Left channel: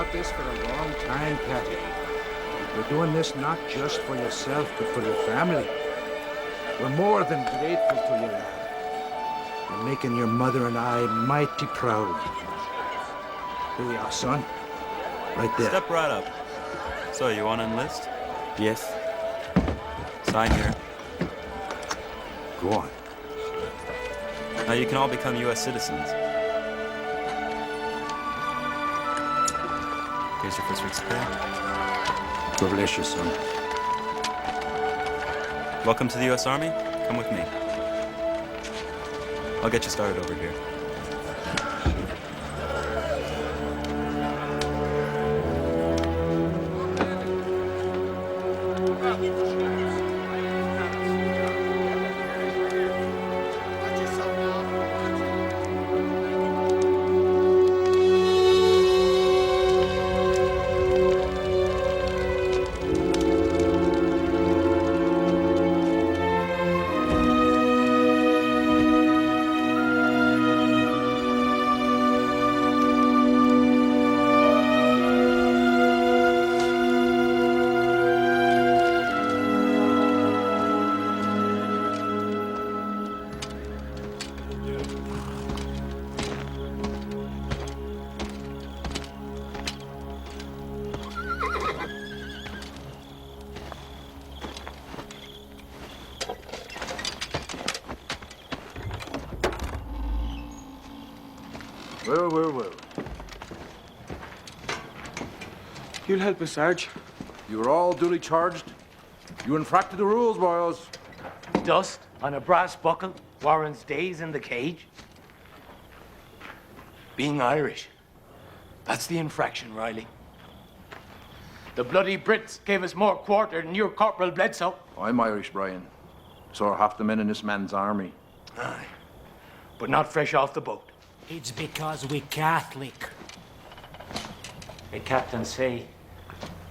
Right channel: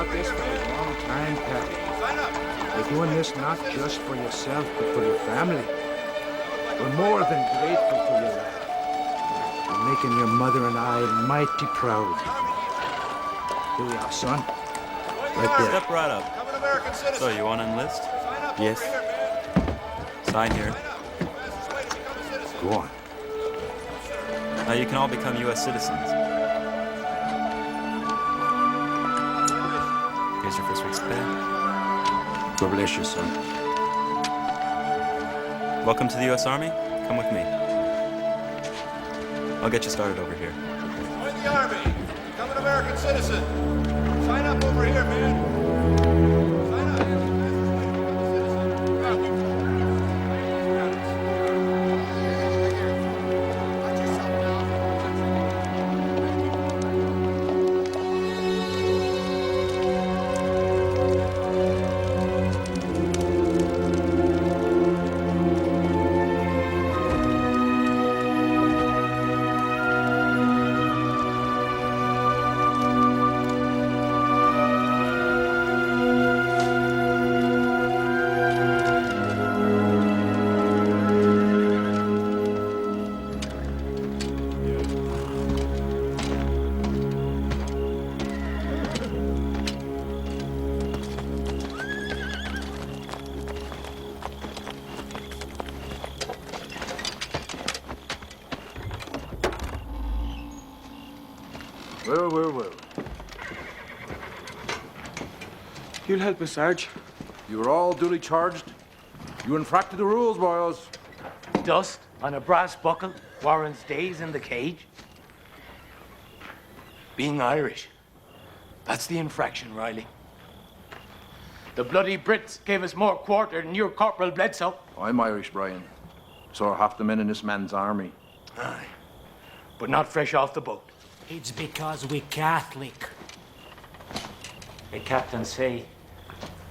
about this for a long time, Patty. You're doing this not just for yourself, but for your family. We're more than grateful to you, lad. You're making your mother and I mighty proud. Here we are, son. Right there. Step right up. So, you want to enlist? Yes. Sign here. Go on. Now you can all become U.S. citizens. Here's your first week's pay. God bless you, son. Welcome to the U.S. Army. Come with me. I'll get you started over here. Well. You'll help us, Sarge. You are all duly charged. You infracted the rules, boys. Dust on a brass buckle warrants days in the cage. Being Irish, that's the infraction, Riley. The bloody Brits gave us more quarter than your Corporal Bledsoe. I'm Irish, Brian. So are half the men in this man's army. Aye, but not fresh off the boat. It's because we Catholic. The captain say,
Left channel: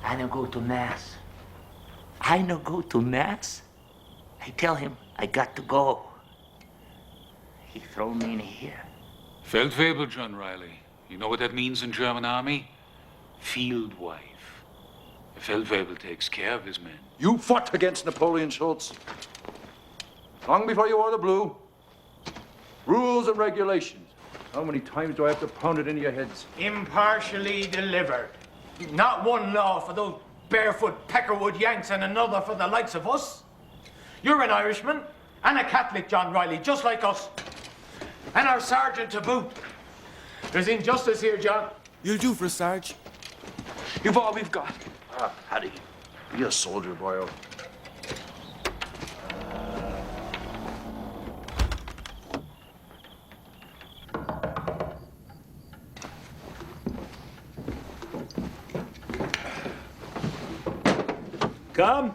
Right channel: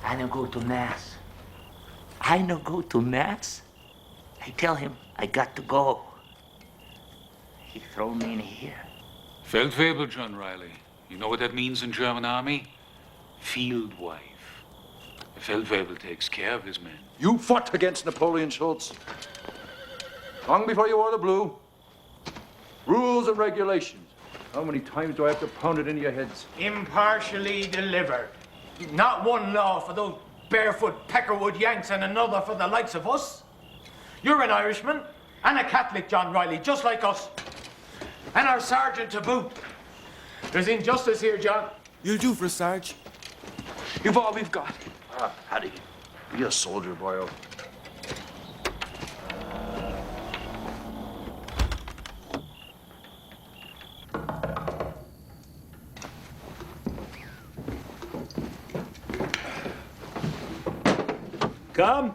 I no go to Mass. I no go to Mass? I tell him I got to go. He throw me in here. Feldwebel, John Riley. You know what that means in German army? Field wife. A Feldwebel takes care of his men. You fought against Napoleon Schultz. Long before you wore the blue. Rules and regulations. How many times do I have to pound it into your heads? Impartially delivered. Not one law for those barefoot Peckerwood Yanks and another for the likes of us. You're an Irishman and a Catholic, John Riley, just like us. And our sergeant to boot. There's injustice here, John. You'll do for us, Sarge. You've all we've got. Ah, Paddy, be a soldier, boyo. Come.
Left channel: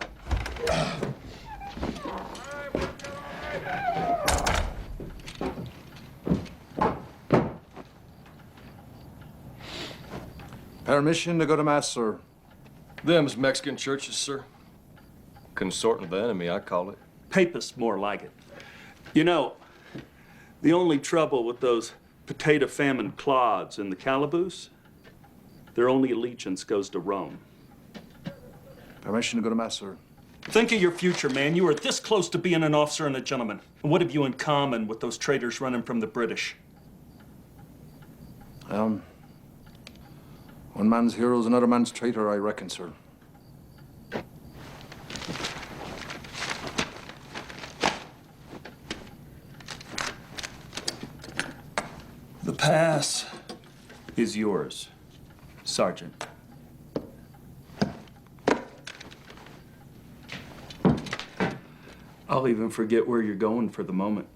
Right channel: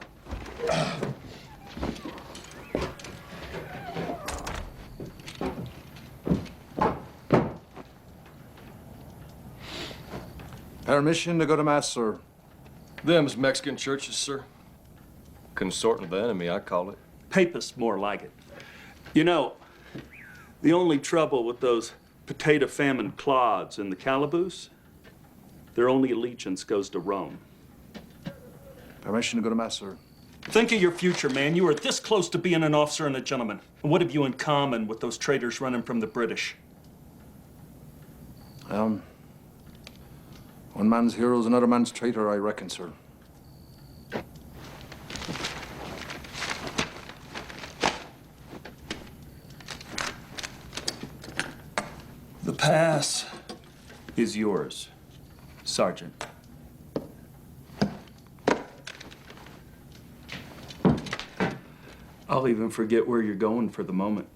Permission to go to Mass, sir. Them's Mexican churches, sir. Consorting of the enemy, I call it. Papists, more like it. You know, the only trouble with those potato famine clods in the calaboose, their only allegiance goes to Rome. Permission to go to Mass, sir. Think of your future, man. You are this close to being an officer and a gentleman. And what have you in common with those traitors running from the British? One man's hero is another man's traitor, I reckon, sir. The pass is yours, Sergeant. I'll even forget where you're going for the moment.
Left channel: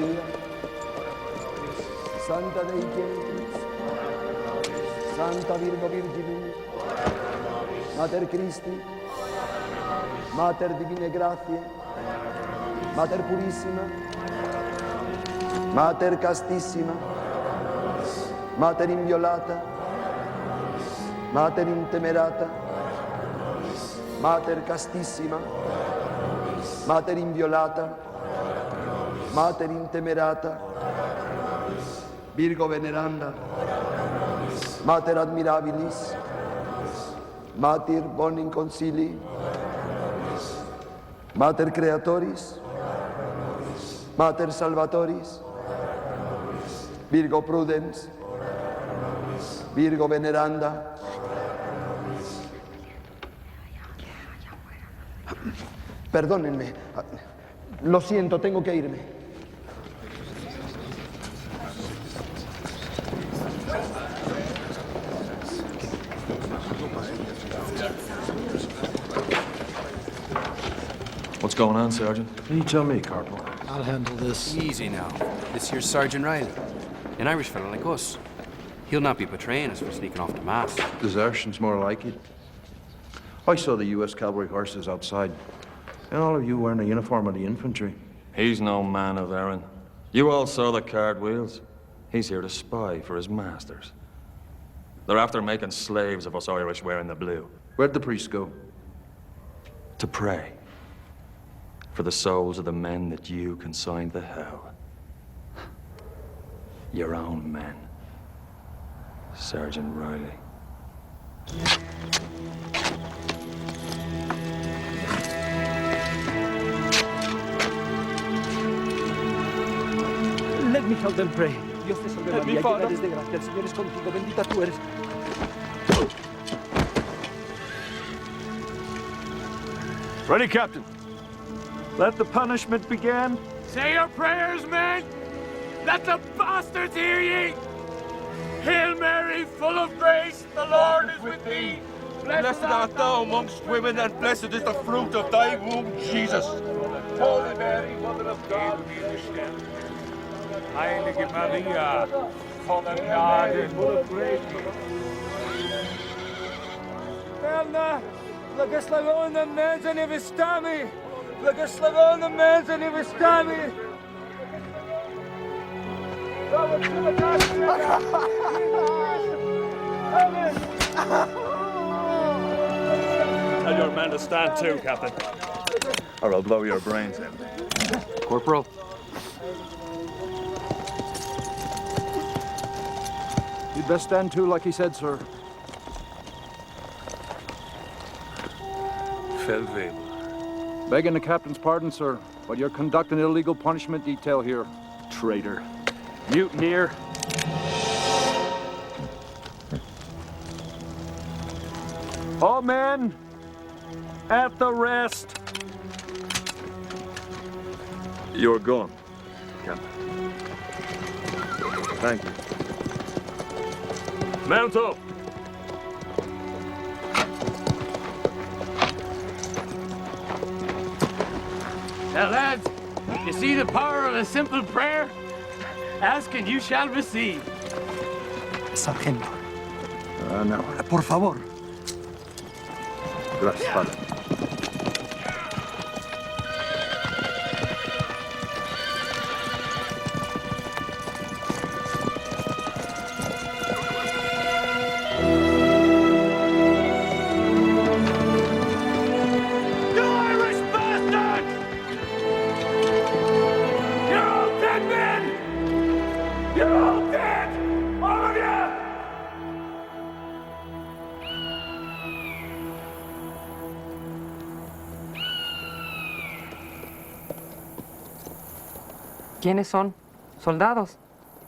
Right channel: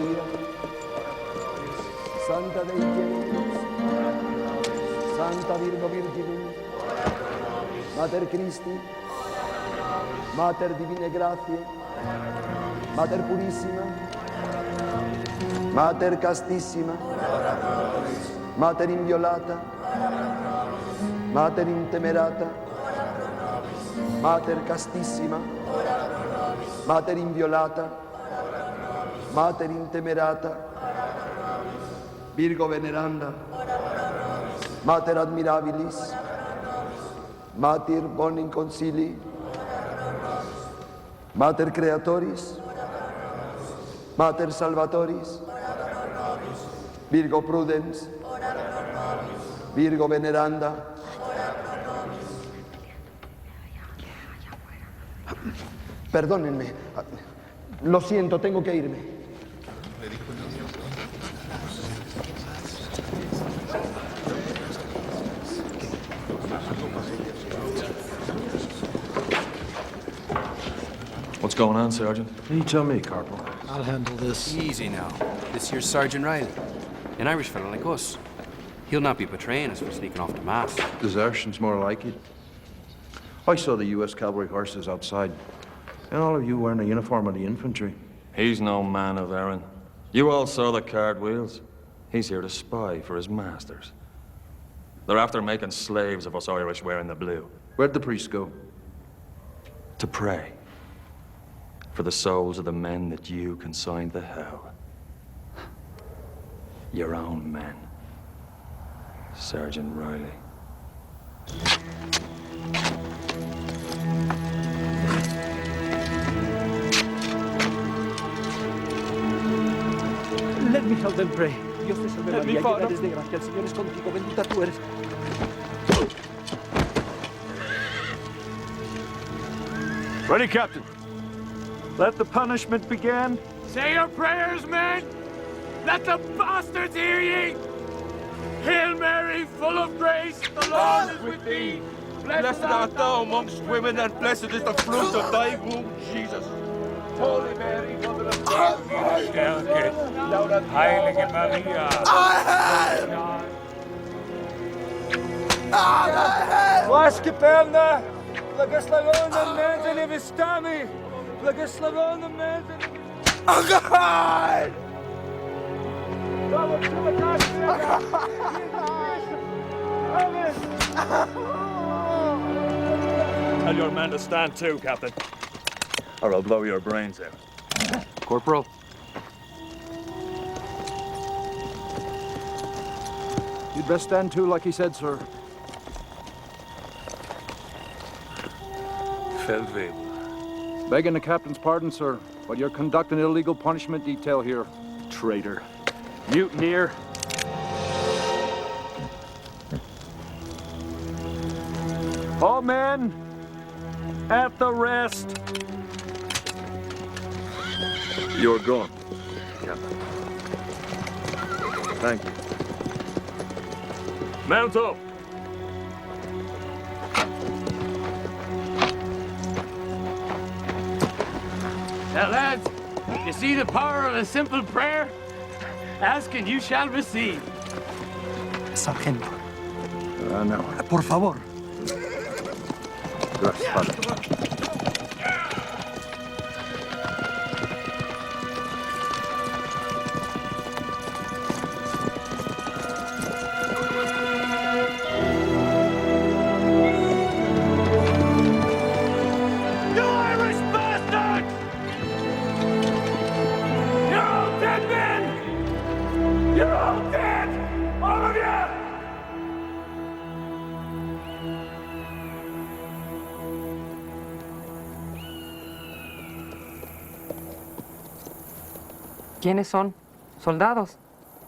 Maria, Santa Dei Genitrix, Santa Virgo Virginum, Mater Christi, Mater Divine Gratiae, Mater Purissima, Mater Castissima, Mater Inviolata, Mater Intemerata, Mater Castissima, Mater Inviolata, Mater Intemerata, Virgo Veneranda, Mater Admirabilis, Mater Bonin Concili, Mater Creatoris, Mater Salvatoris, Virgo Prudens, Virgo Veneranda. Perdónenme, lo siento, tengo que irme. What's going on, Sergeant? You tell me, Corporal. I'll handle this. Easy now. This here's Sergeant Riley, an Irish fellow like us. He'll not be betraying us for sneaking off to mass. Desertion's more like it. I saw the U.S. cavalry horses outside, and all of you wearing the uniform of the infantry. He's no man of errand. You all saw the cart wheels. He's here to spy for his masters. They're after making slaves of us Irish wearing the blue. Where'd the priest go? To pray for the souls of the men that you consigned to hell. Your own men. Sergeant Riley. Let me help them pray. Dios te salve María, llena eres de gracia, el Señor es contigo, bendita tú eres. Ready, Captain. Let the punishment begin. Say your prayers, men! Let the bastards hear ye! Hail Mary, full of grace, the Lord is with thee. Blessed art thou amongst women, and blessed is the fruit of thy womb, Jesus. Holy Mary, Mother of God, Heilige Maria. Ласки певна, благословенна менза невестами, благословенна менза невестами. Tell your men to stand too, Captain, or I'll blow your brains out. Corporal. You'd best stand too, like he said, sir. Feldwebel. Begging the captain's pardon, sir, but you're conducting an illegal punishment detail here. Traitor. Mutineer. All men, at the rest. You're gone, Captain. Thank you. Mount up. Now, lads, you see the power of a simple prayer? Ask and you shall receive. Sargento, No. por favor. Gracias, Padre. You Irish bastards! You're all dead men! You're all dead! All of you! ¿Quiénes son? ¿Soldados?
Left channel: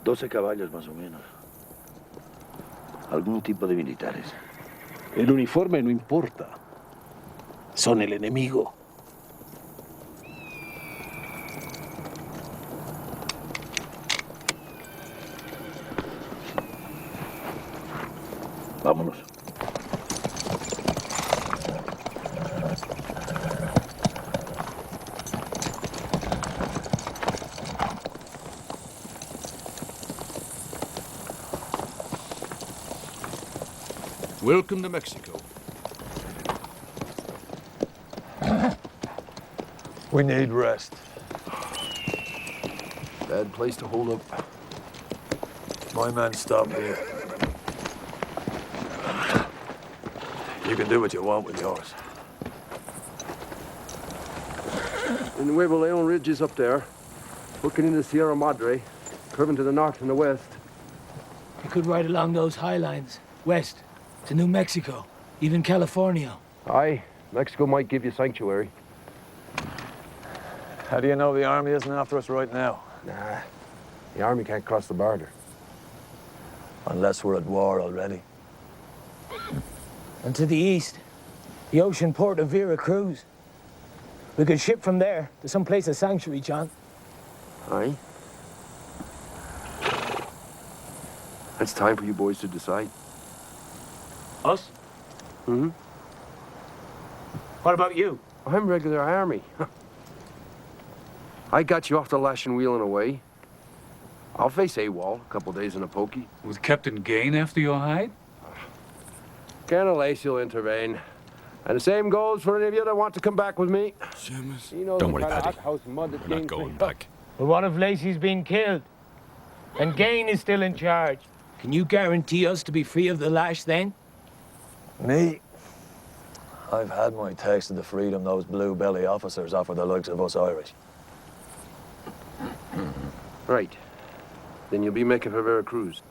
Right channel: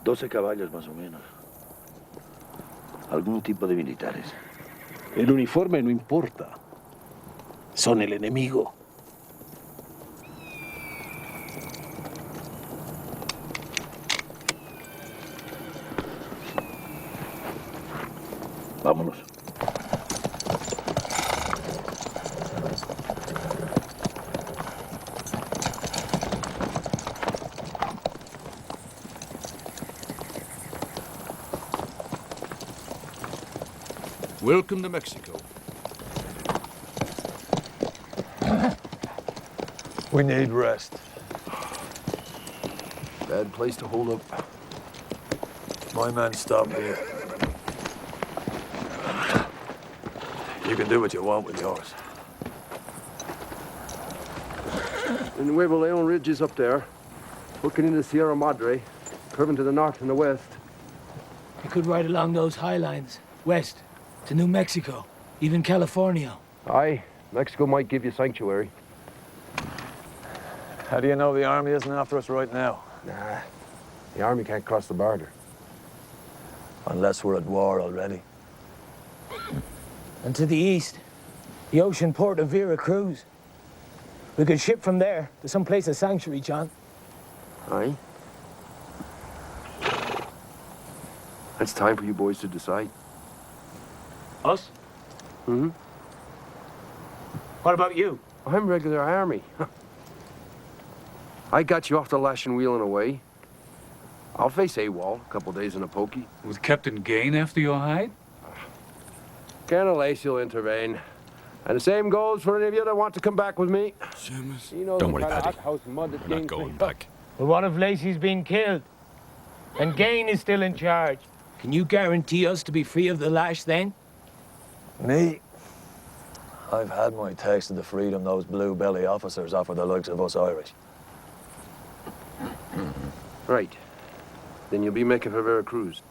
12 caballos más o menos. Algún tipo de militares. El uniforme no importa. Son el enemigo. Vámonos. Welcome to Mexico. We need rest. Bad place to hold up. My men stop here. You can do what you want with yours. The Nuevo Leon Ridge is up there, hooking into Sierra Madre, curving to the north and the west. You could ride along those high lines, west, to New Mexico, even California. Aye, Mexico might give you sanctuary. How do you know the army isn't after us right now? Nah, the army can't cross the border. Unless we're at war already. And to the east, the ocean port of Veracruz. We could ship from there to some place of sanctuary, John. Aye. It's time for you boys to decide. Us? Mm-hmm. What about you? I'm regular army. I got you off the lashing wheel and away. I'll face AWOL a couple days in a pokey. With Captain Gain after your hide? Colonel Lacey will intervene. And the same goes for any of you that want to come back with me. Don't worry, Paddy. We're not going back. Well, what if Lacey's been killed? And Gain is still in charge? Can you guarantee us to be free of the lash then? Me? I've had my taste of the freedom those blue belly officers offer the likes of us Irish. Right. Then you'll be making for Veracruz.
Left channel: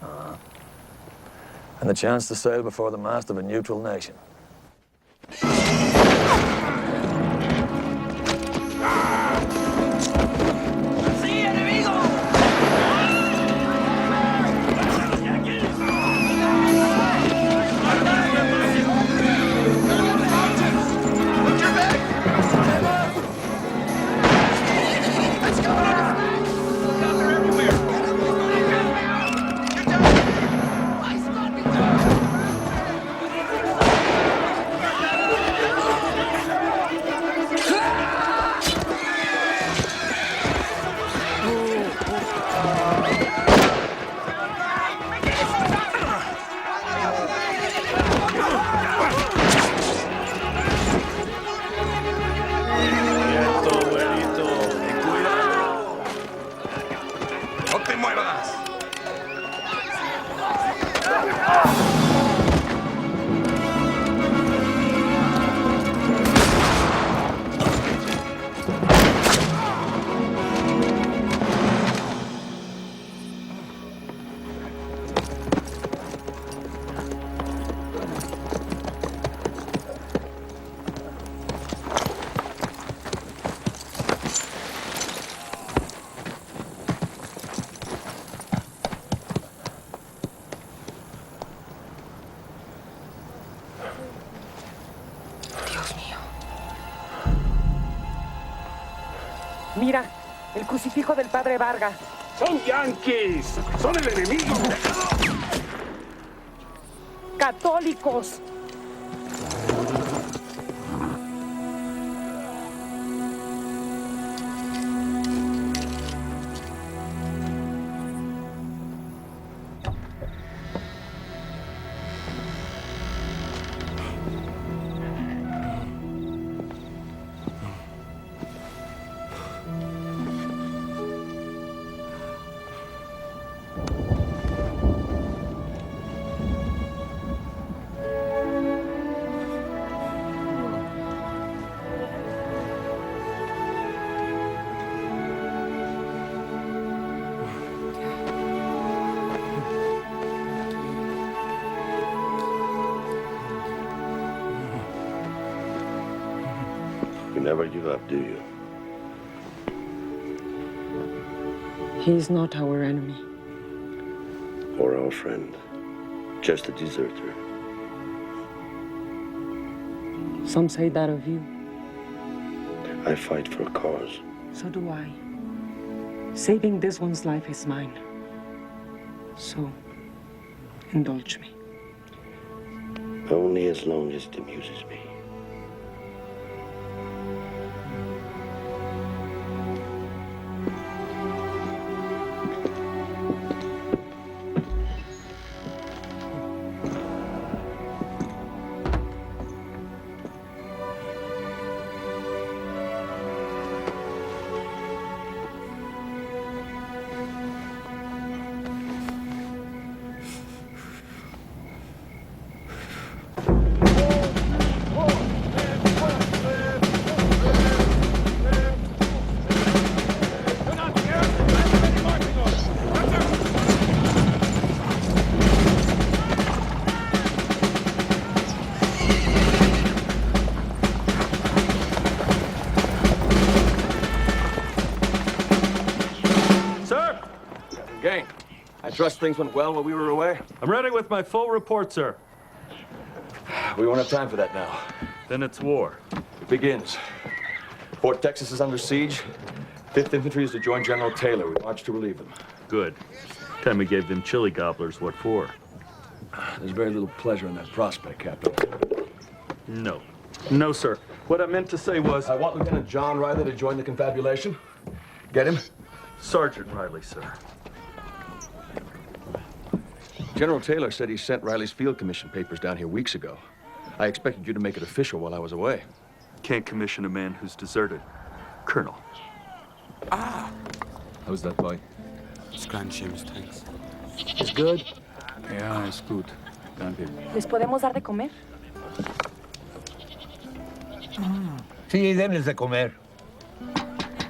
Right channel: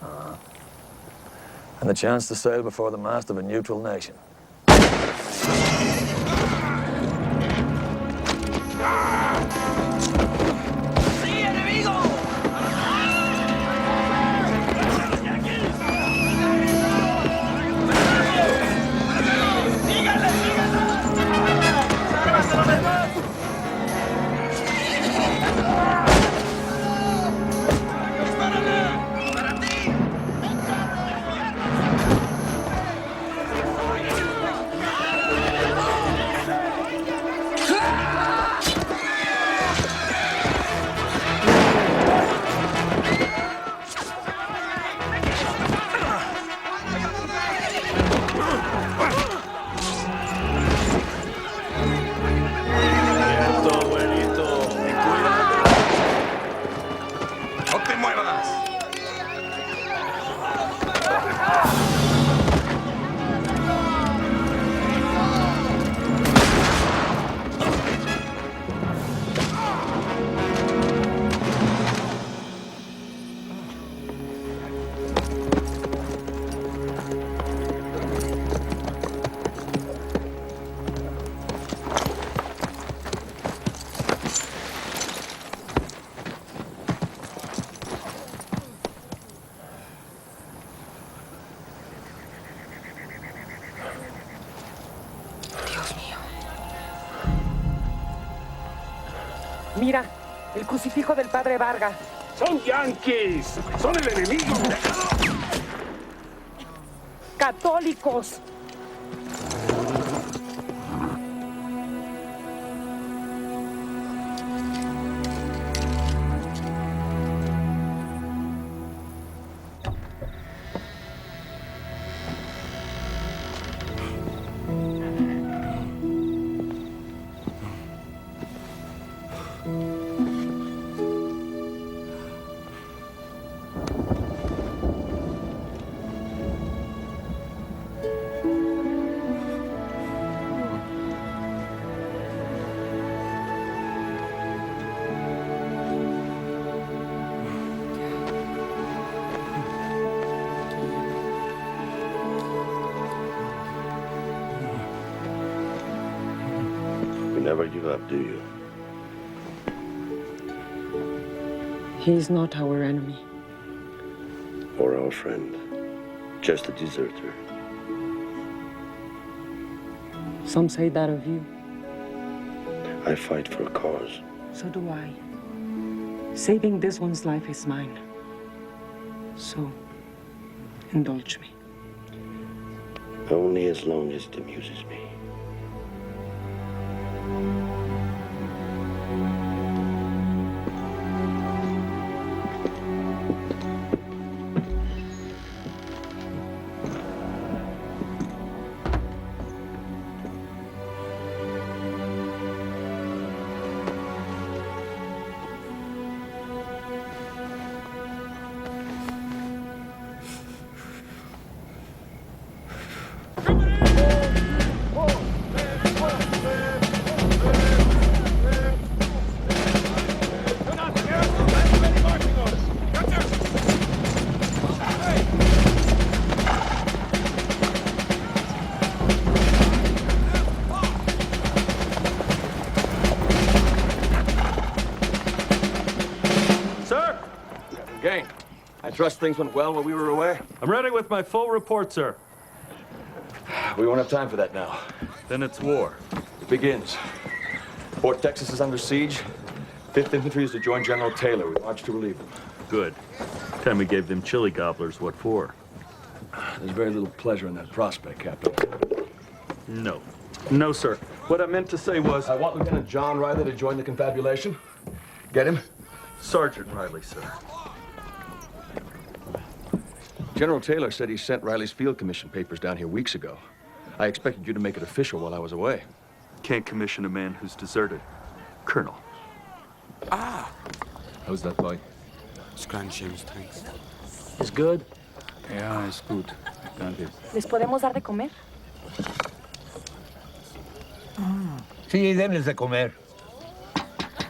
And the chance to sail before the mast of a neutral nation. Mira, el crucifijo del padre Vargas. ¡Son yanquis! ¡Son el enemigo! ¡Católicos! You never give up, do you? He is not our enemy. Or our friend. Just a deserter. Some say that of you. I fight for a cause. So do I. Saving this one's life is mine. So, indulge me. Only as long as it amuses me. Trust things went well while we were away? I'm ready with my full report, sir. We won't have time for that now. Then it's war. It begins. Fort Texas is under siege. 5th Infantry is to join General Taylor. We march to relieve him. Good. Time we gave them chili gobblers, what for? There's very little pleasure in that prospect, Captain. No. No, sir. What I meant to say was... I want Lieutenant John Riley to join the confabulation. Get him? Sergeant Riley, sir. General Taylor said he sent Riley's field commission papers down here weeks ago. I expected you to make it official while I was away. Can't commission a man who's deserted. Colonel. Ah! How's that boy? It's grand, James, thanks. It's good? Yeah, it's good. Danke. ¿Les podemos dar de comer? Sí, denles de comer.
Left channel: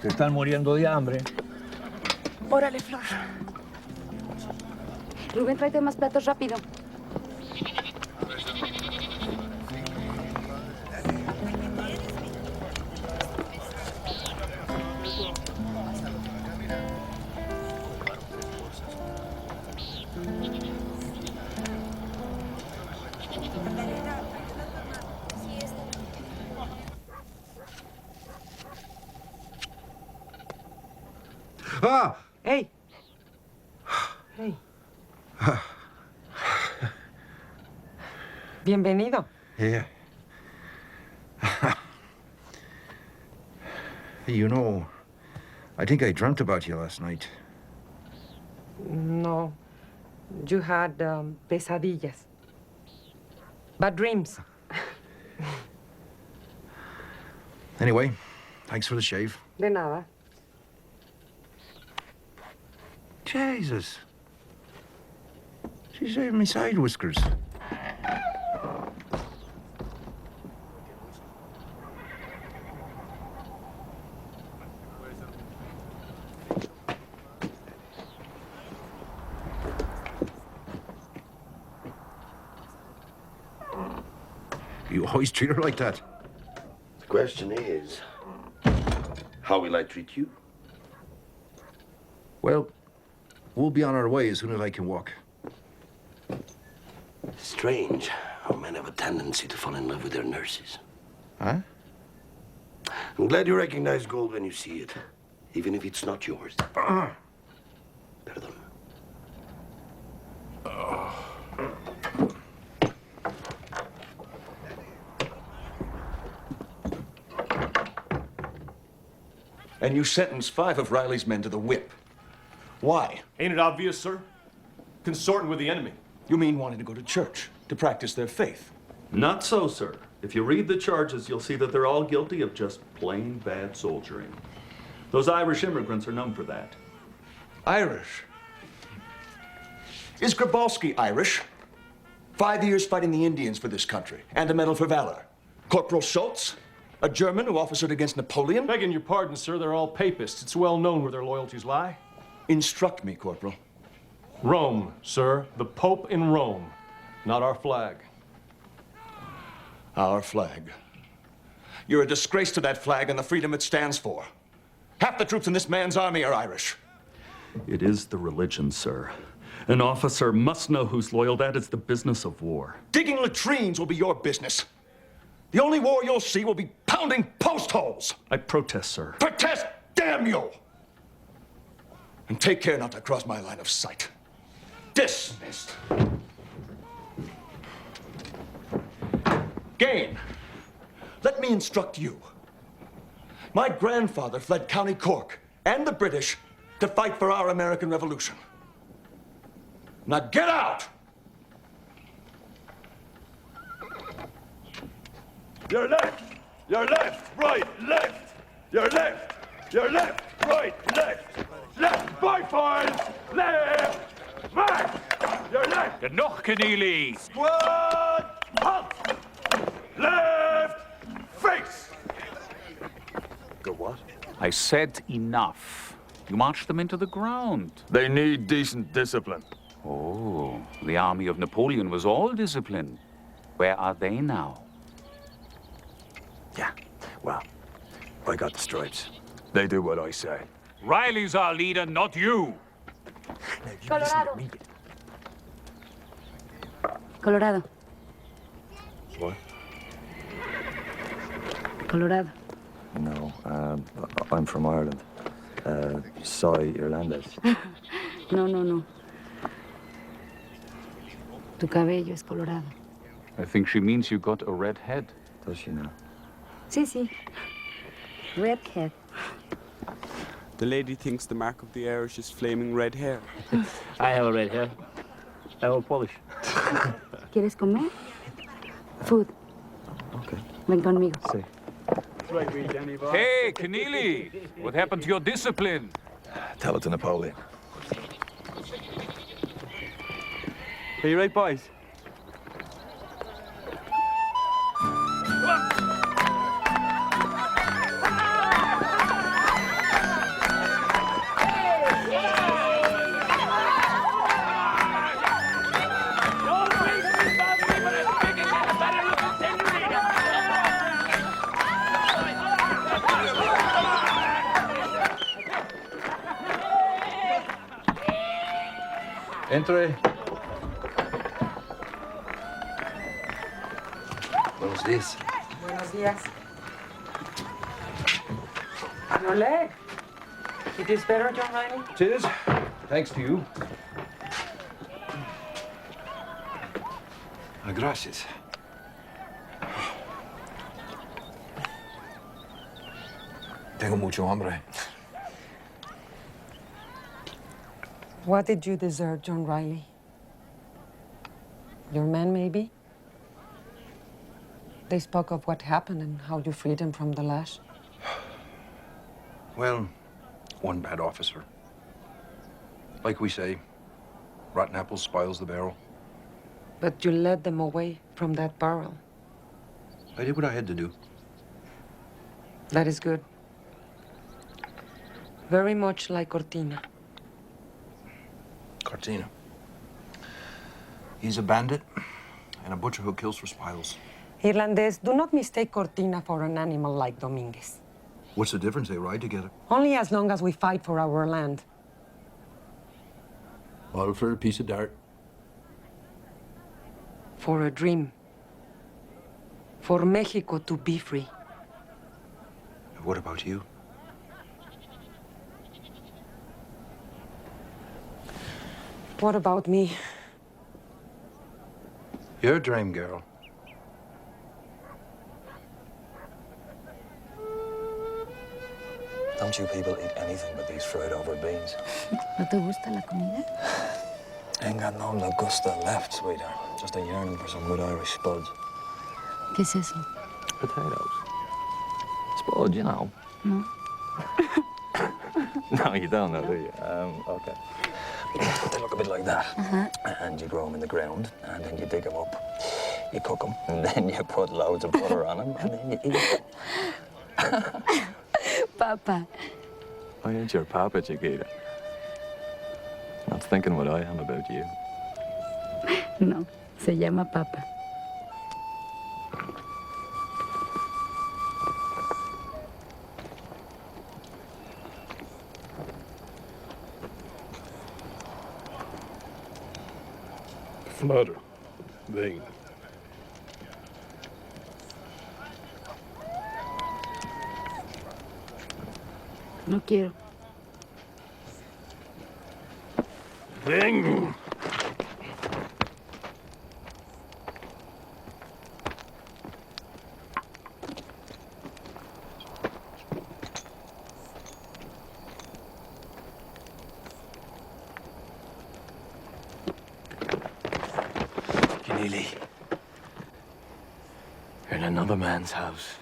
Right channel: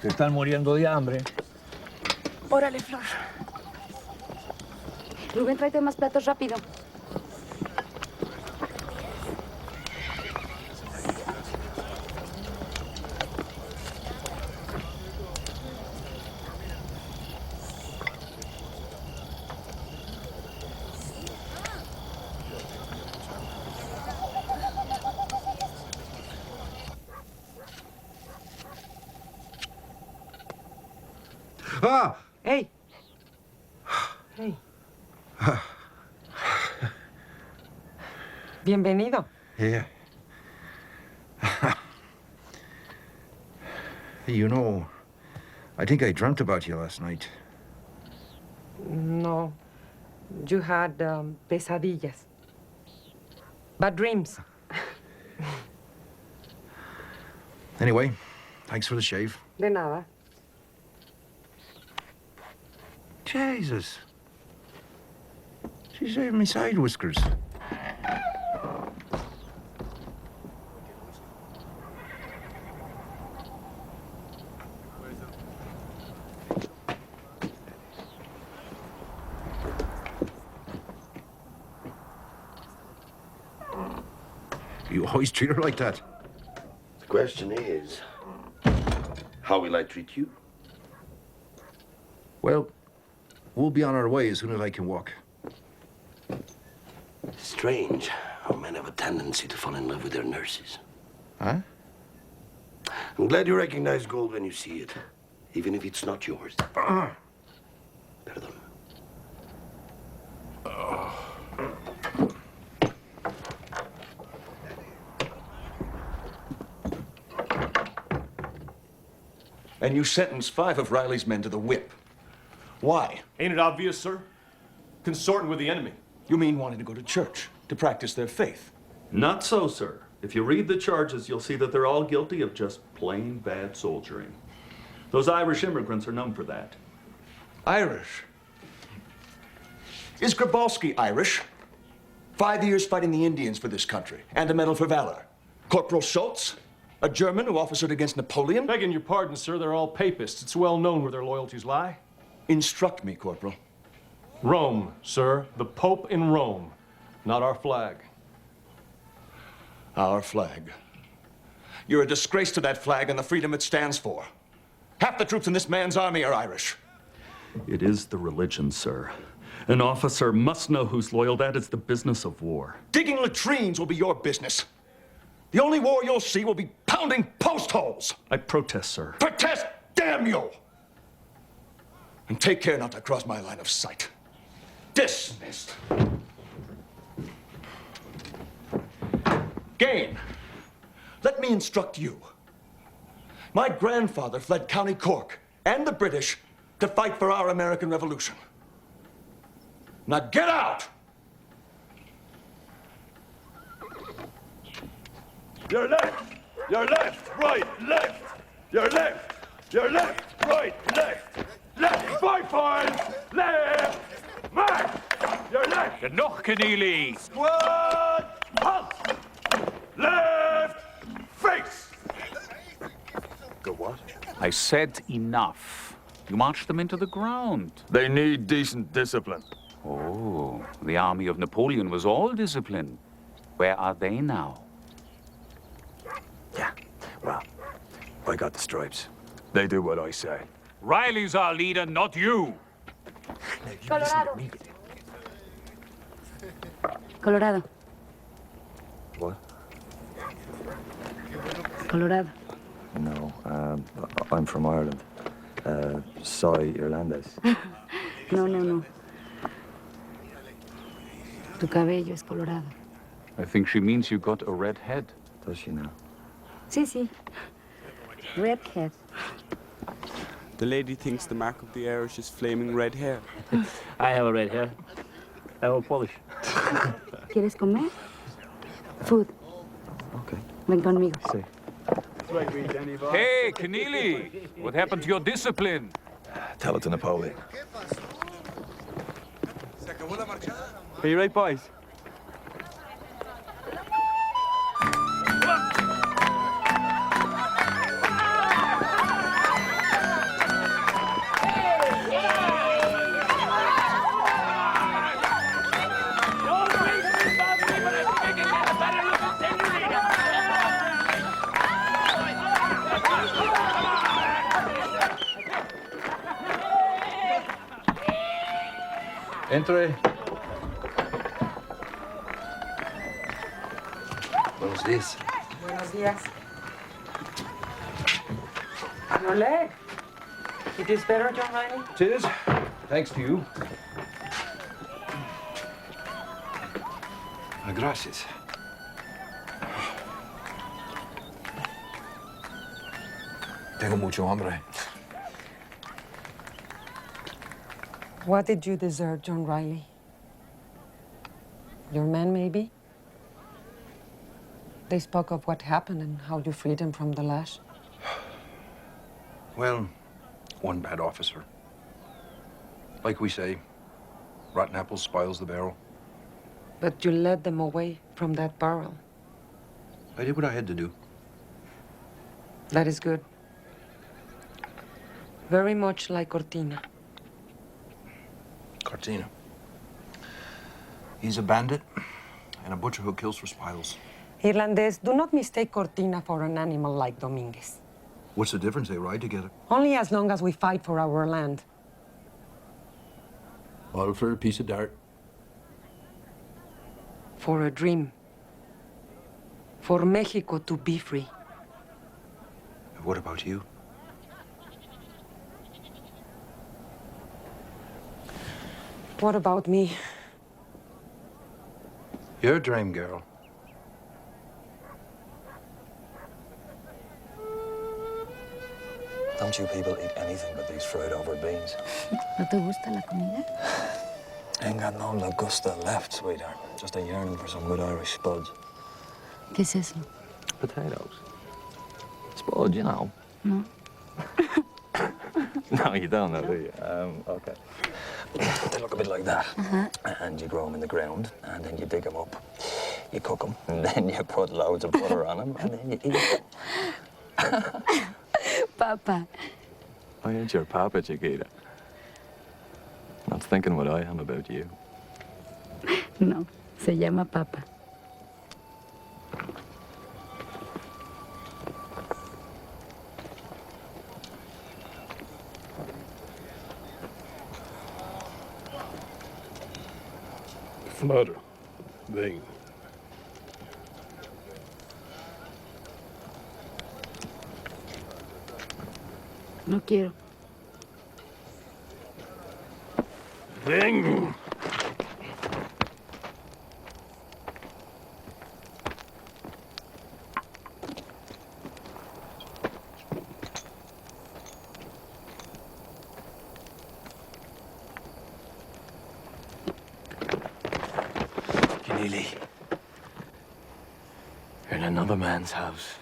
Se están muriendo de hambre. Órale, Flor. Rubén, tráete más platos rápido. Ah! Hey. Hey. Bienvenido. Yeah. You know, I think I dreamt about you last night. No. You had pesadillas. Bad dreams. Anyway, thanks for the shave. De nada. Jesus. She shaved me side whiskers. You always treat her like that. The question is, how will I treat you? Well, we'll be on our way as soon as I can walk. Strange how men have a tendency to fall in love with their nurses. Huh? I'm glad you recognize gold when you see it, even if it's not yours. Pardon. And you sentenced 5 of Riley's men to the whip. Why? Ain't it obvious, sir? Consorting with the enemy. You mean wanting to go to church, to practice their faith? Not so, sir. If you read the charges, you'll see that they're all guilty of just plain bad soldiering. Those Irish immigrants are known for that. Irish? Is Grabowski Irish? 5 years fighting the Indians for this country, and a Medal for Valor. Corporal Schultz? A German who officered against Napoleon? Begging your pardon, sir, they're all papists. It's well known where their loyalties lie. Instruct me, Corporal. Rome, sir. The Pope in Rome. Not our flag. Our flag. You're a disgrace to that flag and the freedom it stands for. Half the troops in this man's army are Irish. It is the religion, sir. An officer must know who's loyal. That is the business of war. Digging latrines will be your business. The only war you'll see will be pounding post holes. I protest, sir. Protest, damn you! And take care not to cross my line of sight. Dismissed. Gain, let me instruct you. My grandfather fled County Cork and the British to fight for our American Revolution. Now get out! Your left, right, left. Your left, right, left. Left, 5 files, left, march. Your left. Genug, Keneally. Squad, halt. Left, face. Go what? I said enough. You march them into the ground. They need decent discipline. Oh, the army of Napoleon was all discipline. Where are they now? Yeah, well, I got the stripes. They do what I say. Riley's our leader, not you. Now, Colorado. Colorado. What? Colorado. No, I'm from Ireland. Soy irlandés. No. Tu cabello es colorado. I think she means you got a red head. Does she now? Sí. Redhead. The lady thinks the mark of the Irish is flaming red hair. I have a red hair. I will polish. ¿Quieres comer? Food. Okay. Ven conmigo. Sí. Hey, Keneally! What happened to your discipline? Tell it to Napoleon. Are you right, boys? Entre. Buenos días. Buenos días. Your leg. It is better, John Riley? It is, thanks to you. Gracias. Tengo mucho hambre. What did you deserve, John Riley? Your men, maybe? They spoke of what happened and how you freed them from the lash. Well, one bad officer. Like we say, rotten apple spoils the barrel. But you led them away from that barrel. I did what I had to do. That is good. Very much like Cortina. Cortina. He's a bandit and a butcher who kills for spoils. Irlandés, do not mistake Cortina for an animal like Dominguez. What's the difference? They ride together. Only as long as we fight for our land. All for a piece of dirt. For a dream. For Mexico to be free. What about you? What about me? You're a dream girl. Don't you people eat anything but these fried over beans? ¿No te gusta la comida? Ain't got no La Gusta left, sweetheart. Just a yearning for some good Irish spuds. ¿Qué es eso? Potatoes. Spud, you know. No. No, you don't know, do you? Okay. They look a bit like that. And you grow them in the ground, and then you dig them up. You cook them, and then you put loads of butter on them, and then you eat them. Papa. I ain't your papa, Chiquita. Not thinking what I am about you. No, se llama Papa. Flutter. Bing. No quiero. Bing. Keneally, you're in another man's house.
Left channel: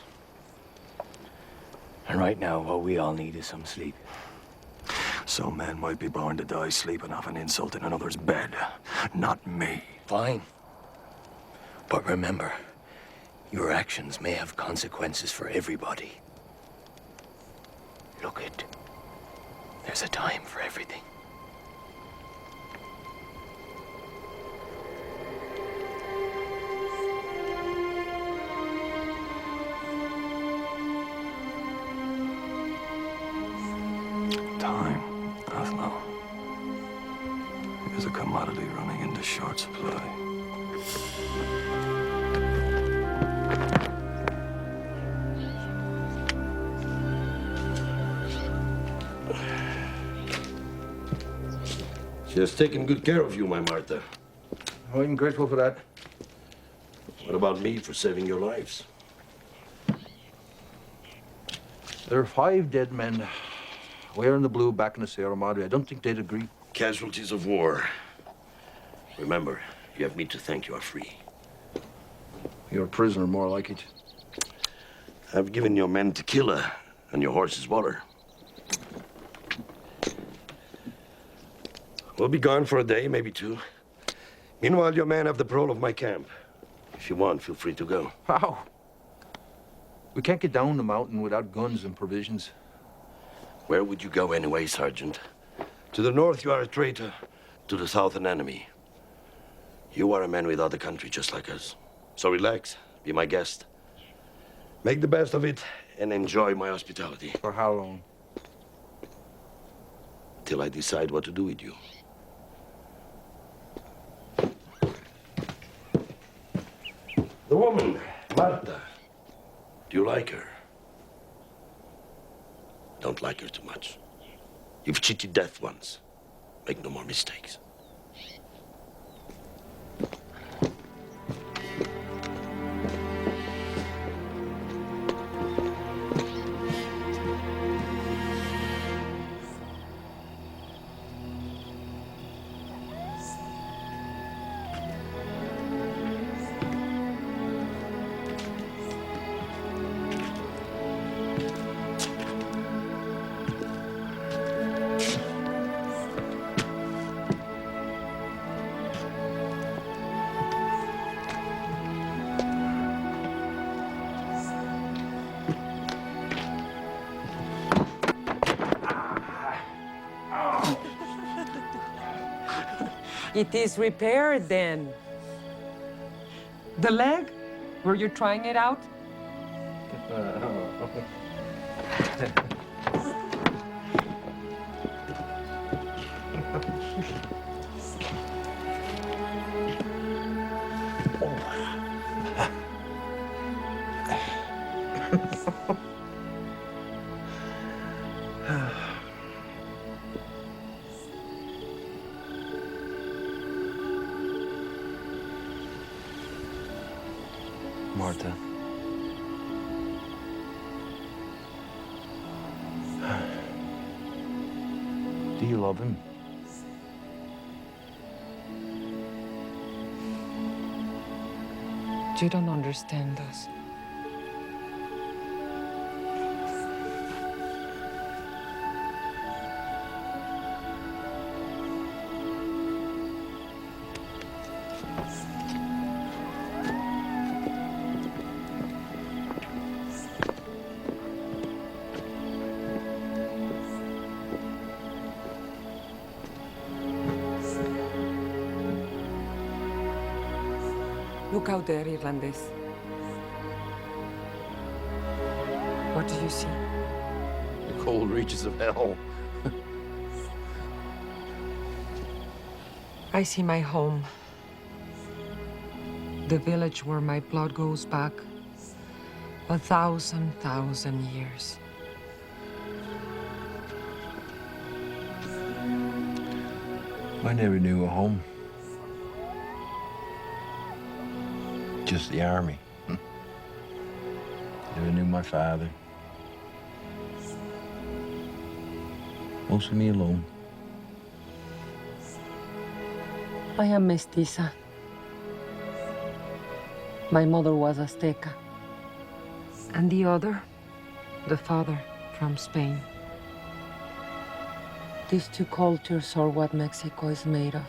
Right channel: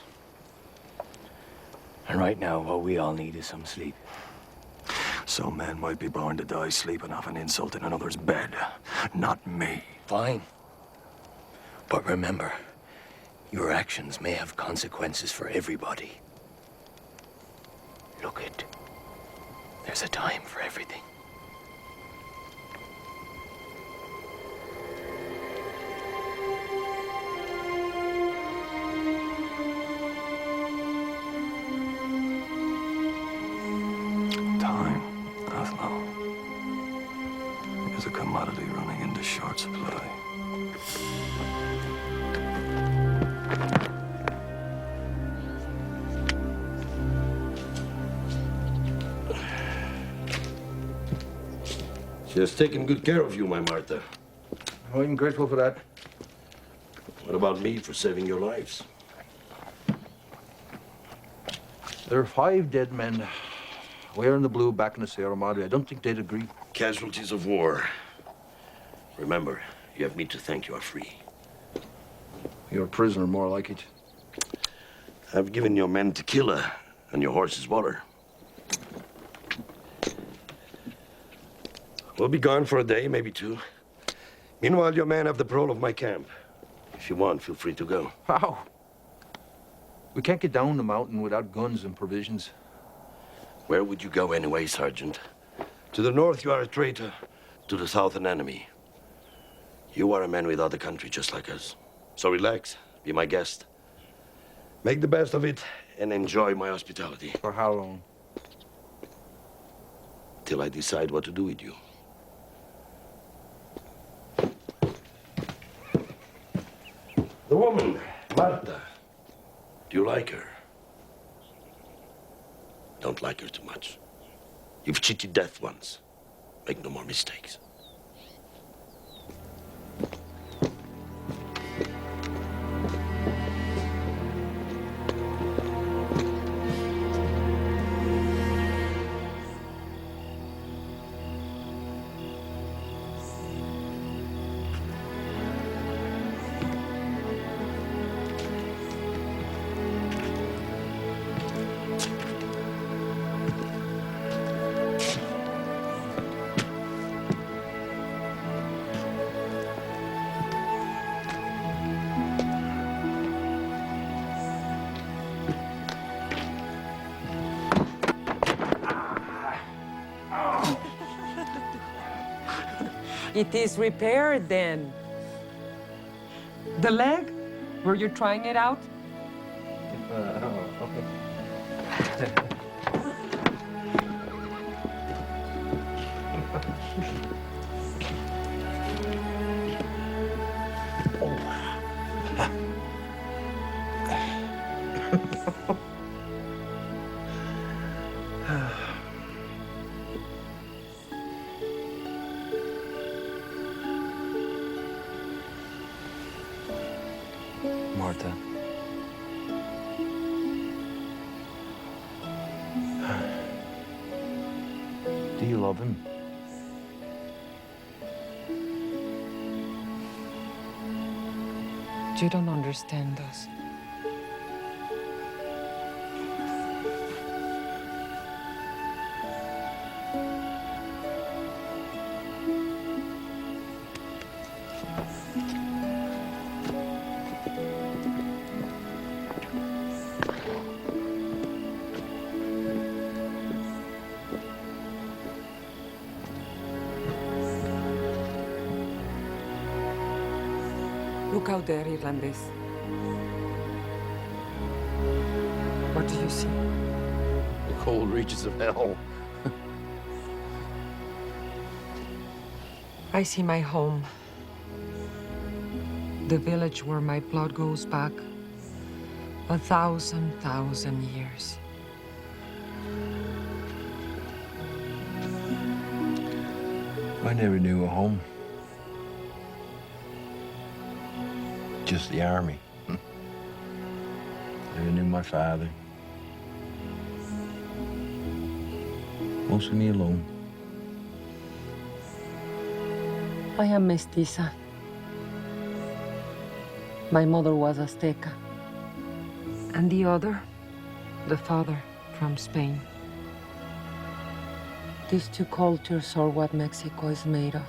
And right now, what we all need is some sleep. Some men might be born to die sleeping off an insult in another's bed. Not me. Fine. But remember, your actions may have consequences for everybody. Look it. There's a time for everything. Time, Athlo. is a commodity running into short supply. She has taken good care of you, my Martha. Oh, I'm grateful for that. What about me for saving your lives? There are 5 dead men wearing the blue back in the Sierra Madre. I don't think they'd agree. Casualties of war. Remember, you have me to thank you are free. You're a prisoner, more like it. I've given your men tequila and your horses water. We'll be gone for a day, maybe 2. Meanwhile, your men have the parole of my camp. If you want, feel free to go. How? We can't get down the mountain without guns and provisions. Where would you go anyway, Sergeant? To the north, you are a traitor. To the south, an enemy. You are a man without a country, just like us. So relax, be my guest. Make the best of it and enjoy my hospitality. For how long? Till I decide what to do with you. The woman, Marta. Do you like her? Don't like her too much. You've cheated death once. Make no more mistakes. It is repaired then. The leg? Were you trying it out? Marta. Do you love him? You don't understand us. Look out there, Irlandés. What do you see? The cold reaches of hell. I see my home. The village where my blood goes back 1,000 years. I never knew a home. Just the army. Never knew my father. Mostly me alone. I am mestiza. My mother was Azteca. And the other, the father, from Spain. These 2 cultures are what Mexico is made of.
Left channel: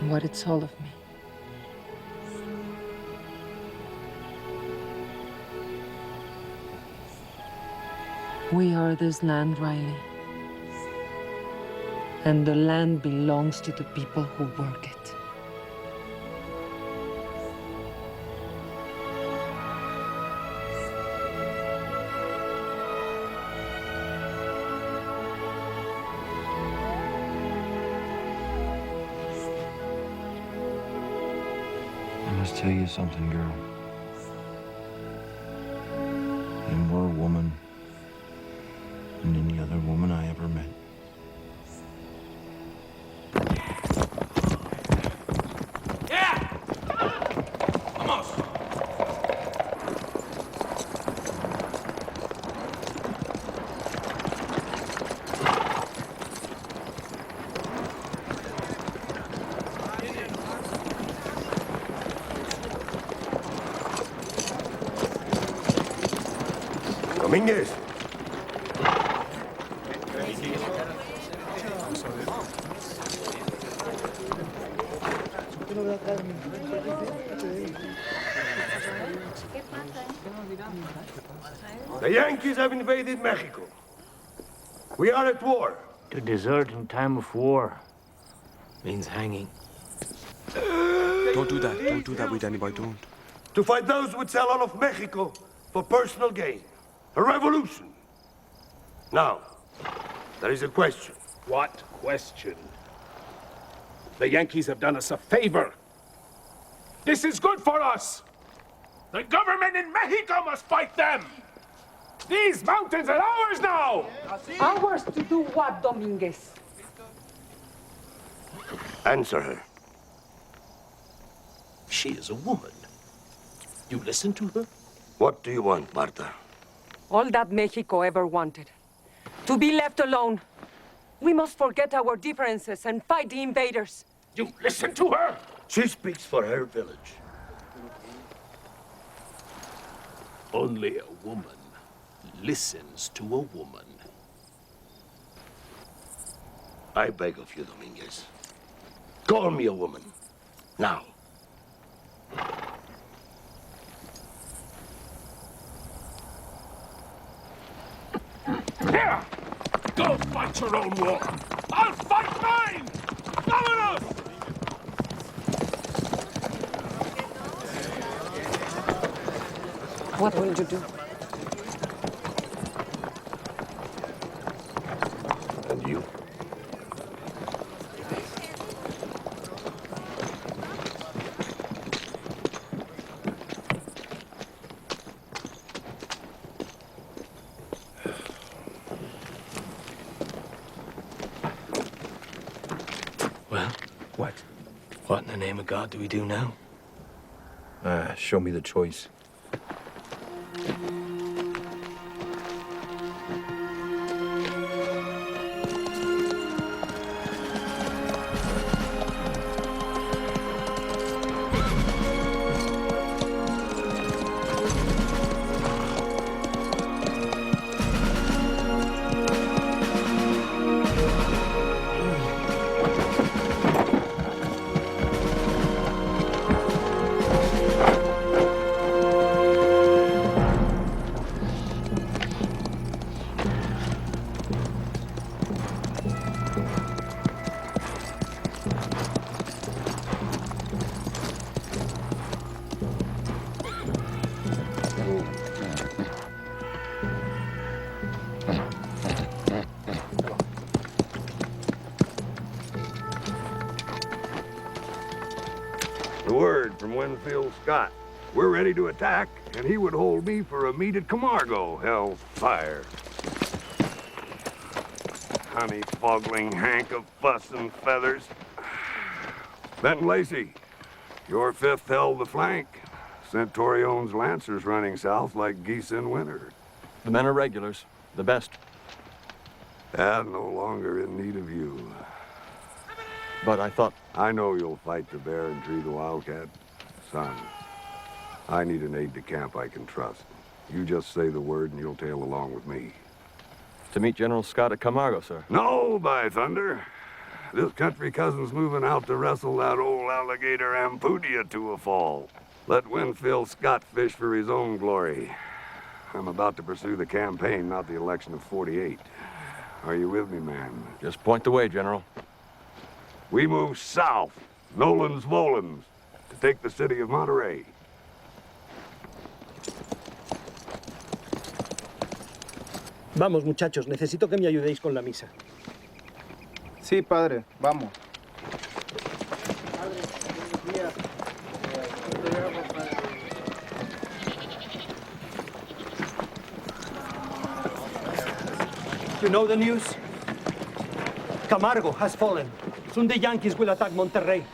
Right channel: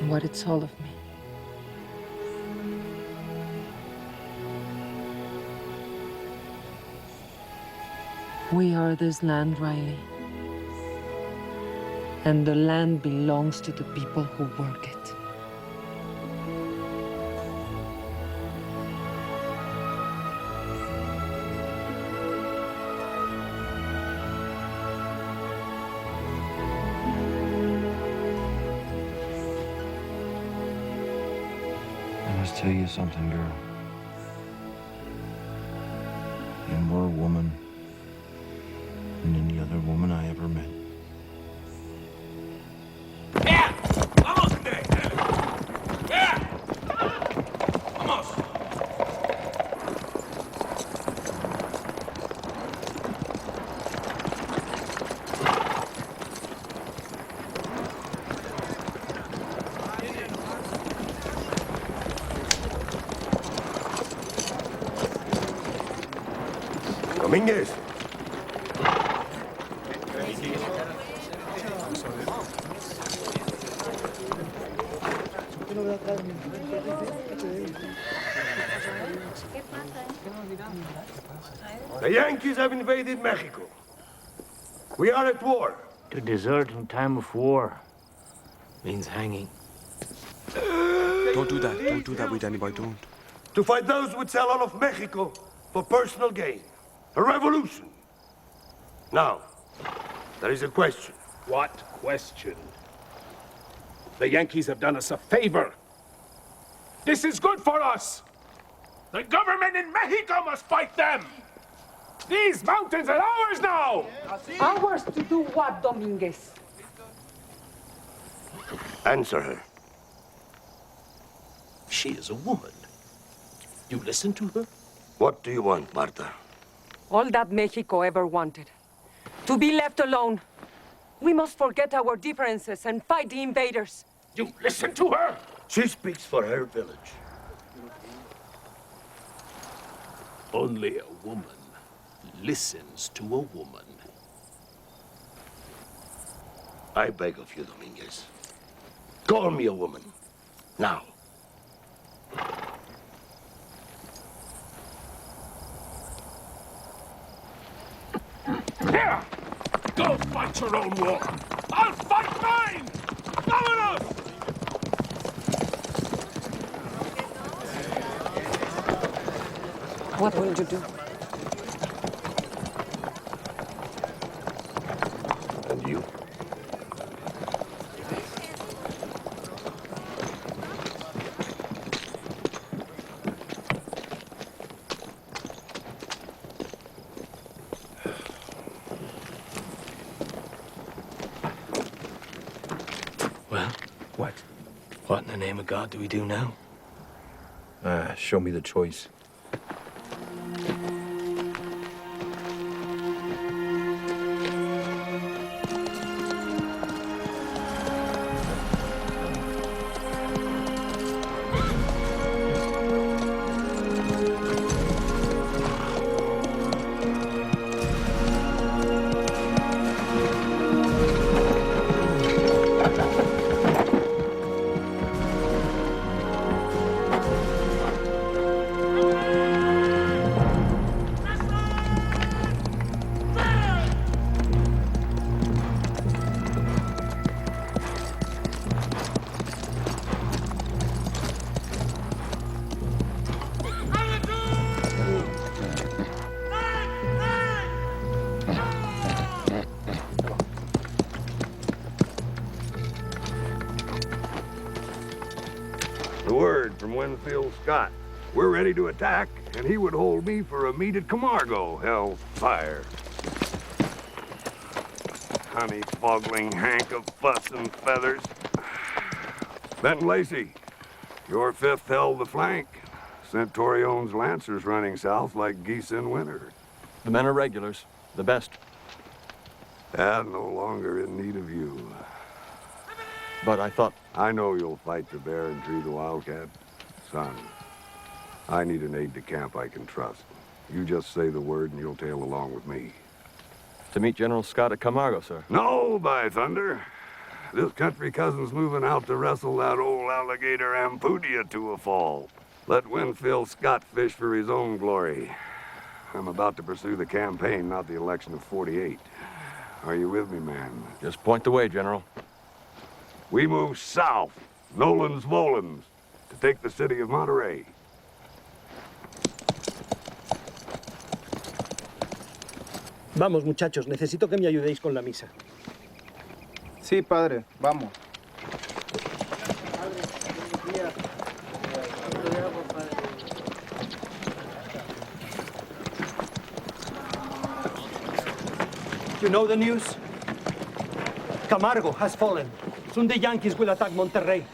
And what it's all of me. We are this land, Riley. And the land belongs to the people who work it. must tell you something, girl. You're more a woman than any other woman I ever met. Yeah! Vamos! Yeah! Vamos! Domínguez. The Yankees have invaded Mexico. We are at war. To desert in time of war means hanging. Don't do that. Don't do that with anybody. Don't. To fight those who would sell all of Mexico for personal gain. A revolution. Now, there is a question. What question? The Yankees have done us a favor. This is good for us. The government in Mexico must fight them. These mountains are ours now. Ours to do what, Dominguez? Answer her. She is a woman. You listen to her? What do you want, Marta? All that Mexico ever wanted. To be left alone. We must forget our differences and fight the invaders. You listen to her? She speaks for her village. Only a woman listens to a woman. I beg of you, Dominguez. Call me a woman. Now. Here! Go fight your own war. I'll fight mine! Vámonos! What will you do? And you? Well? What? What in the name of God do we do now? Show me the choice. Scott. We're ready to attack, and he would hold me for a meet at Camargo. Hellfire. Honey-foggling hank of fuss and feathers. Benton Lacey, your 5th held the flank. Centurion's lancers running south like geese in winter. The men are regulars. The best. And no longer in need of you. But I thought... I know you'll fight the bear and tree the wildcat. Son, I need an aide-de-camp I can trust. You just say the word and you'll tail along with me. To meet General Scott at Camargo, sir. No, by thunder. This country cousin's moving out to wrestle that old alligator Ampudia to a fall. Let Winfield Scott fish for his own glory. I'm about to pursue the campaign, not the election of '48. Are you with me, man? Just point the way, General. We move south, Nolens Volens, to take the city of Monterey. Vamos, muchachos, necesito que me ayudéis con la misa. Sí, padre, vamos. You know the news? Camargo has fallen. Soon the Yankees will attack Monterrey.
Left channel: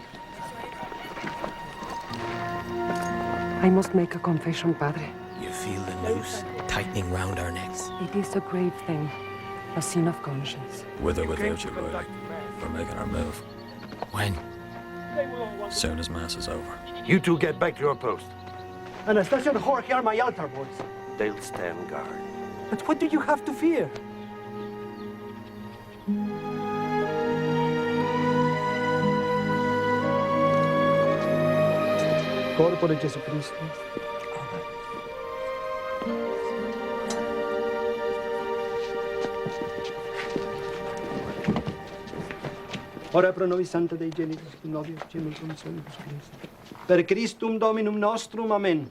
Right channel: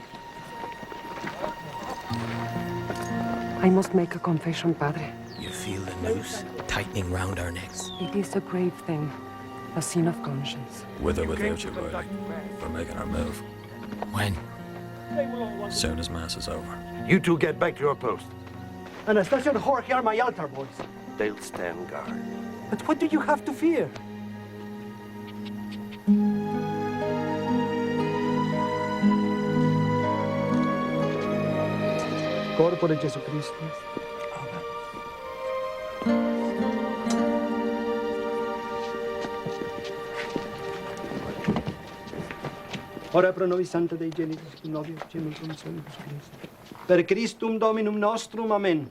I must make a confession, Padre. You feel the noose tightening round our necks? It is a grave thing, a sin of conscience. With or without you, Riley. We're making our move. When? Soon as Mass is over. You two get back to your post. Anastasia and Jorge are my altar boys. They'll stand guard. But what do you have to fear? Corpo de Jesucristo. Ora pro nobis Sancta Dei Genitus, Novio, Gemini, Consolibus Christi. Per Christum Dominum nostrum, Amen.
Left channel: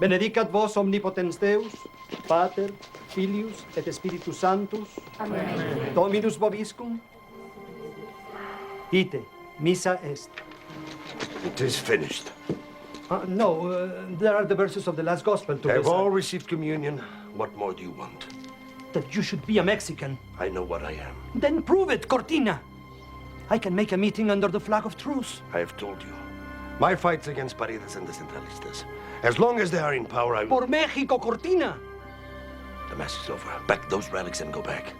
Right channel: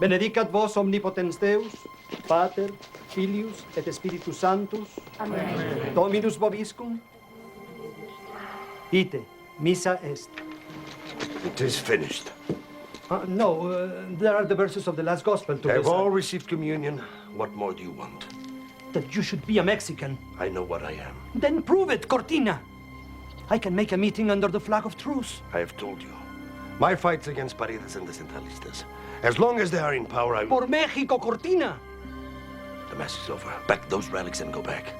Benedicat vos omnipotens Deus, Pater, Filius et Spiritus Sanctus. Amen. Dominus vobiscum. Ite, missa est. It is finished. No, there are the verses of the last gospel to Have all received communion. What more do you want? That you should be a Mexican. I know what I am. Then prove it, Cortina. I can make a meeting under the flag of truce. I have told you. My fight's against Paredes and the Centralistas. As long as they are in power, I will... Por México, Cortina! The Mass is over. Back those relics and go back.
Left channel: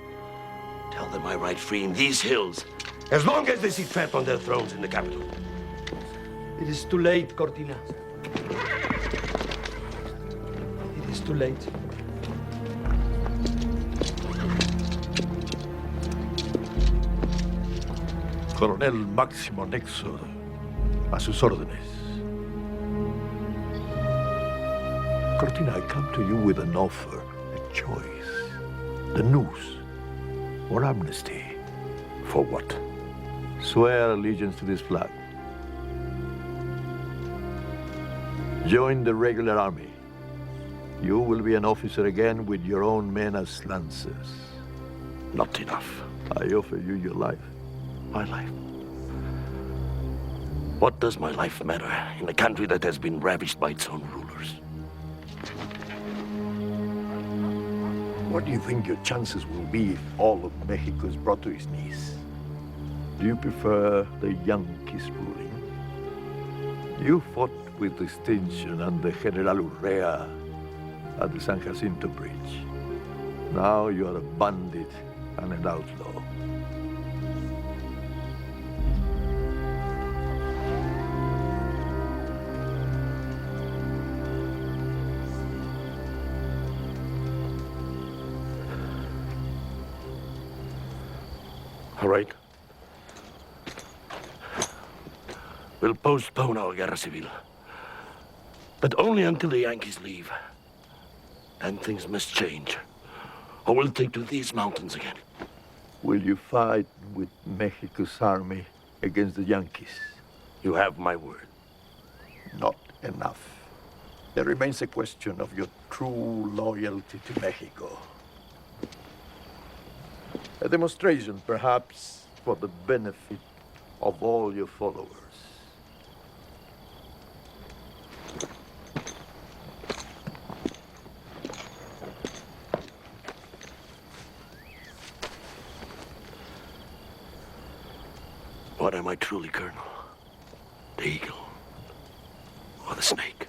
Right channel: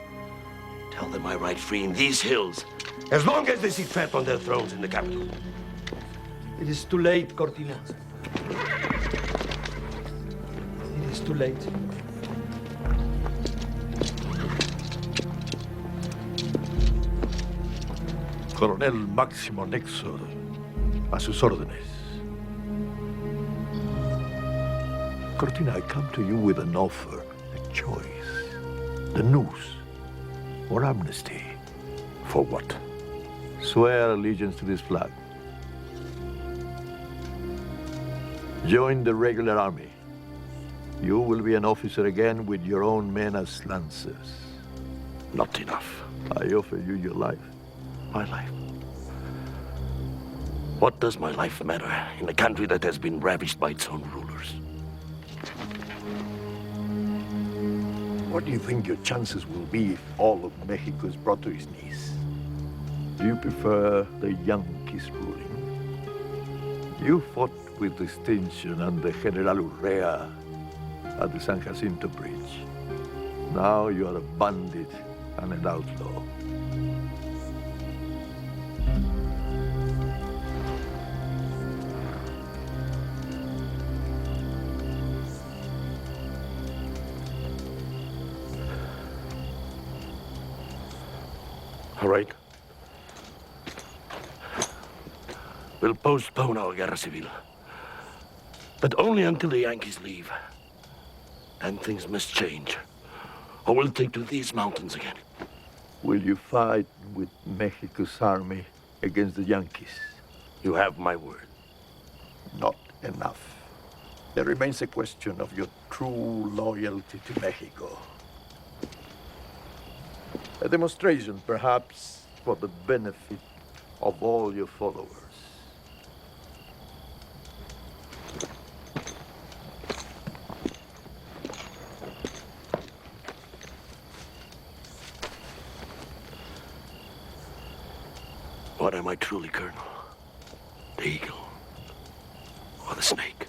Tell them I ride free in these hills, as long as they sit fat on their thrones in the capital. It is too late, Cortina. It is too late. Coronel Máximo Nexo, a sus órdenes. Cortina, I come to you with an offer, a choice. The noose or amnesty. For what? Swear allegiance to this flag. Join the regular army. You will be an officer again with your own men as lancers. Not enough. I offer you your life. My life? What does my life matter in a country that has been ravished by its own rulers? What do you think your chances will be if all of Mexico is brought to his knees? Do you prefer the Yankees ruling? You fought with distinction under General Urrea at the San Jacinto Bridge. Now you are a bandit and an outlaw. All right. We'll postpone our guerra civil. But only until the Yankees leave. And things must change. Or we'll take to these mountains again. Will you fight with Mexico's army against the Yankees? You have my word. Not enough. There remains a question of your true loyalty to Mexico. A demonstration, perhaps, for the benefit of all your followers. What am I truly, Colonel? The eagle or the snake?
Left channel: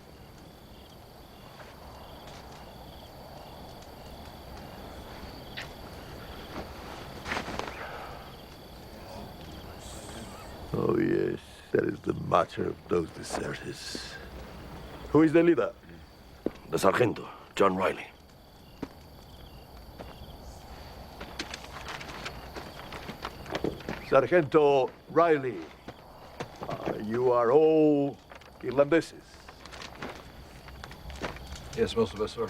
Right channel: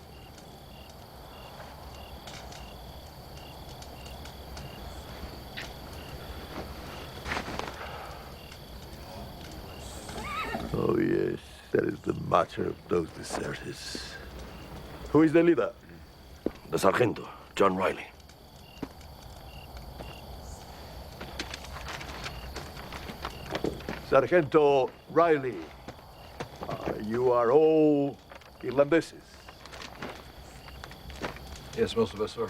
Oh, yes, that is the matter of those deserters. Who is the leader? The Sargento, John Riley. Sargento Riley, you are all Irlandeses. Yes, most of us, sir.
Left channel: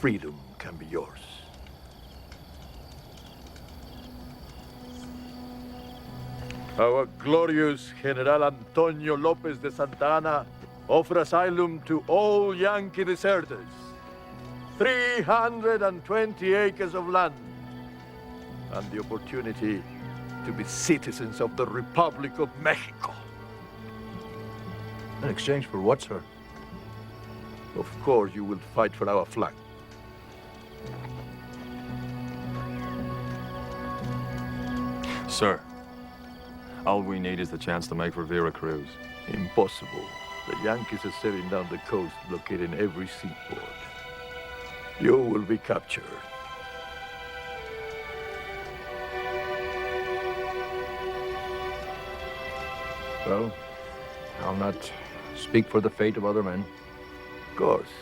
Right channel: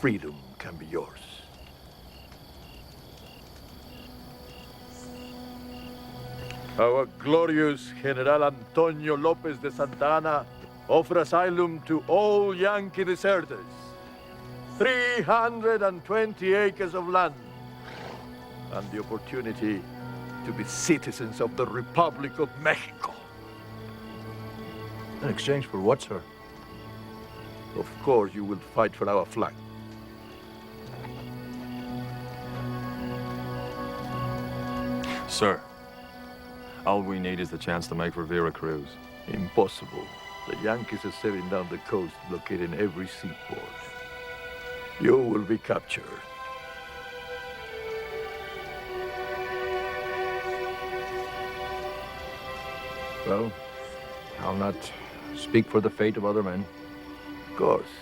Freedom can be yours. Our glorious General Antonio Lopez de Santa Anna offers asylum to all Yankee deserters. 320 acres of land and the opportunity to be citizens of the Republic of Mexico. In exchange for what, sir? Of course, you will fight for our flag. Sir, all we need is the chance to make for Veracruz. Impossible. The Yankees are sailing down the coast, blockading every seaport. You will be captured. Well, I'll not speak for the fate of other men. Of course.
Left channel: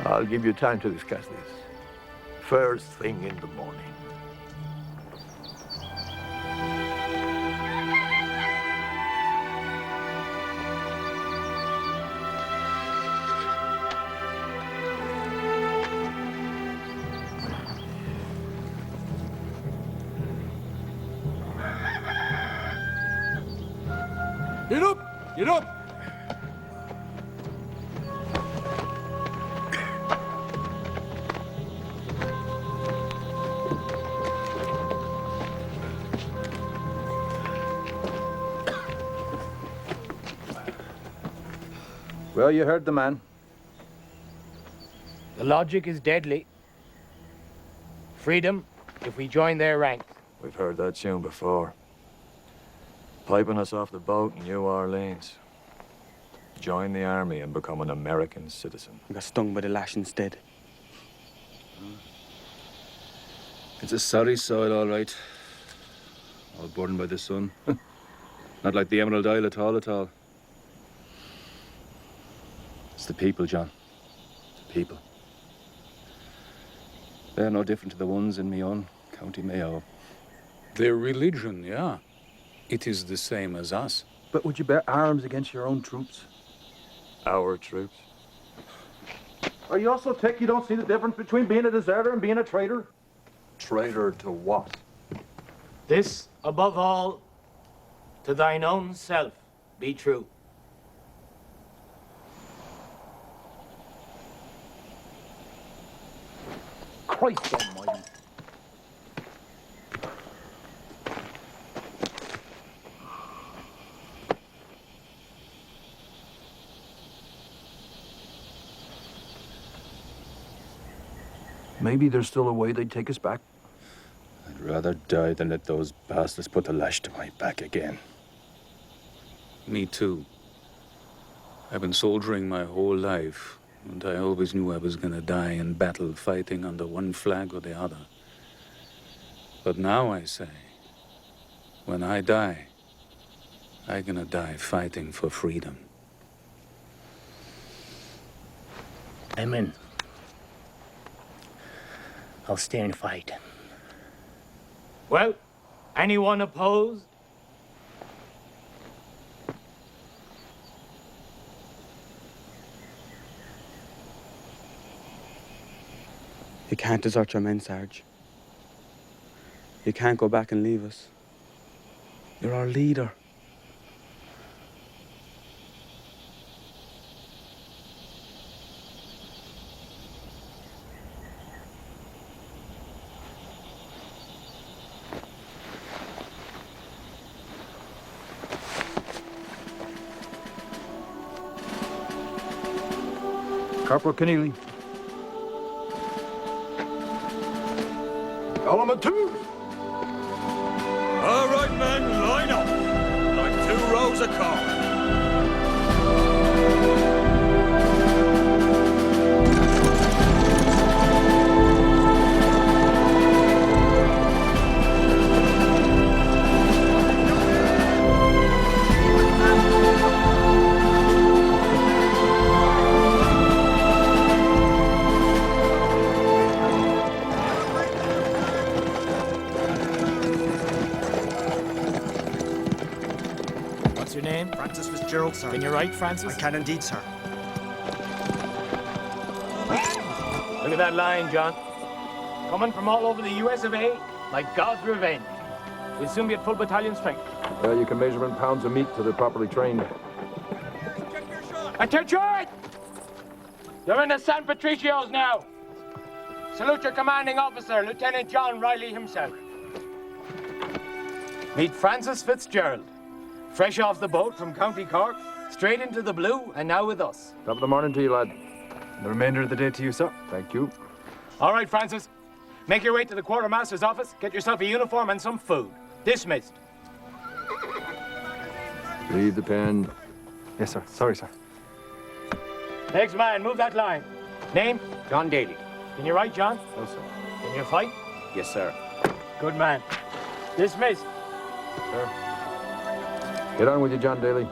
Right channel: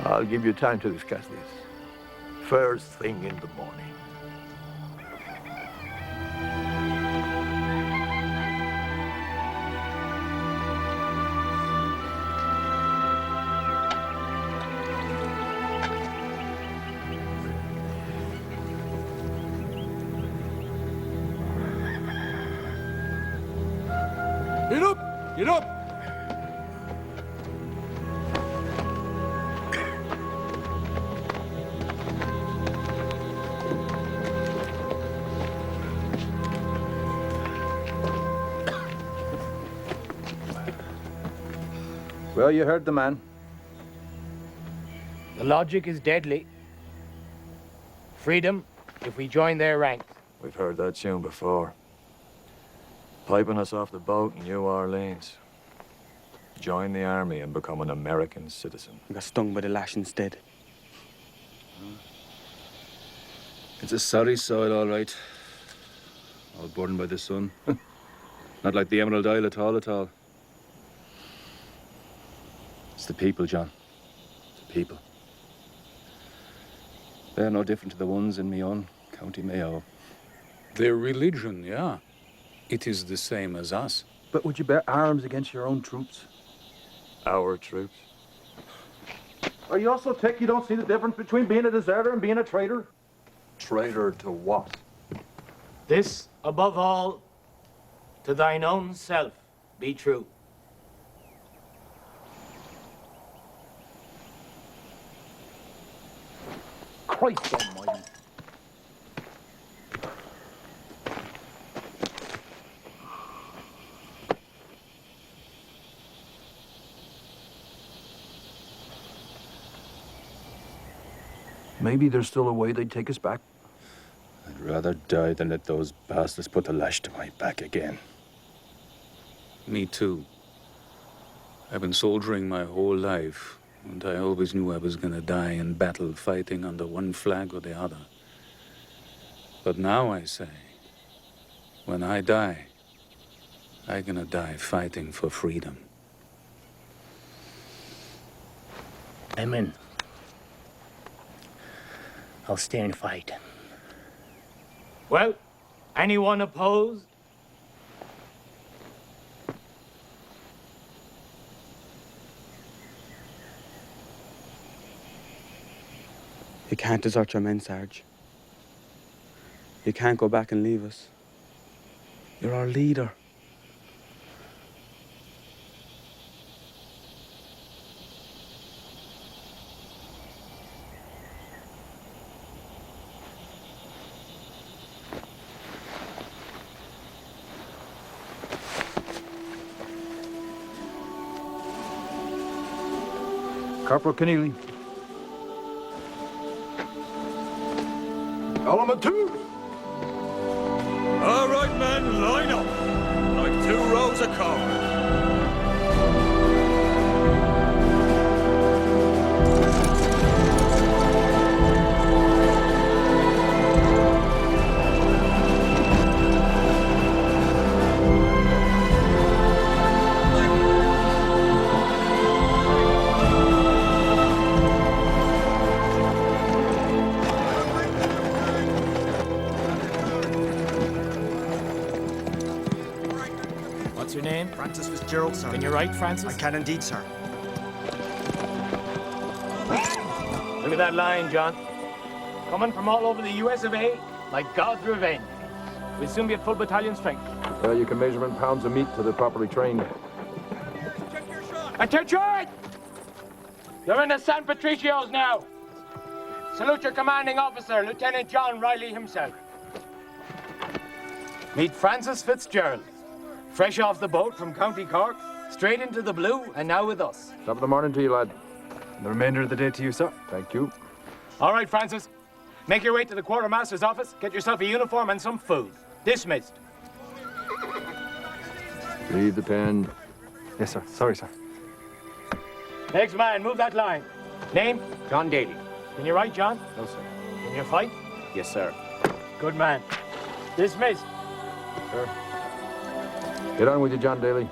I'll give you time to discuss this. First thing in the morning. Get up! Get up! Well, you heard the man. The logic is deadly. Freedom if we join their ranks. We've heard that tune before. Piping us off the boat in New Orleans. Join the army and become an American citizen. I got stung by the lash instead. It's a sorry soil, all right. All burdened by the sun. Not like the Emerald Isle at all, at all. It's the people, John. It's the people. They're no different to the ones in my own County Mayo. Their religion, yeah. It is the same as us. But would you bear arms against your own troops? Our troops? Are you also thick you don't see the difference between being a deserter and being a traitor? Traitor to what? This, above all, to thine own self be true. Christ almighty. Maybe there's still a way they'd take us back. I'd rather die than let those bastards put the lash to my back again. Me too. I've been soldiering my whole life, and I always knew I was gonna die in battle fighting under one flag or the other. But now I say, when I die, I'm gonna die fighting for freedom. Amen. I'll stay and fight. Well, anyone opposed? You can't desert your men, Sarge. You can't go back and leave us. You're our leader. Corporal Keneally. Element 2. All right, men, line up. Like 2 rows of corn. What's your name? Francis Fitzgerald, sir. Can you write, Francis? I can indeed, sir. Look at that line, John. Coming from all over the US of A, like God's revenge. We'll soon be at full battalion strength. You can measure in pounds of meat till they're properly trained. Attention! You're in the San Patricios now. Salute your commanding officer, Lieutenant John Riley himself. Meet Francis Fitzgerald. Fresh off the boat from County Cork, straight into the blue, and now with us. Top of the morning to you, lad. And the remainder of the day to you, sir. Thank you. All right, Francis. Make your way to the quartermaster's office, get yourself a uniform and some food. Dismissed. Read the pen. Yes, sir. Sorry, sir. Next man, move that line. Name? John Daly. Can you write, John? No, sir. Can you fight? Yes, sir. Good man. Dismissed. Sir. Get on with you, John Daly.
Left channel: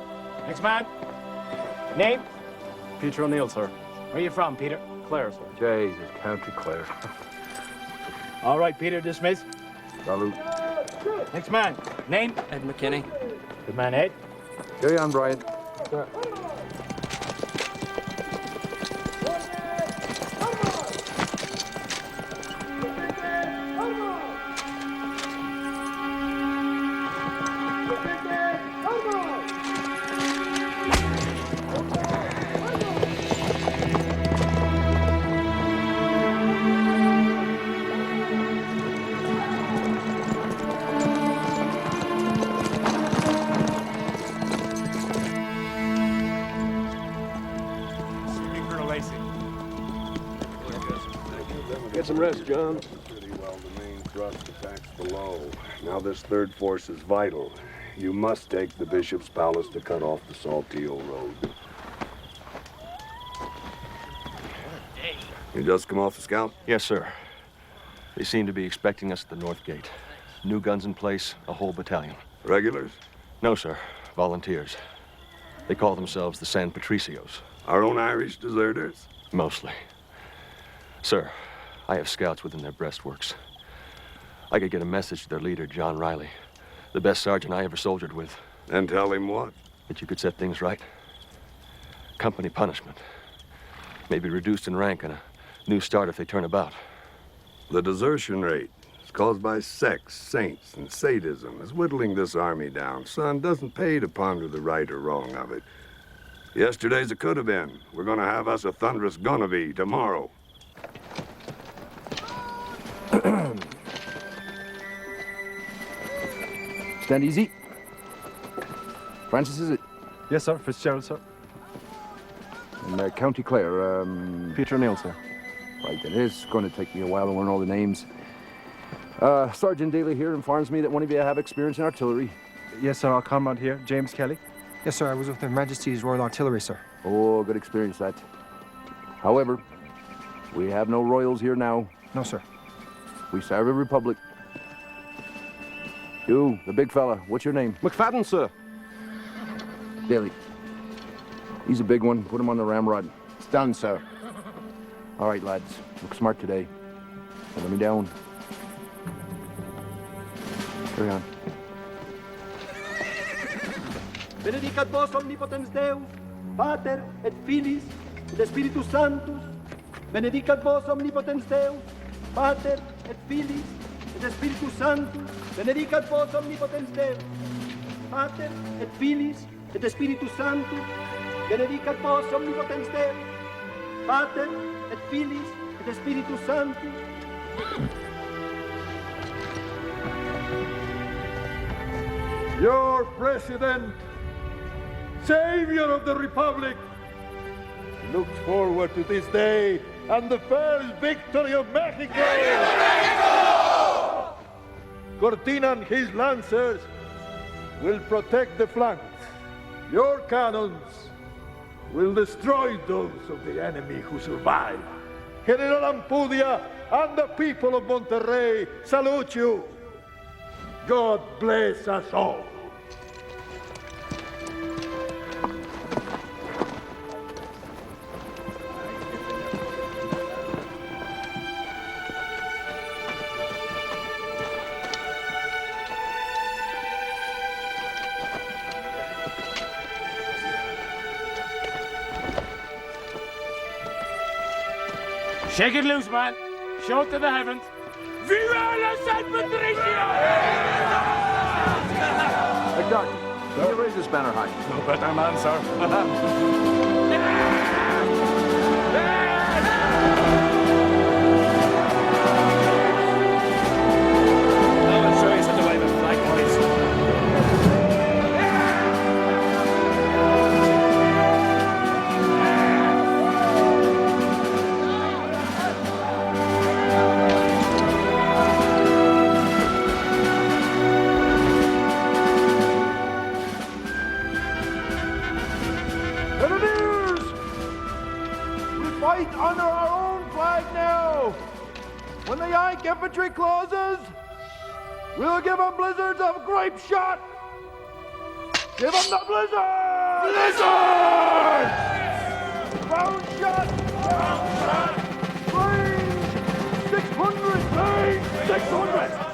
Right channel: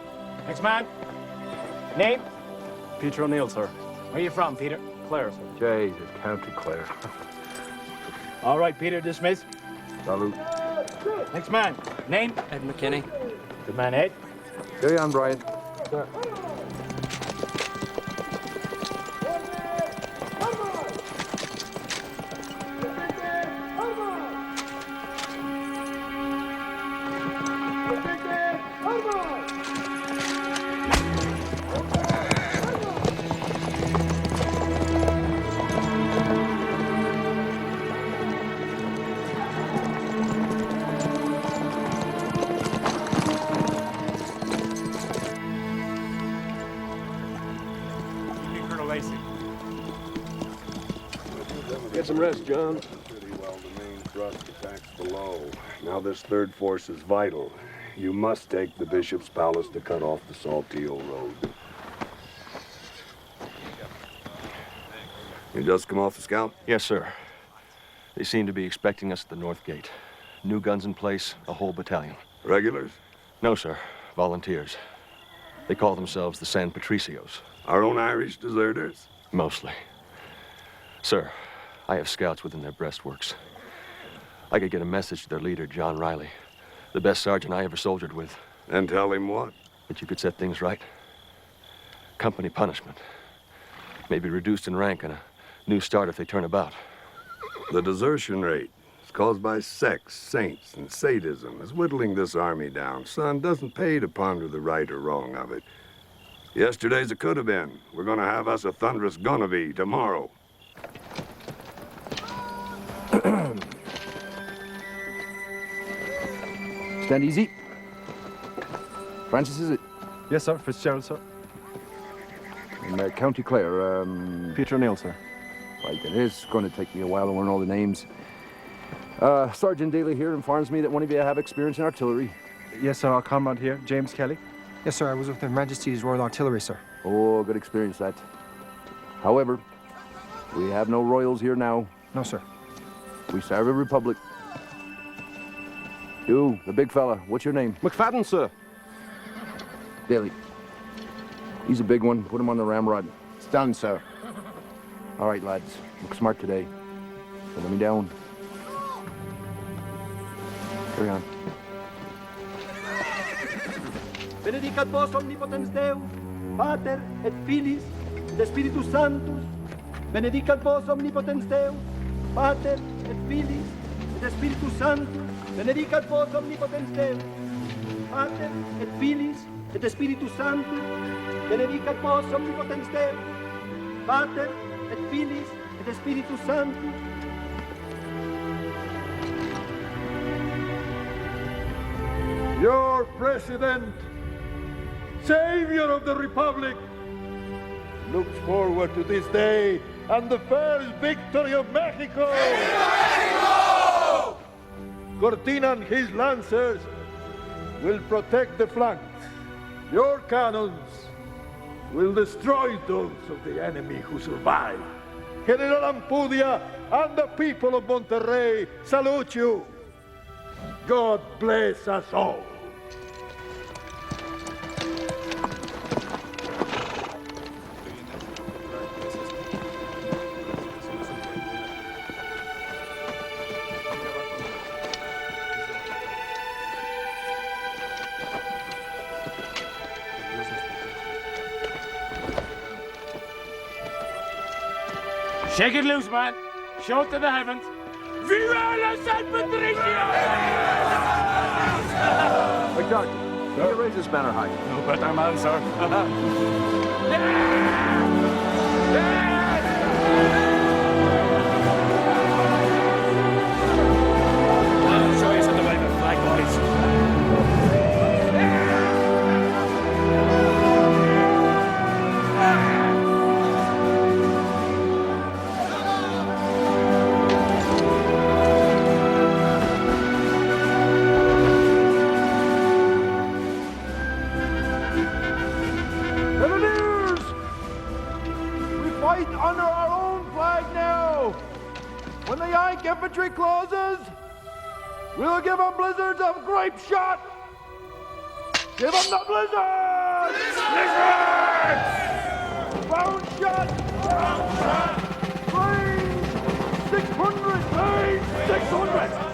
Next man. Name? Peter O'Neill, sir. Where are you from, Peter? Clare, sir. Jesus, County Clare. All right, Peter, dismissed. Salute. Next man. Name? Ed McKinney. Good man, Ed. Carry on, Brian. Sir. Get some rest, John. Pretty well the main thrust attacks below. Now this third force is vital. You must take the Bishop's Palace to cut off the Saltillo Road. You just come off the scout? Yes, sir. They seem to be expecting us at the North Gate. New guns in place, a whole battalion. Regulars? No, sir. Volunteers. They call themselves the San Patricios. Our own Irish deserters? Mostly. Sir, I have scouts within their breastworks. I could get a message to their leader, John Riley, the best sergeant I ever soldiered with. And tell him what? That you could set things right. Company punishment. Maybe reduced in rank and a new start if they turn about. The desertion rate is caused by sex, saints, and sadism is whittling this army down. Son, doesn't pay to ponder the right or wrong of it. Yesterday's a could have been. We're gonna have us a thunderous gonna be tomorrow. Stand easy. Francis, is it? Yes, sir. Fitzgerald, sir. In County Clare, Peter O'Neill, sir. Right, it is going to take me a while to learn all the names. Sergeant Daly here informs me that one of you have experience in artillery. Yes, sir. Our comrade here, James Kelly. Yes, sir. I was with Her Majesty's Royal Artillery, sir. Oh, good experience, that. However, we have no royals here now. No, sir. We serve a republic. You, the big fella, what's your name? McFadden, sir. Daly. He's a big one. Put him on the ramrod. It's done, sir. All right, lads. Look smart today. Don't let me down. Carry on. Benedicat vos omnipotens Deus, Pater et Filis et Spiritus Sanctus. Benedicat vos omnipotens Deus, Pater et Filis et Spiritus Sanctus. Benedicat vos omnipotens Deus, Pater et Filis et Spiritus Sanctus. Benedicat vos omnipotens Deus, Pater et Filis et Spiritus Sanctus. Your president, savior of the republic, looks forward to this day and the first victory of Mexico. Mexico! Cortina and his lancers will protect the flanks. Your cannons will destroy those of the enemy who survive. General Ampudia and the people of Monterrey salute you. God bless us all. Shake it loose, man. Show it to the heavens. Viva la San Patricio! McDarty, can you raise this banner high? No better man, sir. I'll show you how to wave a flag, boys. fight under our own flag now. When the Yank infantry closes, we'll give them blizzards of grape shot. Give them the blizzard! Blizzard! Round shot! Round shot! Range 600! Range 600!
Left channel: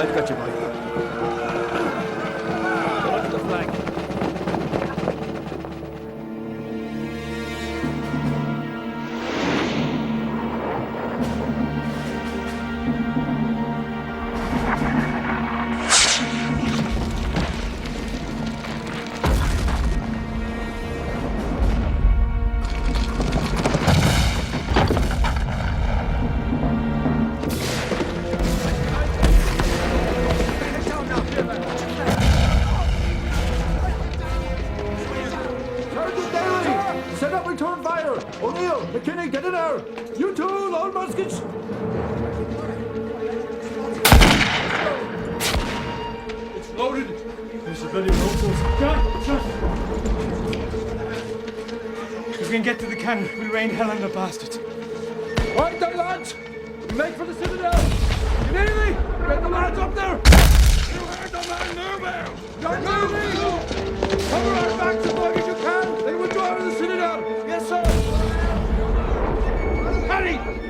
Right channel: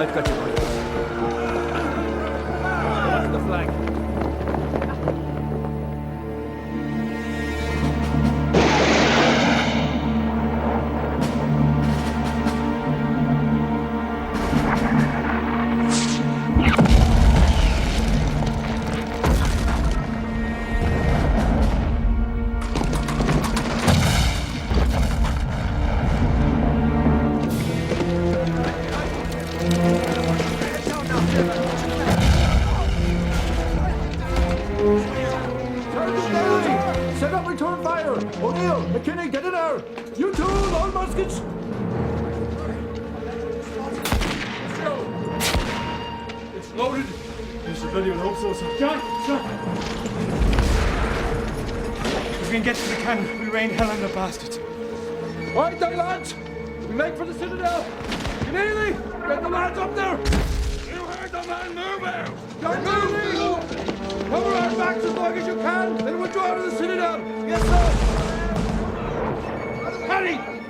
I've got you, boy. Look at the flag. we can get to the cannon, we'll rain hell on the bastards. Right there, lads! We make for the citadel! Keneally! Get the lads up there! You heard the man move out! John Riley! Cover our backs as long as you can, then we'll drive to the citadel! Yes, sir! Harry!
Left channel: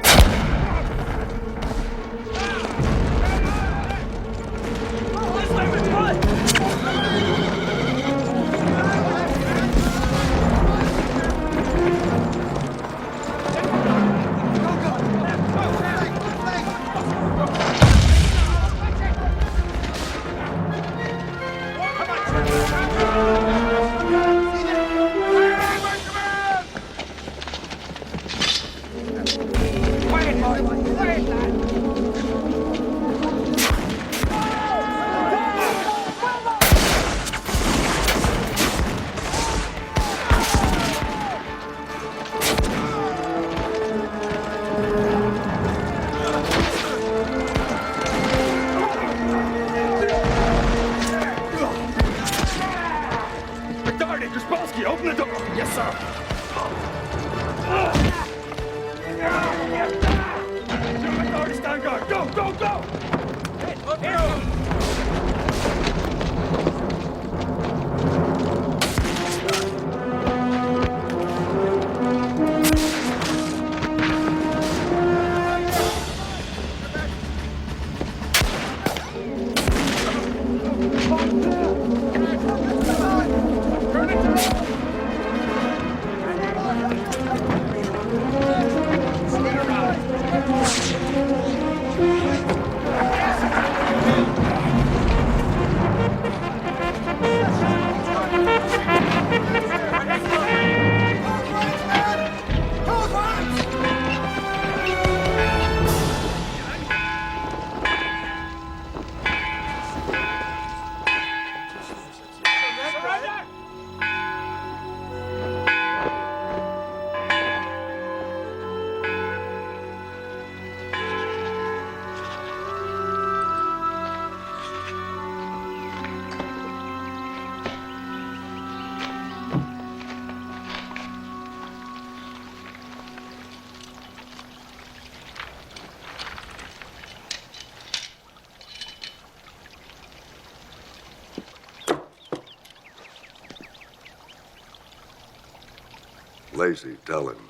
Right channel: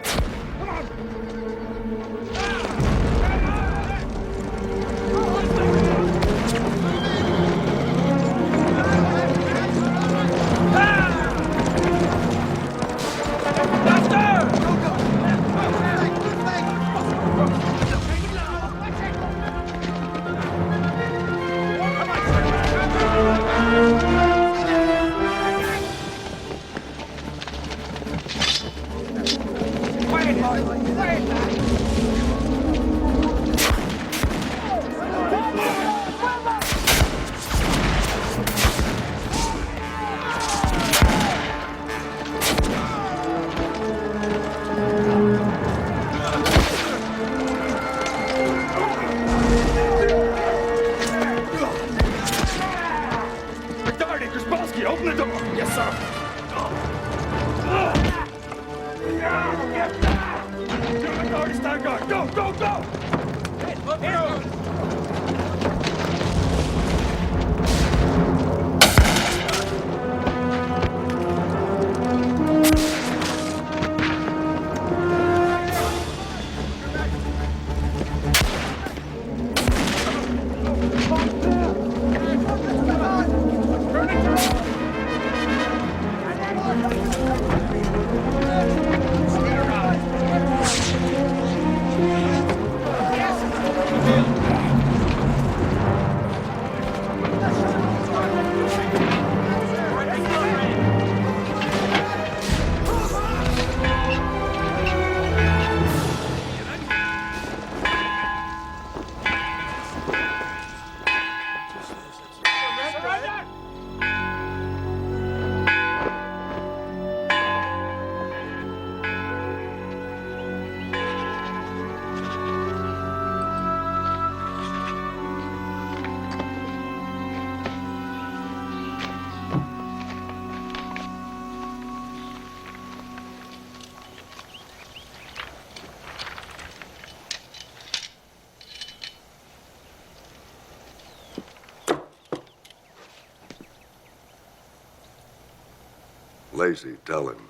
Lacey, tell him.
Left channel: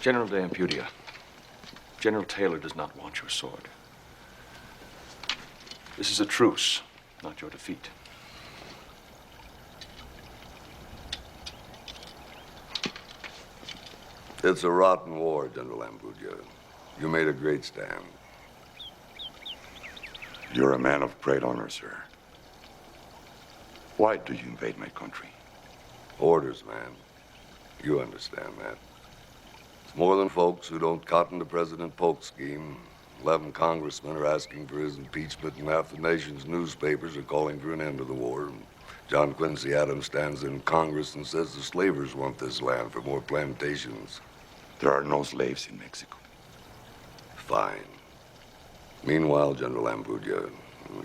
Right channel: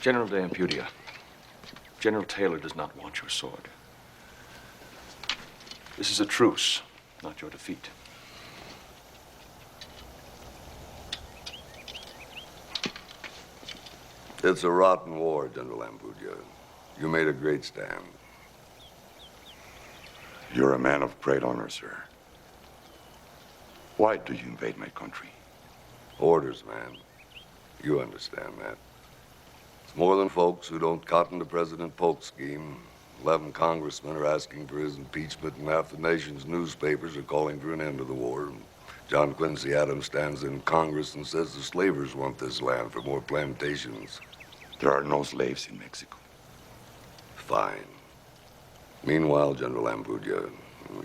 General de Ampudia, General Taylor does not want your sword. This is a truce, not your defeat. It's a rotten war, General Ampudia. You made a great stand. You're a man of great honor, sir. Why do you invade my country? Orders, man. You understand that. It's more than folks who don't cotton to President Polk's scheme. 11 congressmen are asking for his impeachment, and half the nation's newspapers are calling for an end to the war. John Quincy Adams stands in Congress and says the slavers want this land for more plantations. There are no slaves in Mexico. Fine. Meanwhile, General Ampudia,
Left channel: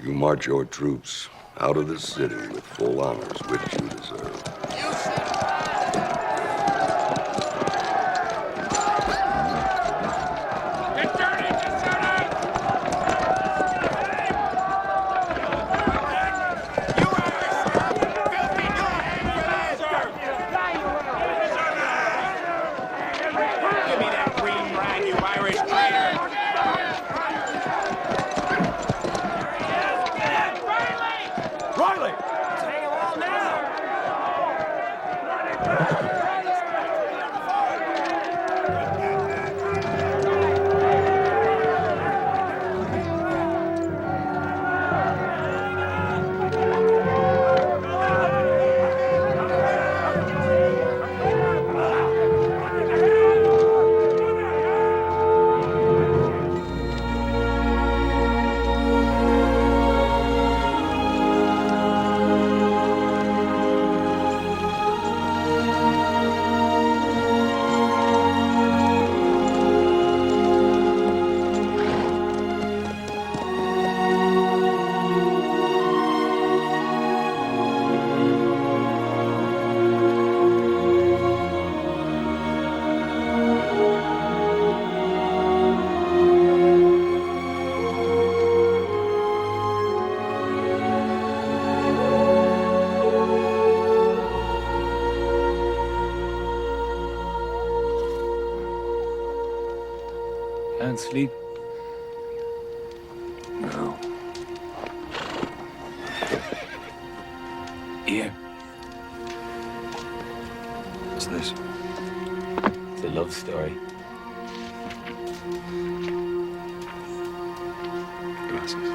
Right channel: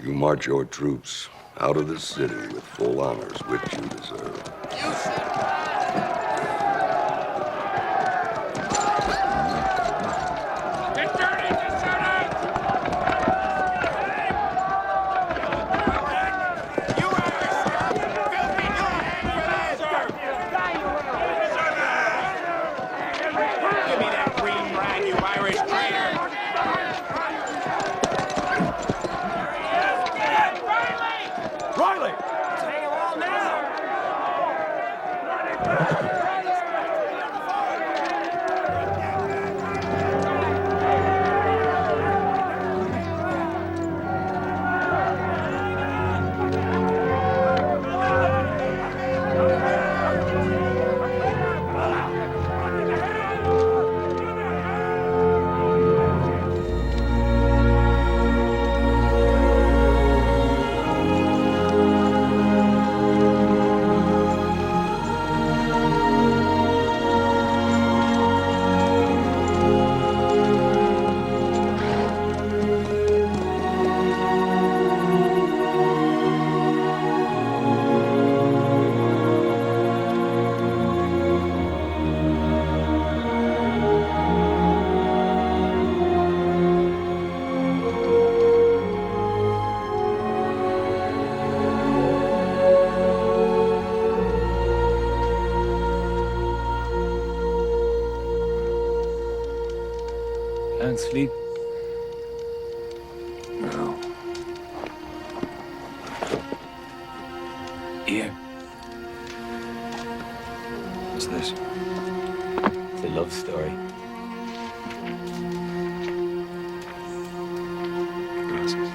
you march your troops out of this city with full honors, which you deserve. Can't sleep? No. Here. What's this? It's a love story. Gracias.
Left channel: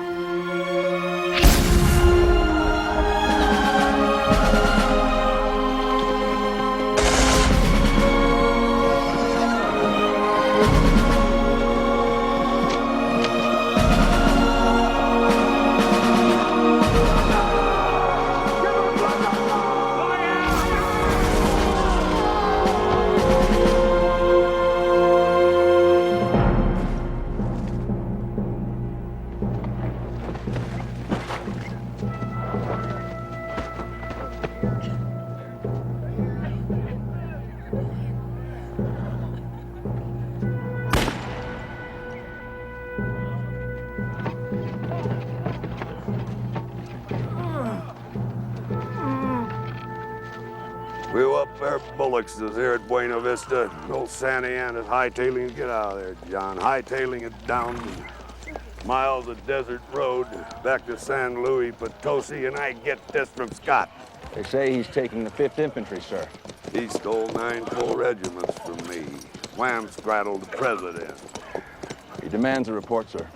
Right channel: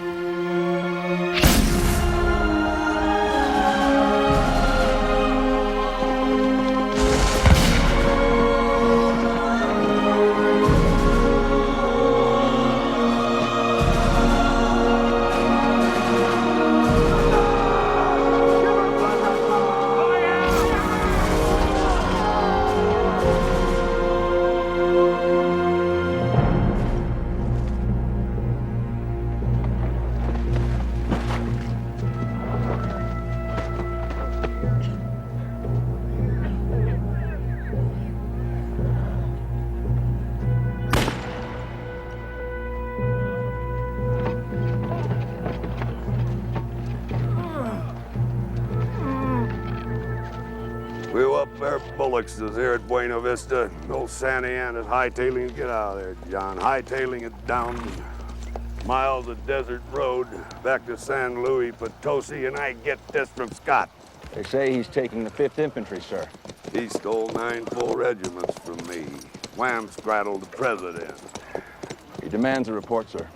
We up there bullocks is here at Buena Vista. Old Santa Ana's hightailing. Get out of there, John. Hightailing it down miles of desert road back to San Luis Potosi, and I get this from Scott. They say he's taking the 5th Infantry, sir. He stole 9 full regiments from me. Wham scrattled the president. He demands a report, sir.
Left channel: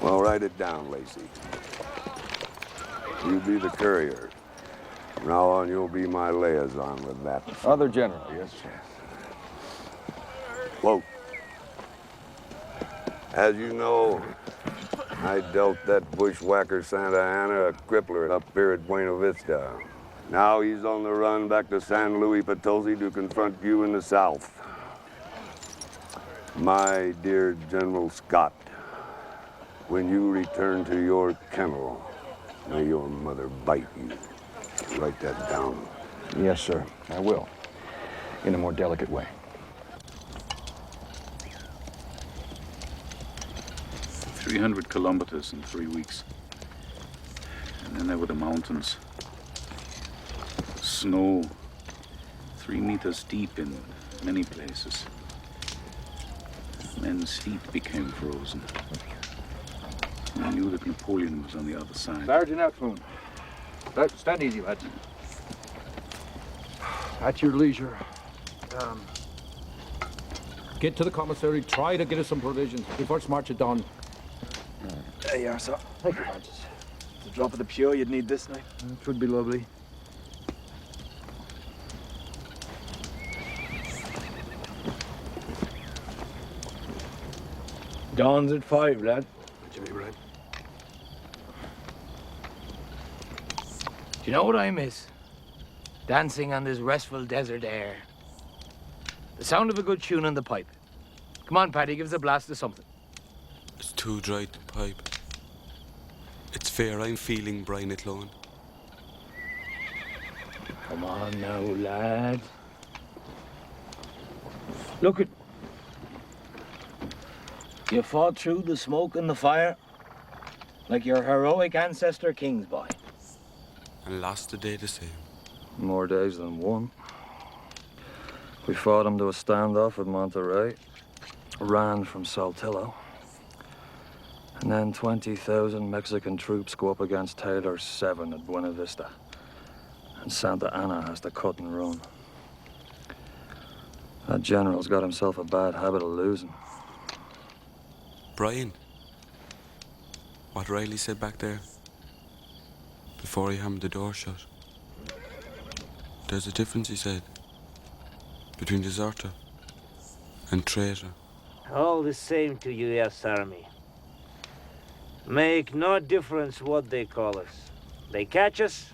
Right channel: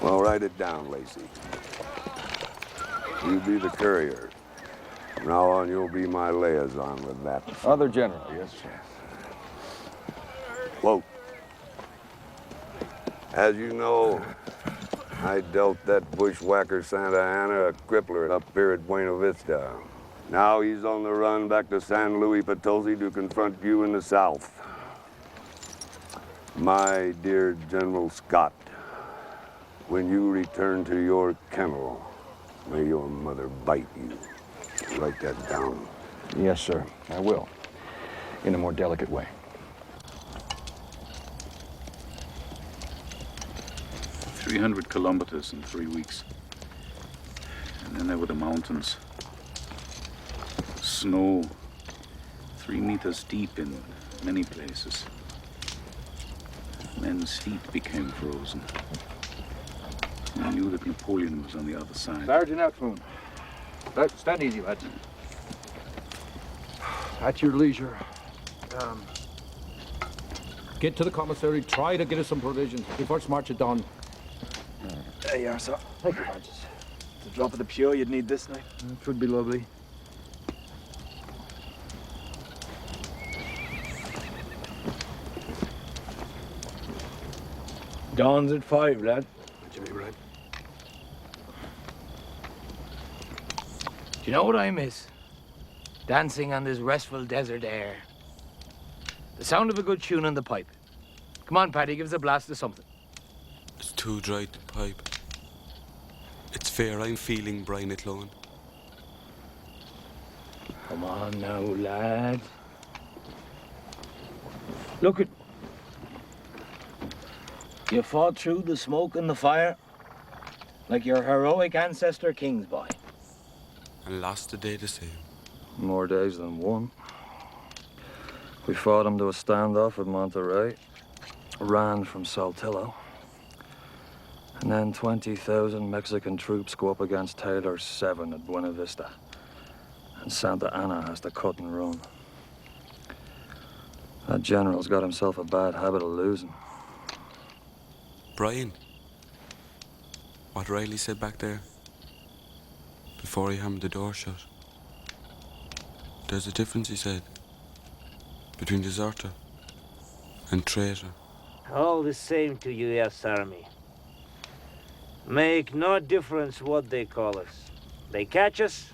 Well, write it down, Lacey. You be the courier. From now on, you'll be my liaison with that. Other general, yes, sir. Quote. As you know, I dealt that bushwhacker Santa Ana a crippler up here at Buena Vista. Now he's on the run back to San Luis Potosi to confront you in the South. My dear General Scott, when you return to your kennel, may your mother bite you. Write that down. Yes, sir. I will. In a more delicate way. 300 kilometers in 3 weeks. And then there were the mountains. Snow, 3 meters deep in many places. Men's feet became frozen. I knew that Napoleon was on the other side. Sergeant Atwood. Stand easy, lads. At your leisure. Get to the commissary, try to get us some provisions. We first march at dawn. There you are, sir. Thank you, Hodges. It's a drop of the pure you'd need this night. It would be lovely. Dawn's at 5, lad. Jimmy, right? Do you know what I miss? Dancing on this restful desert air. The sound of a good tune on the pipe. Come on, Paddy, give us a blast of something. It's too dry to pipe. It's fair I'm feeling Brian at Loan. Come on now, lad. Look at... You fought through the smoke and the fire like your heroic ancestor King's boy. And lost the day the same. More days than one. We fought him to a standoff at Monterey, ran from Saltillo, and then 20,000 Mexican troops go up against Taylor's 7 at Buena Vista. And Santa Ana has to cut and run. That general's got himself a bad habit of losing. Brian, what Riley said back there, before he hammered the door shut. There's a difference, he said, between deserter and traitor. All the same to U.S. Army. Make no difference what they call us. They catch us.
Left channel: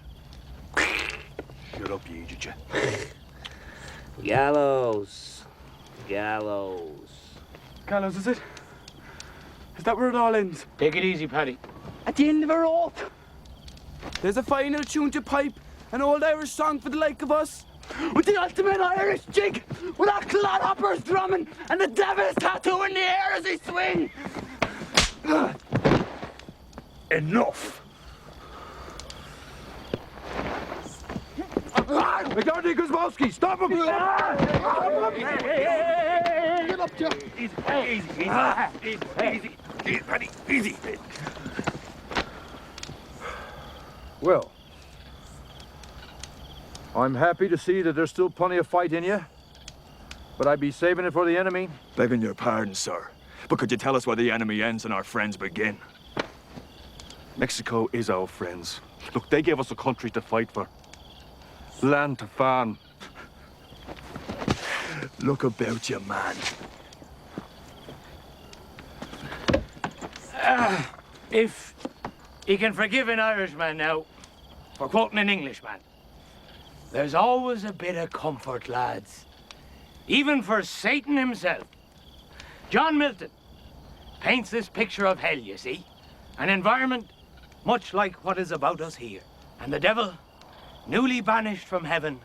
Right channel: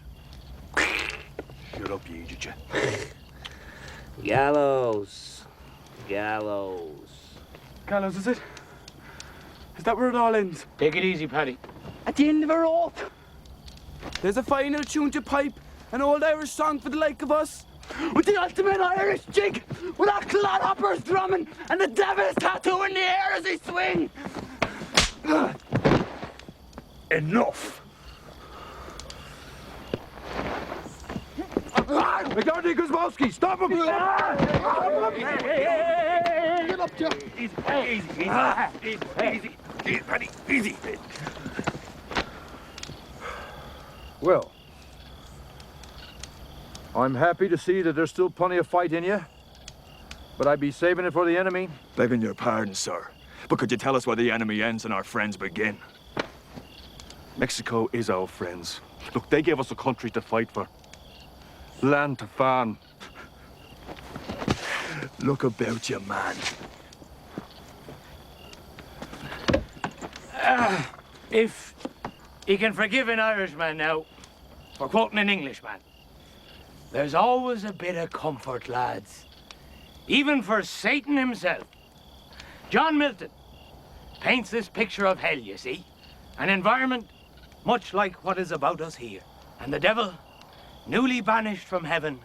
Shut up, you idiot. Gallows. Gallows. Gallows, is it? Is that where it all ends? Take it easy, Paddy. At the end of a rope. There's a final tune to pipe, an old Irish song for the like of us. With the ultimate Irish jig, with our clodhoppers drumming and the devil's tattoo in the air as they swing. Enough. McDonald's Guzmowski, stop him! Get up, Joe. Easy, buddy, easy. Well, I'm happy to see that there's still plenty of fight in you, but I'd be saving it for the enemy. Begging your pardon, sir, but could you tell us where the enemy ends and our friends begin? Mexico is our friends. Look, they gave us a country to fight for. Land to farm. Look about you, man. If you can forgive an Irishman now for quoting an Englishman, there's always a bit of comfort, lads. Even for Satan himself. John Milton paints this picture of hell, you see. An environment much like what is about us here. And the devil, newly banished from heaven,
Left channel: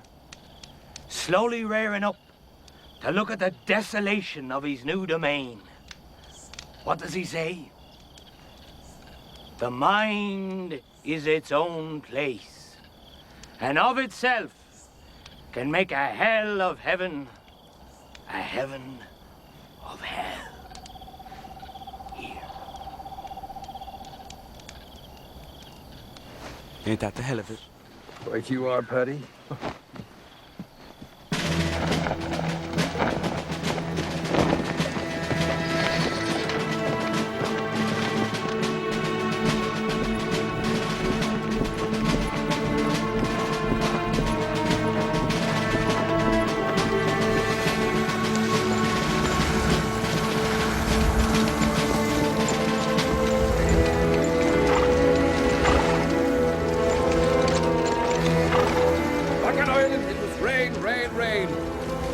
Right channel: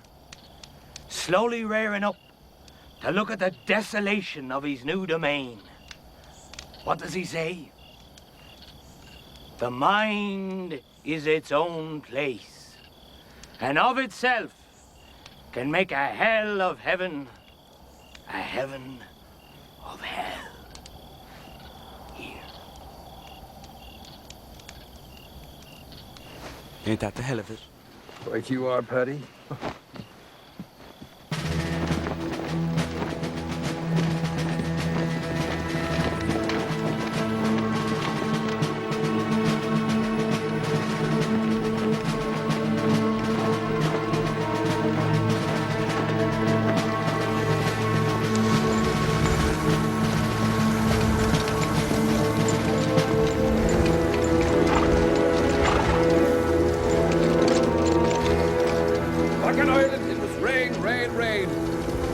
slowly rearing up to look at the desolation of his new domain. What does he say? The mind is its own place, and of itself can make a hell of heaven, a heaven of hell. Here. Ain't that the hell of it? Right you are, Paddy.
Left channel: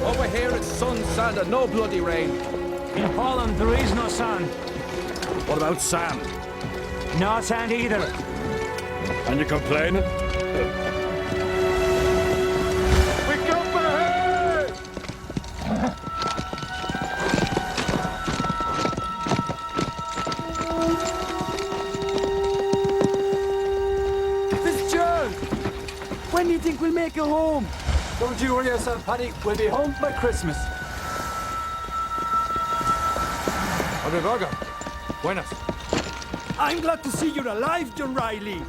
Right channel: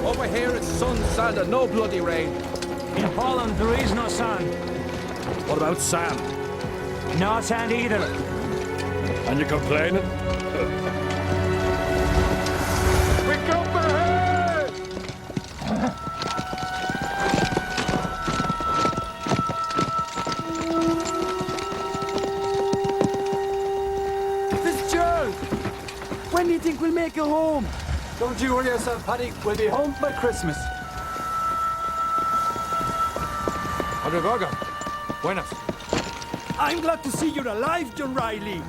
Over here it's sun, sand, and no bloody rain. In Poland, there is no sun. What about sand? No sand either. And you complaining? Pick up ahead! Fitzgerald! When do you think we'll make it home? Don't you worry yourself, Paddy. We'll be home by Christmas. Obrigado. Buenas. I'm glad to see you're alive, John Riley.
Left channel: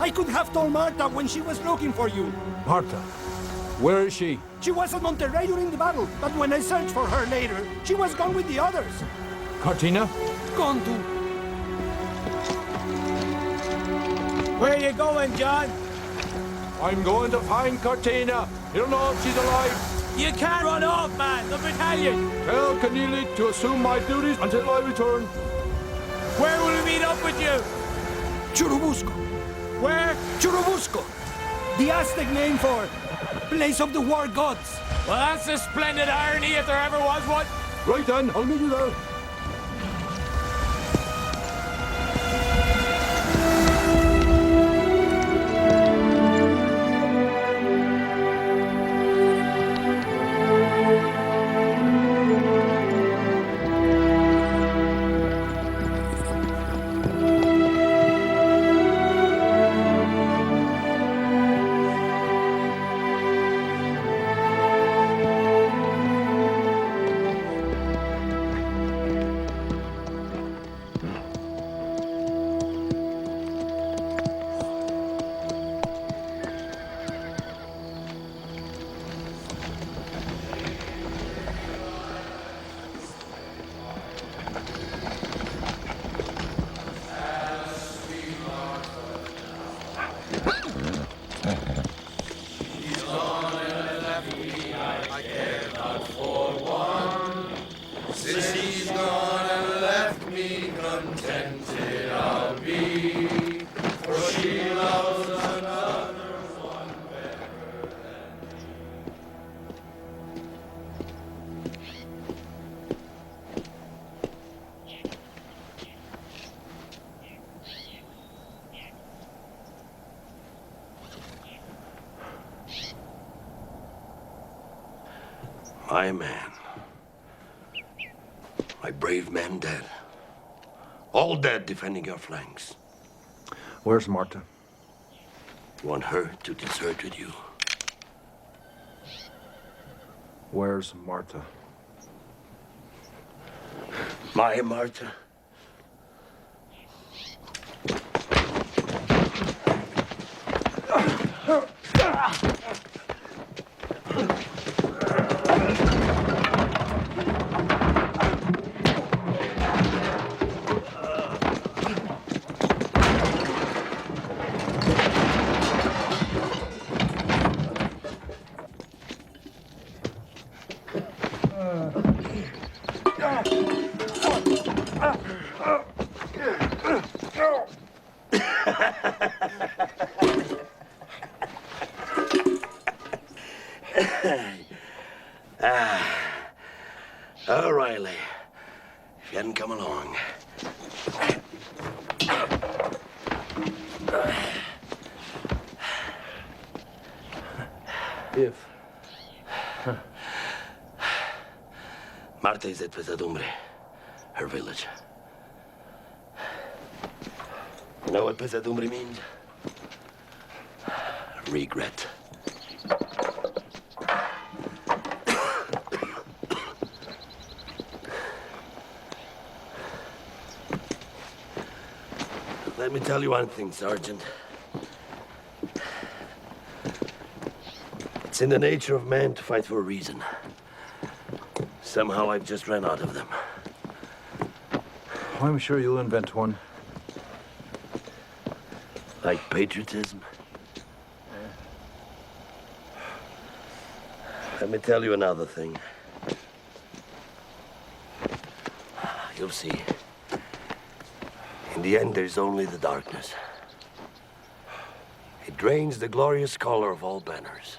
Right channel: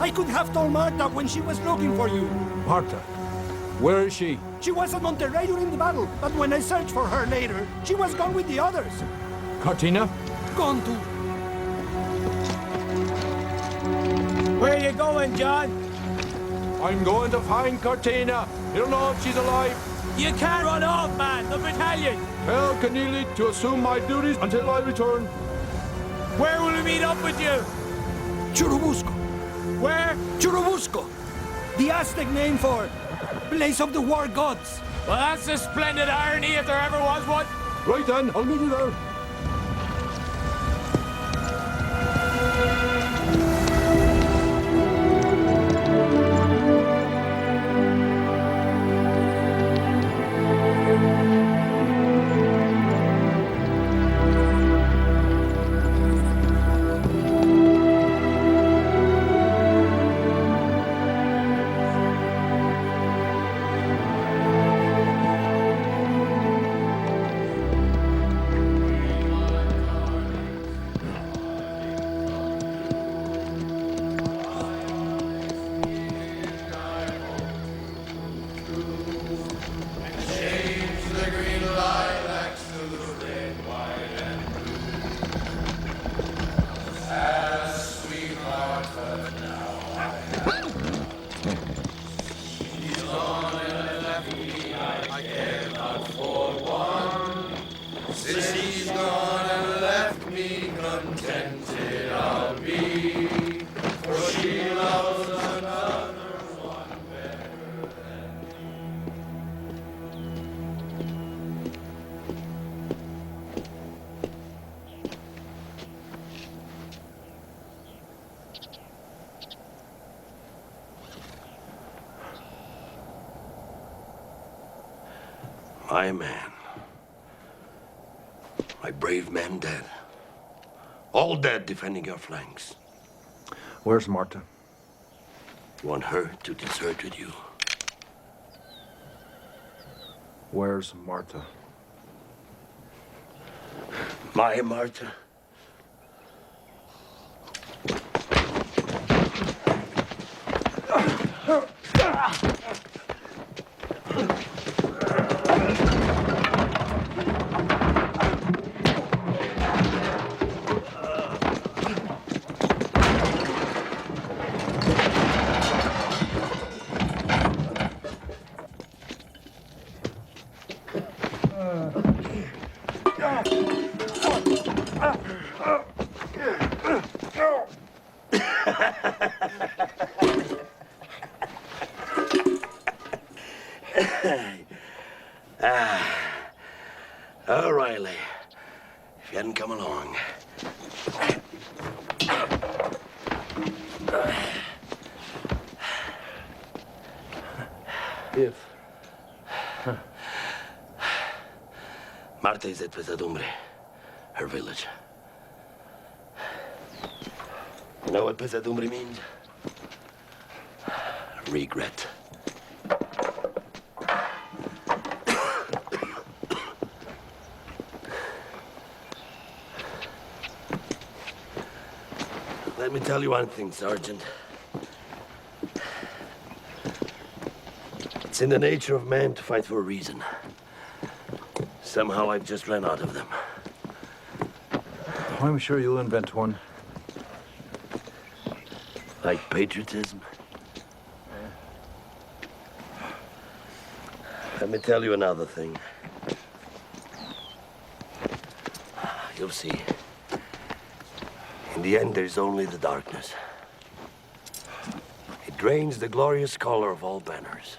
I could have told Martha when she was looking for you. Martha? Where is she? She was at Monterrey during the battle, but when I searched for her later, she was gone with the others. Cortina? Gone too. Where are you going, John? I'm going to find Cortina. You don't know if she's alive. You can't run off, man. The battalion. Tell Keneally to assume my duties until I return. Where will we meet up with you? Churubusco. Where? Churubusco. The Aztec name for place of the war gods. Well, that's a splendid irony if there ever was one. Right then, I'll meet you there. My man. My brave men dead. All dead defending your flanks. Where's Martha? You want her to desert with you? Where's Marta? My Marta? Oh, Riley, if you hadn't come along. If. Marta is at Pesadumbre, her village. You know what Pesadumbre means? Regret. Let me tell you one thing, Sergeant. It's in the nature of man to fight for a reason. Somehow I've just ran out of them. I'm sure you'll invent one. Like patriotism? Let me tell you another thing. You'll see. In the end, there's only the darkness. It drains the glorious color of all banners.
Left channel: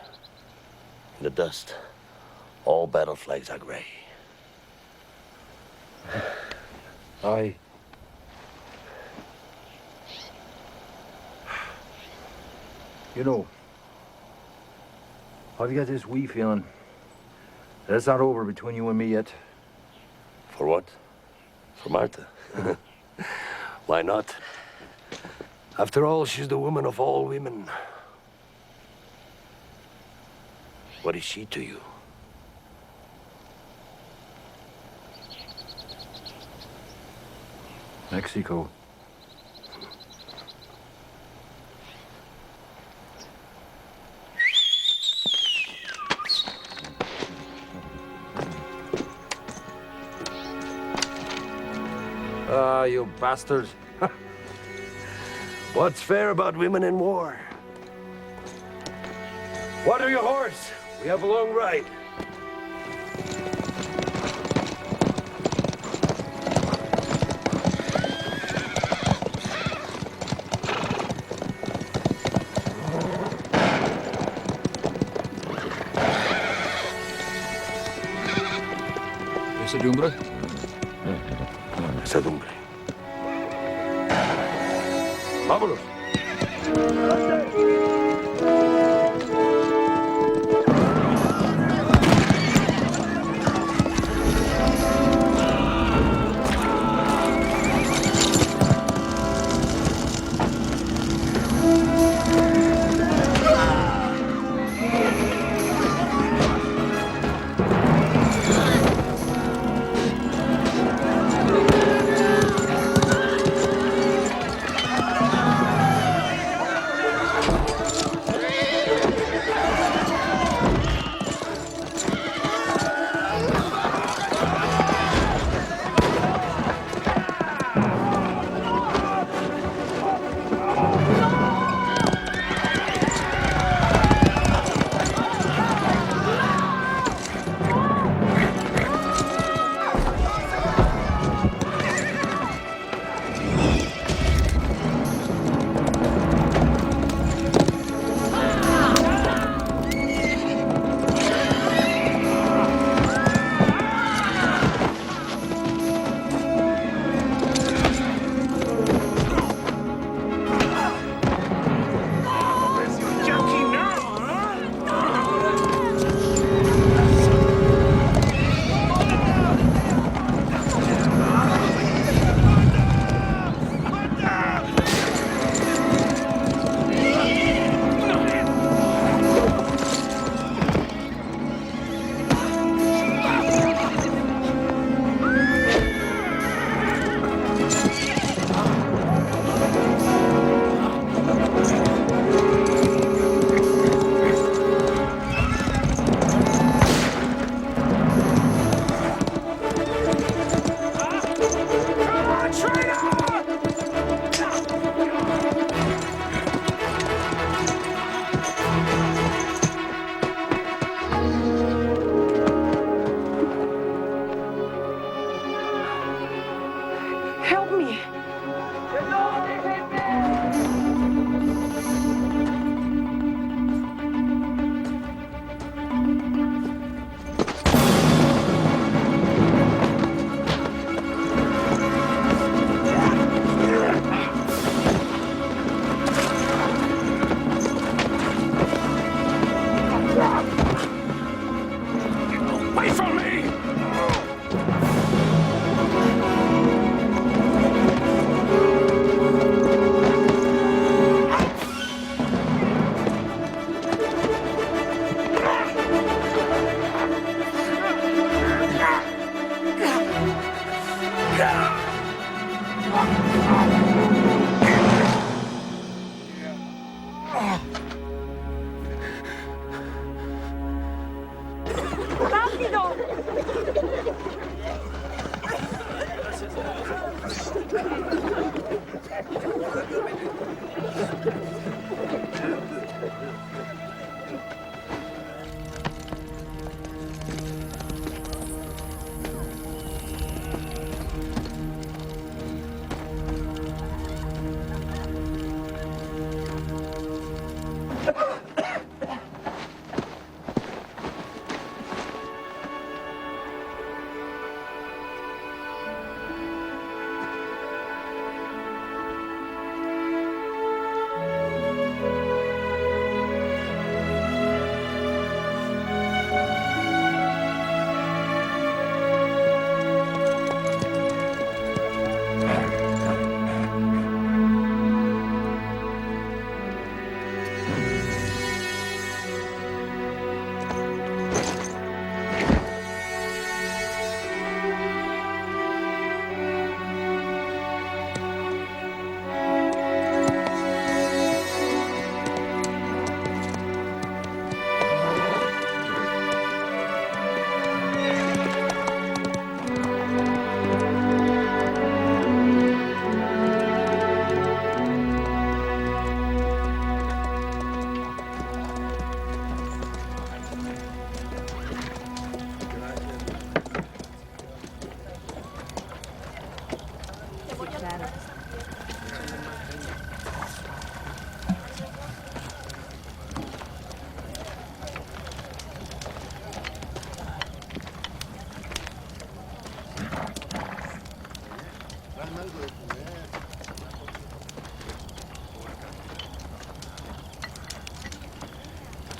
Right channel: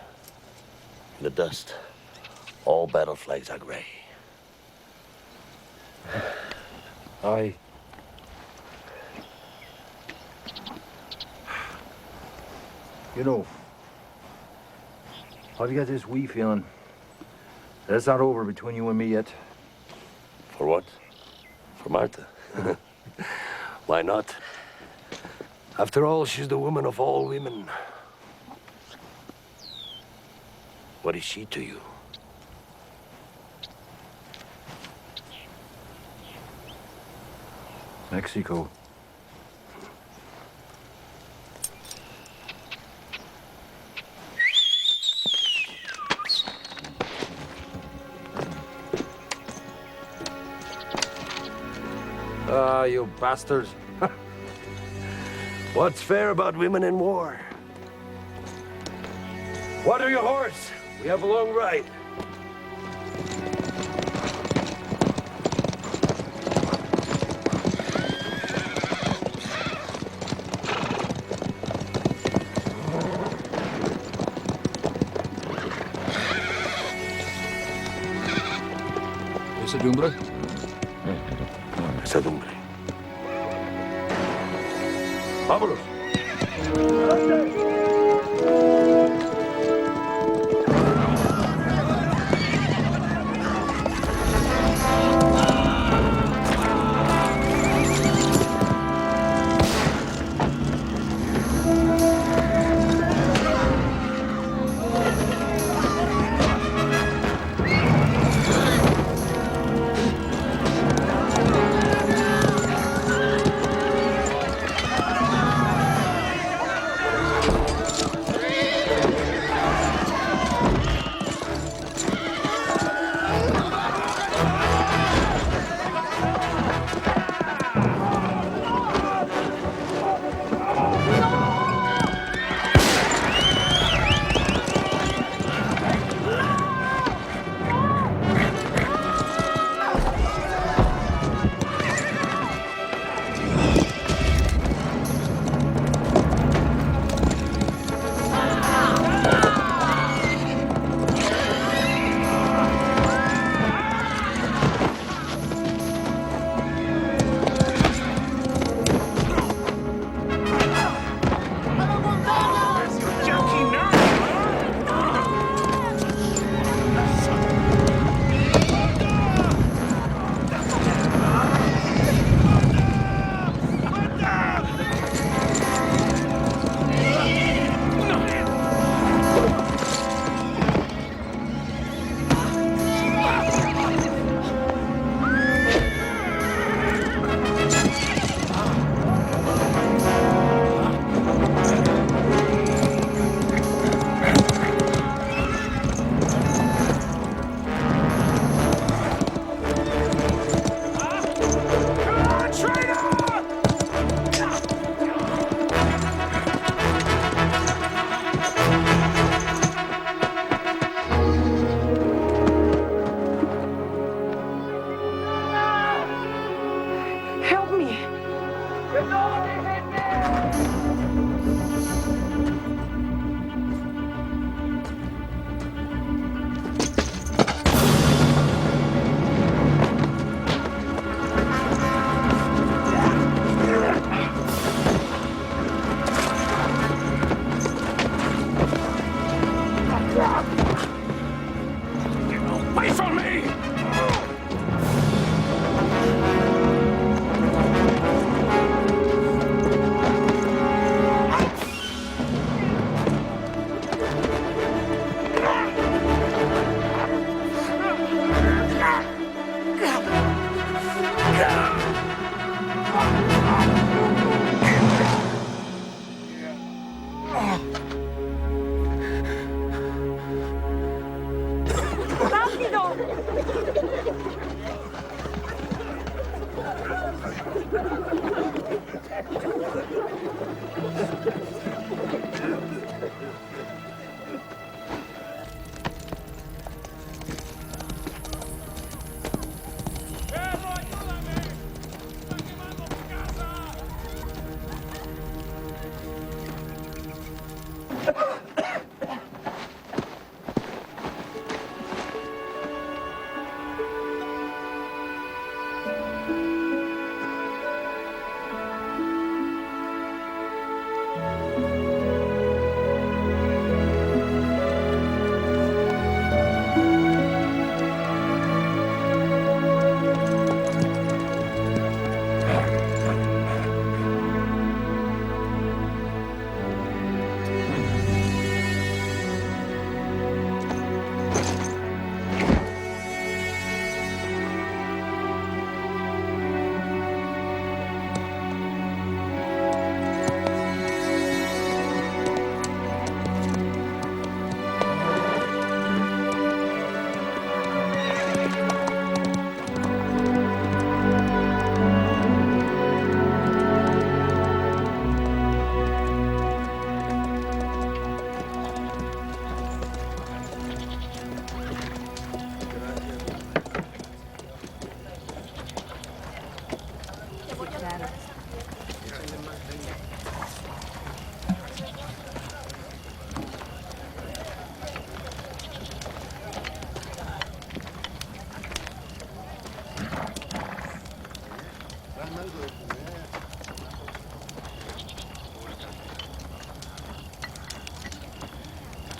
In the dust, all battle flags are gray. You know, I've got this wee feeling that it's not over between you and me yet. For what? For Marta? Why not? After all, she's the woman of all women. What is she to you? Mexico. Ah, you bastard. What's fair about women in war? Water your horse. We have a long ride. Pesadumbre? Pesadumbre. Vámonos.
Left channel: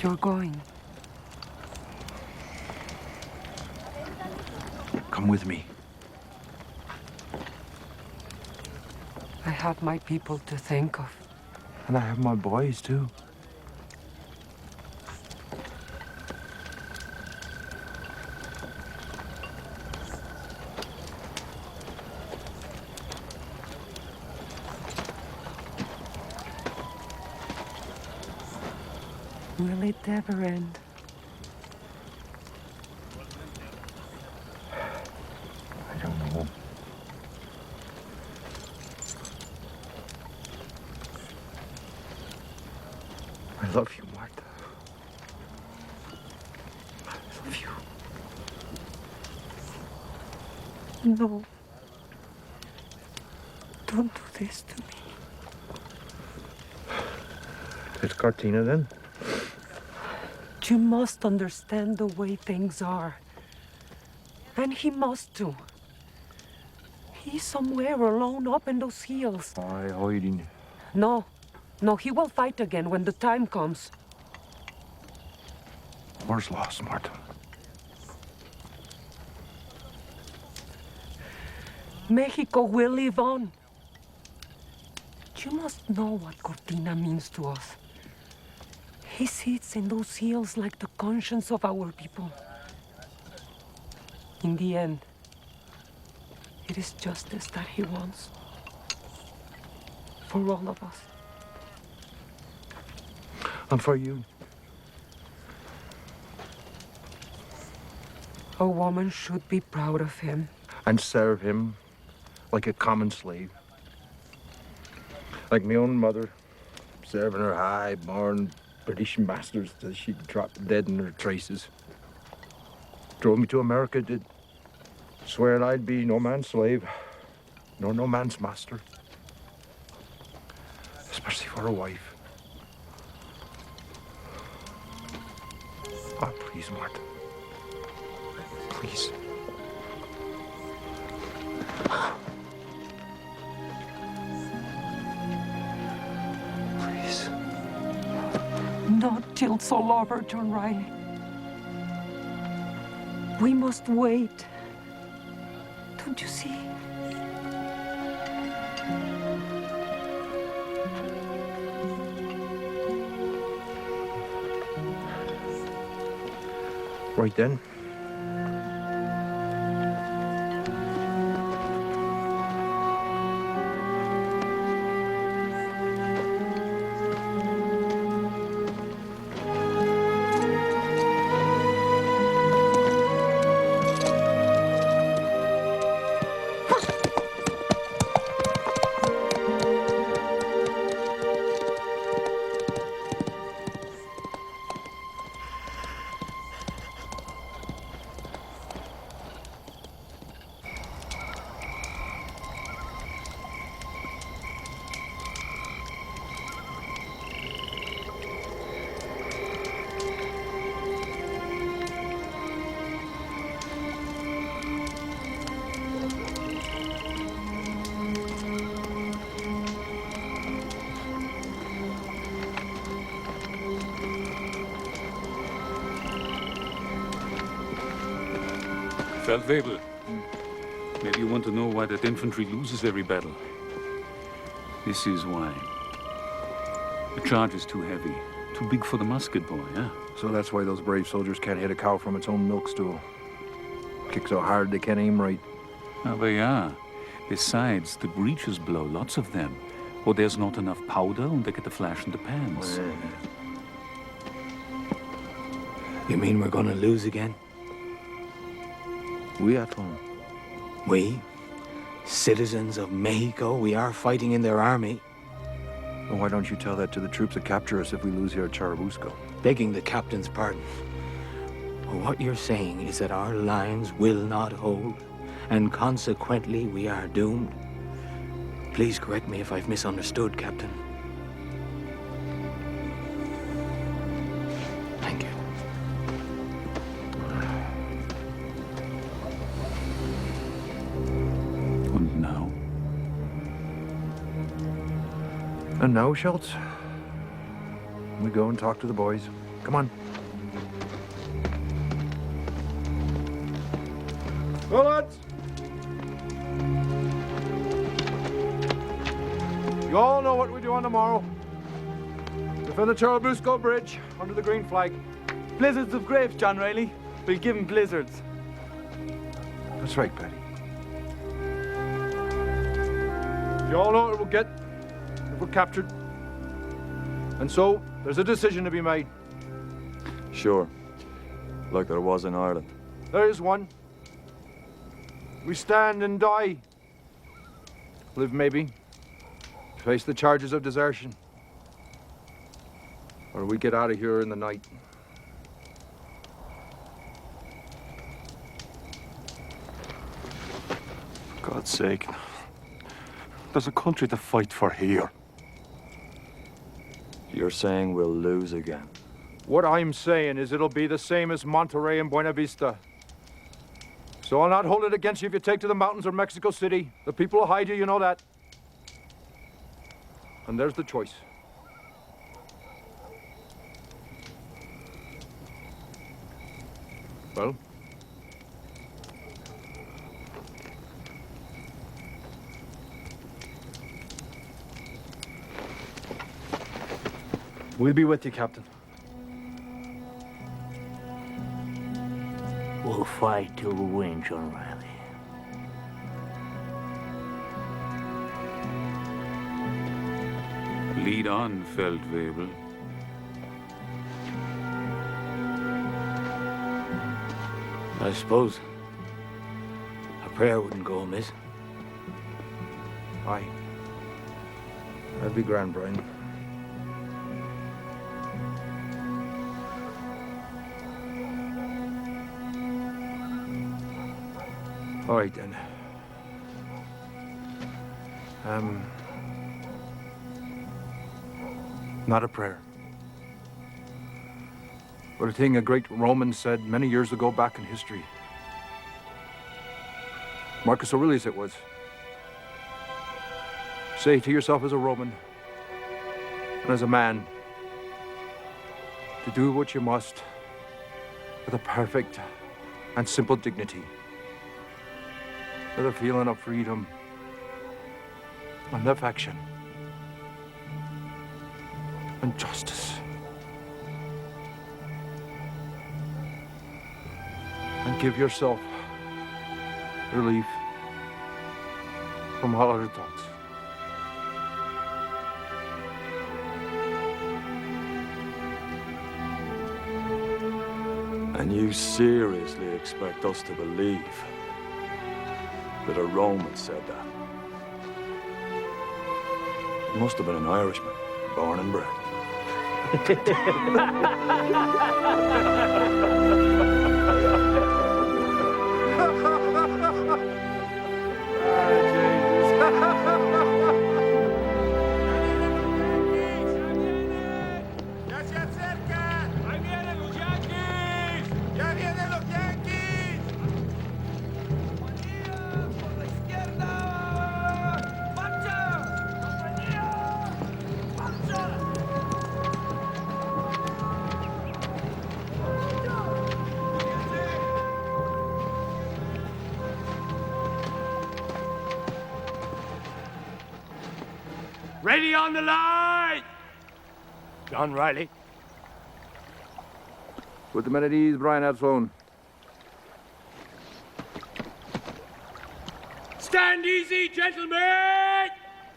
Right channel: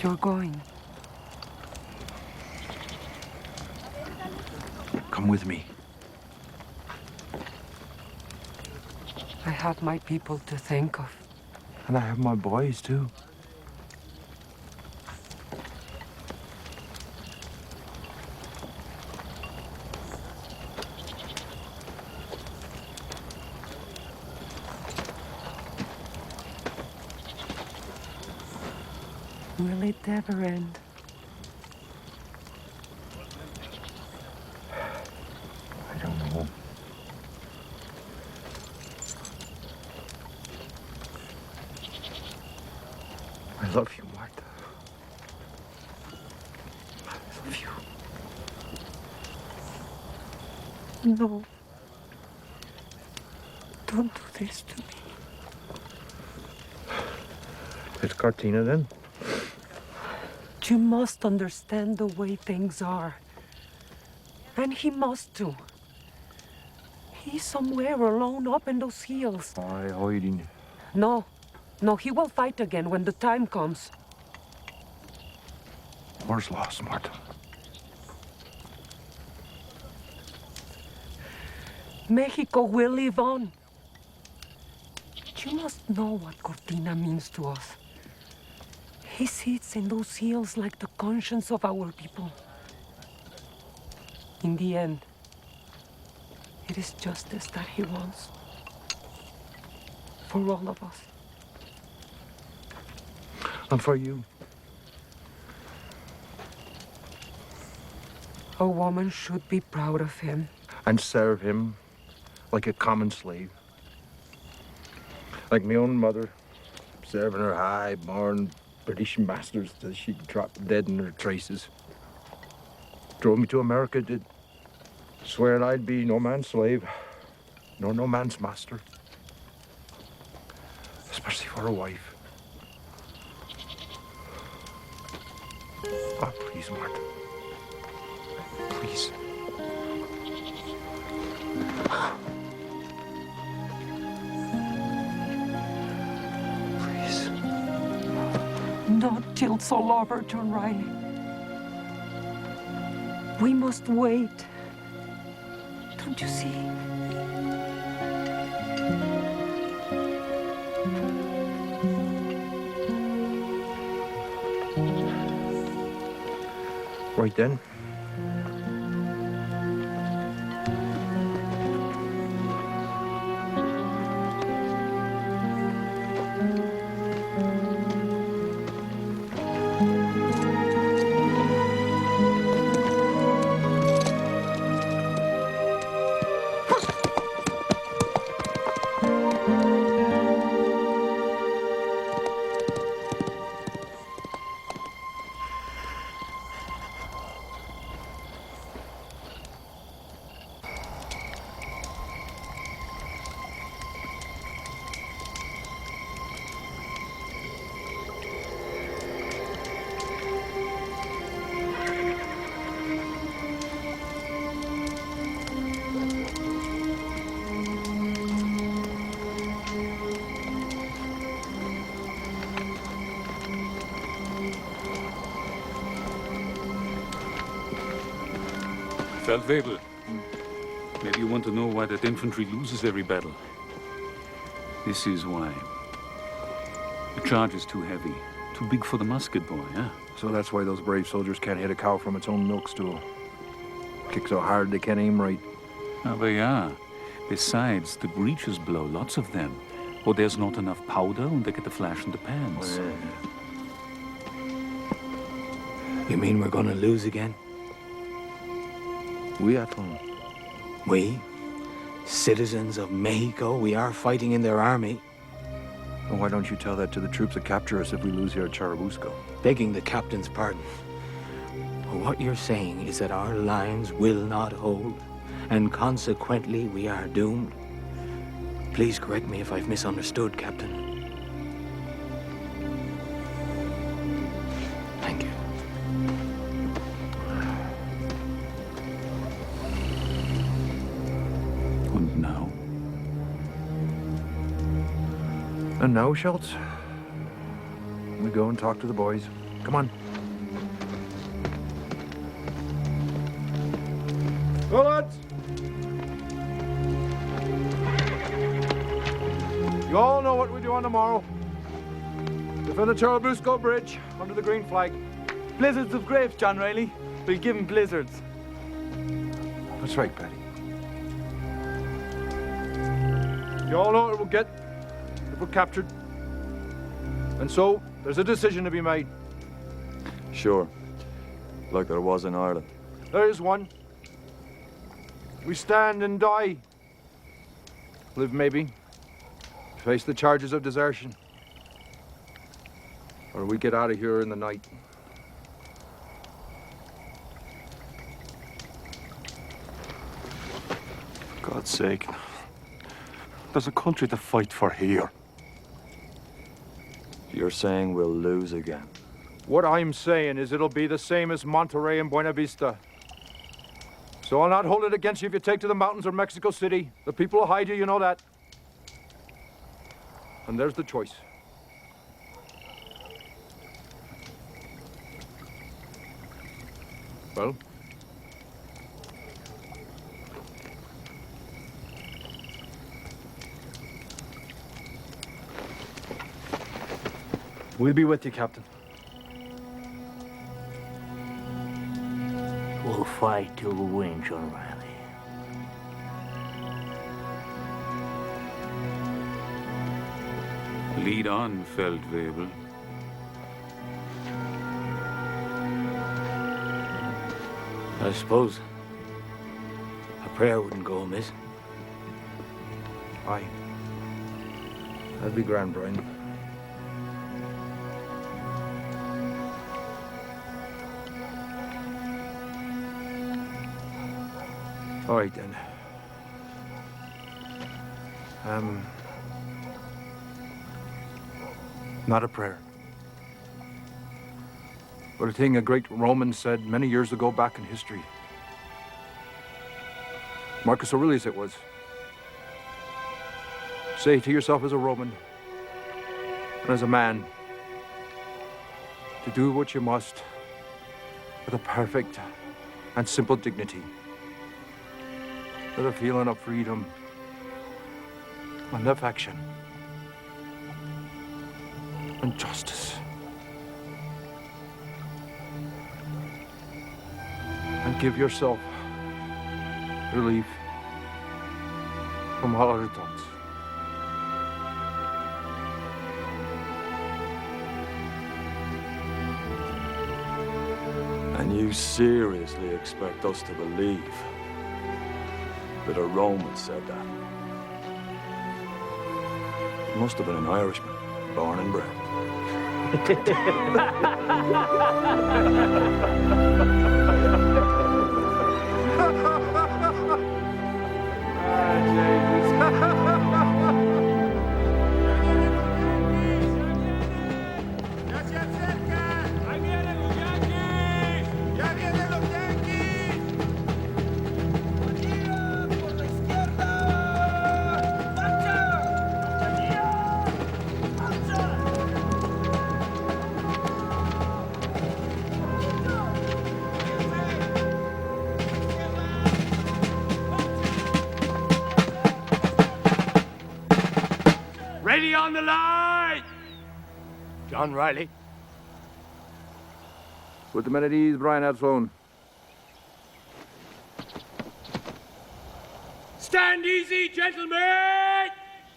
You're going. Come with me. I have my people to think of. And I have my boys, too. Will it ever end? I don't know. I love you, Martha. I love you. No. Don't do this to me. It's Cortina, then? You must understand the way things are. And he must too. He's somewhere alone up in those hills. Aye, hiding. No. No, he will fight again when the time comes. War's lost, Martha. Mexico will live on. You must know what Cortina means to us. He sits in those hills like the conscience of our people. In the end, it is justice that he wants. For all of us. And for you. A woman should be proud of him. And serve him like a common slave. Like my own mother, serving her high-born British masters till she dropped dead in her traces. Drove me to America, did. Swear I'd be no man's slave, nor no man's master. Especially for a wife. Oh, please, Martha. Please. Please. Not till it's all over, John Riley. We must wait. Don't you see? Right then. Feldwebel, maybe you want to know why that infantry loses every battle. This is why. The charge is too heavy, too big for the musket boy, huh? So that's why those brave soldiers can't hit a cow from its own milk stool. Kick so hard they can't aim right. Ah, but yeah. Besides, the breeches blow, lots of them. Or there's not enough powder and they get the flash in the pans. You mean we're gonna lose again? We at home. We? Citizens of Mexico, we are fighting in their army. Well, why don't you tell that to the troops that capture us if we lose here at Churubusco? Begging the captain's pardon. What you're saying is that our lines will not hold, and consequently we are doomed. Please correct me if I've misunderstood, Captain. Thank you. And now? And now, Schultz, we go and talk to the boys. Come on. Well, lads. You all know what we do on the morrow. Defend the Churubusco Bridge under the green flag. Blizzards of grapes, John Riley. We'll give 'em blizzards. That's right, Paddy. You all know what we'll get if we're captured. And so, there's a decision to be made. Sure. Like there was in Ireland. There is one. We stand and die. Live, maybe. Face the charges of desertion. Or we get out of here in the night. For God's sake. There's a country to fight for here. You're saying we'll lose again? What I'm saying is it'll be the same as Monterrey and Buena Vista. So I'll not hold it against you if you take to the mountains or Mexico City. The people will hide you, you know that. And there's the choice. Well? We'll be with you, Captain. We'll fight till we win, John Riley. Lead on, Feldwebel. I suppose a prayer wouldn't go amiss. Aye. That'd be grand, Brian. All right, then. Not a prayer. But a thing a great Roman said many years ago back in history. Marcus Aurelius it was. Say to yourself as a Roman and as a man to do what you must with a perfect and simple dignity, with a feeling of freedom and affection and justice. And give yourself relief from all other thoughts. And you seriously expect us to believe that a Roman said that? He must have been an Irishman, born and bred. Ready on the line! John Riley. Put the men at ease, Brian Absalom. Stand easy, gentlemen!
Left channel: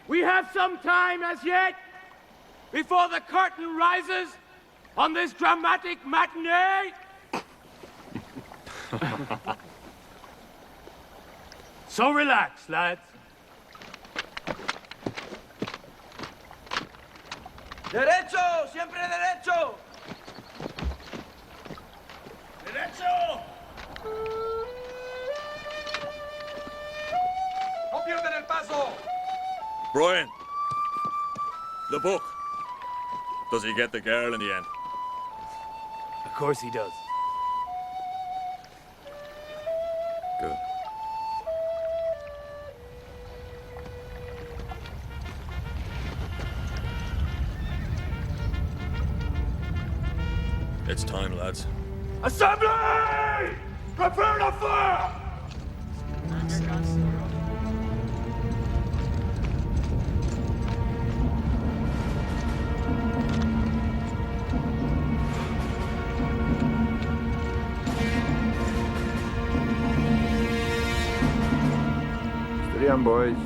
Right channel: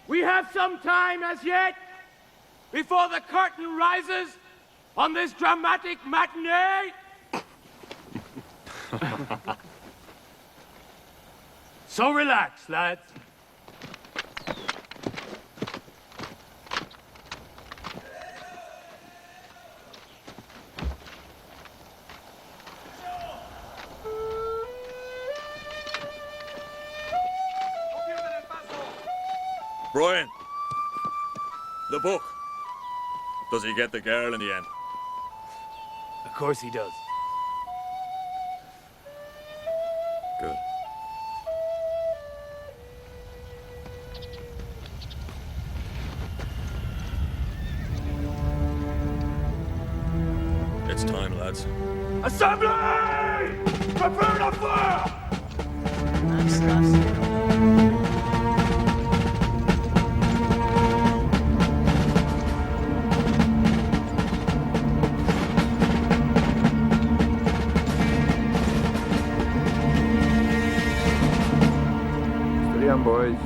We have some time as yet before the curtain rises on this dramatic matinee. So relax, lads. Derecho, siempre derecho. Derecho. No pierden el paso. Brian, the book. Does he get the girl in the end? Of course he does. Good. It's time, lads. Assembly! Prepare to fire! Steady on, boys.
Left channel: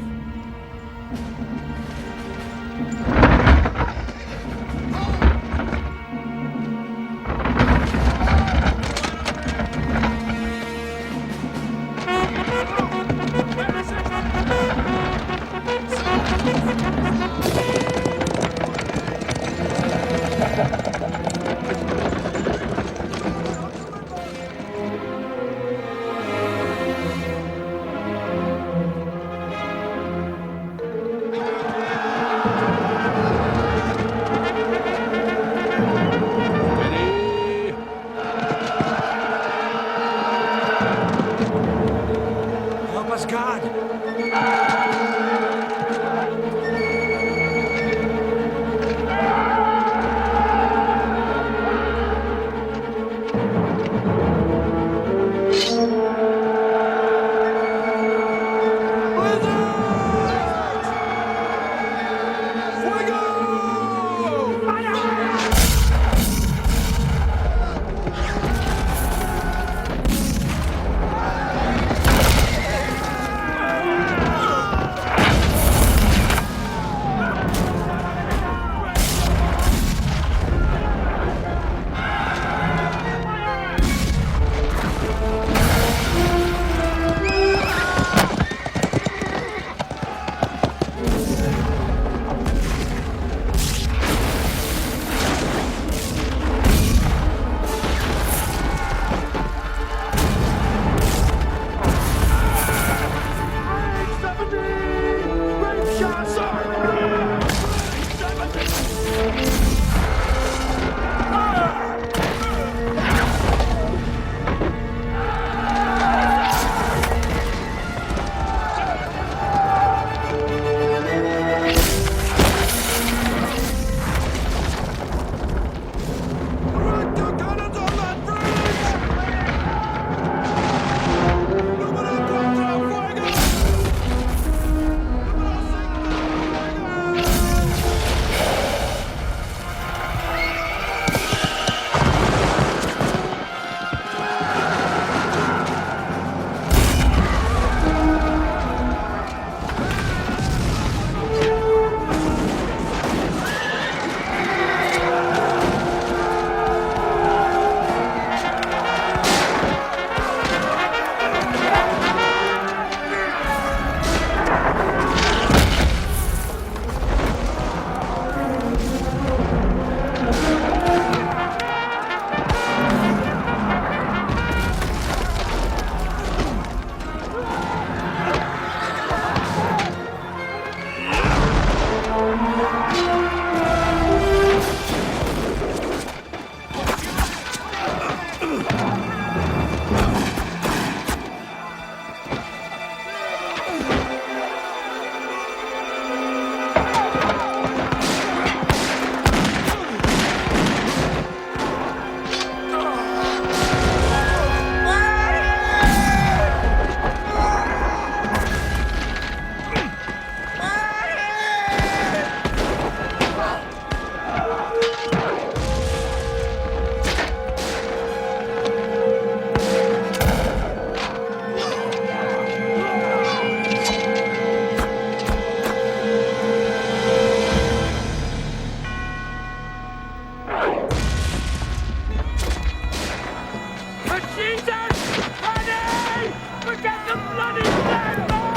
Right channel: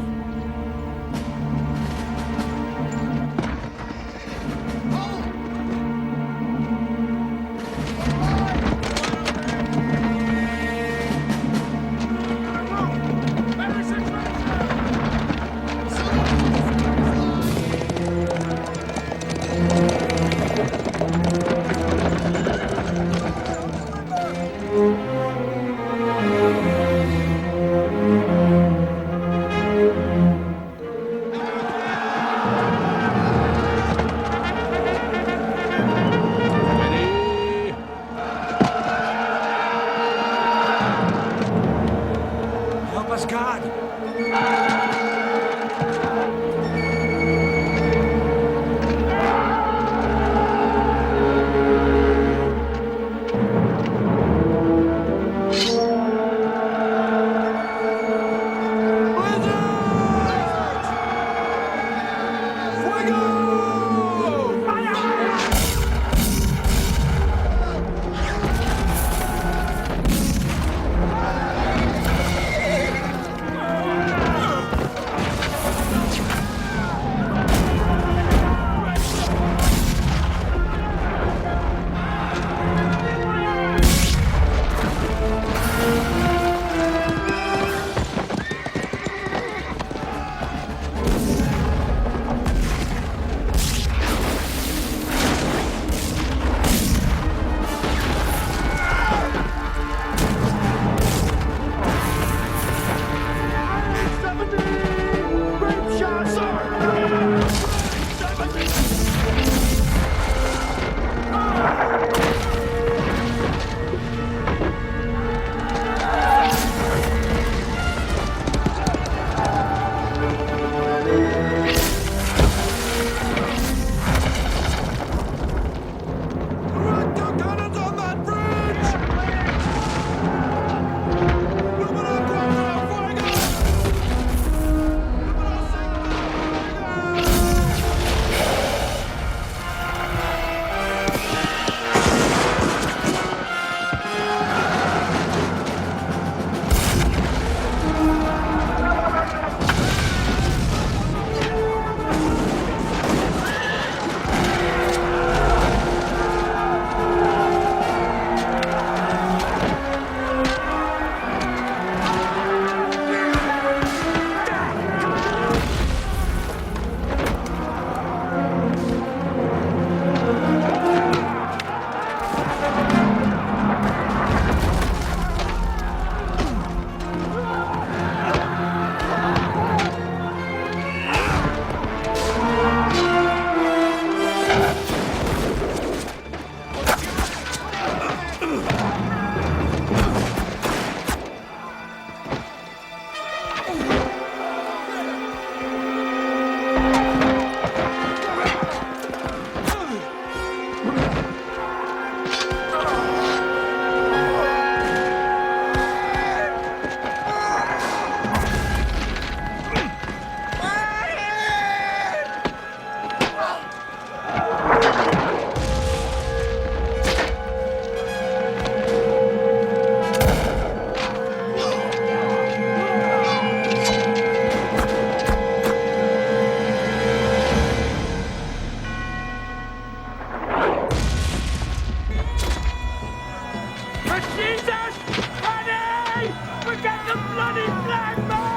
Jesus! Paddy! Forget the bloody flag, man!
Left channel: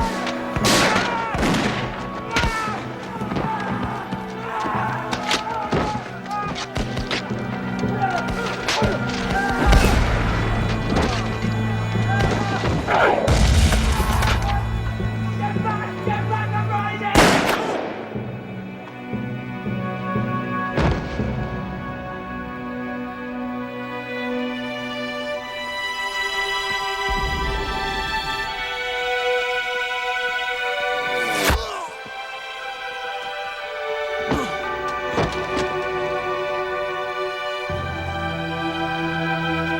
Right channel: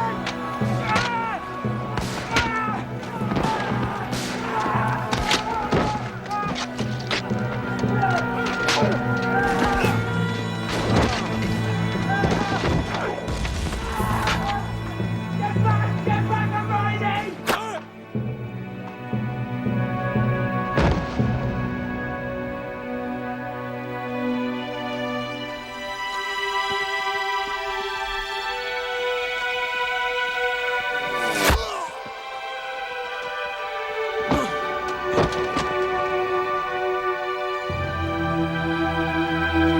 Get back, I'm riding!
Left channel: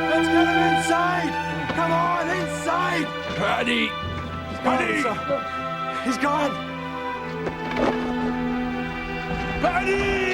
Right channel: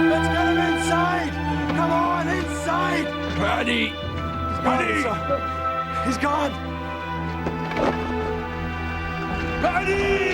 Let's get him inside! Come on, inside! Paddy! Paddy! He's gone! Paddy!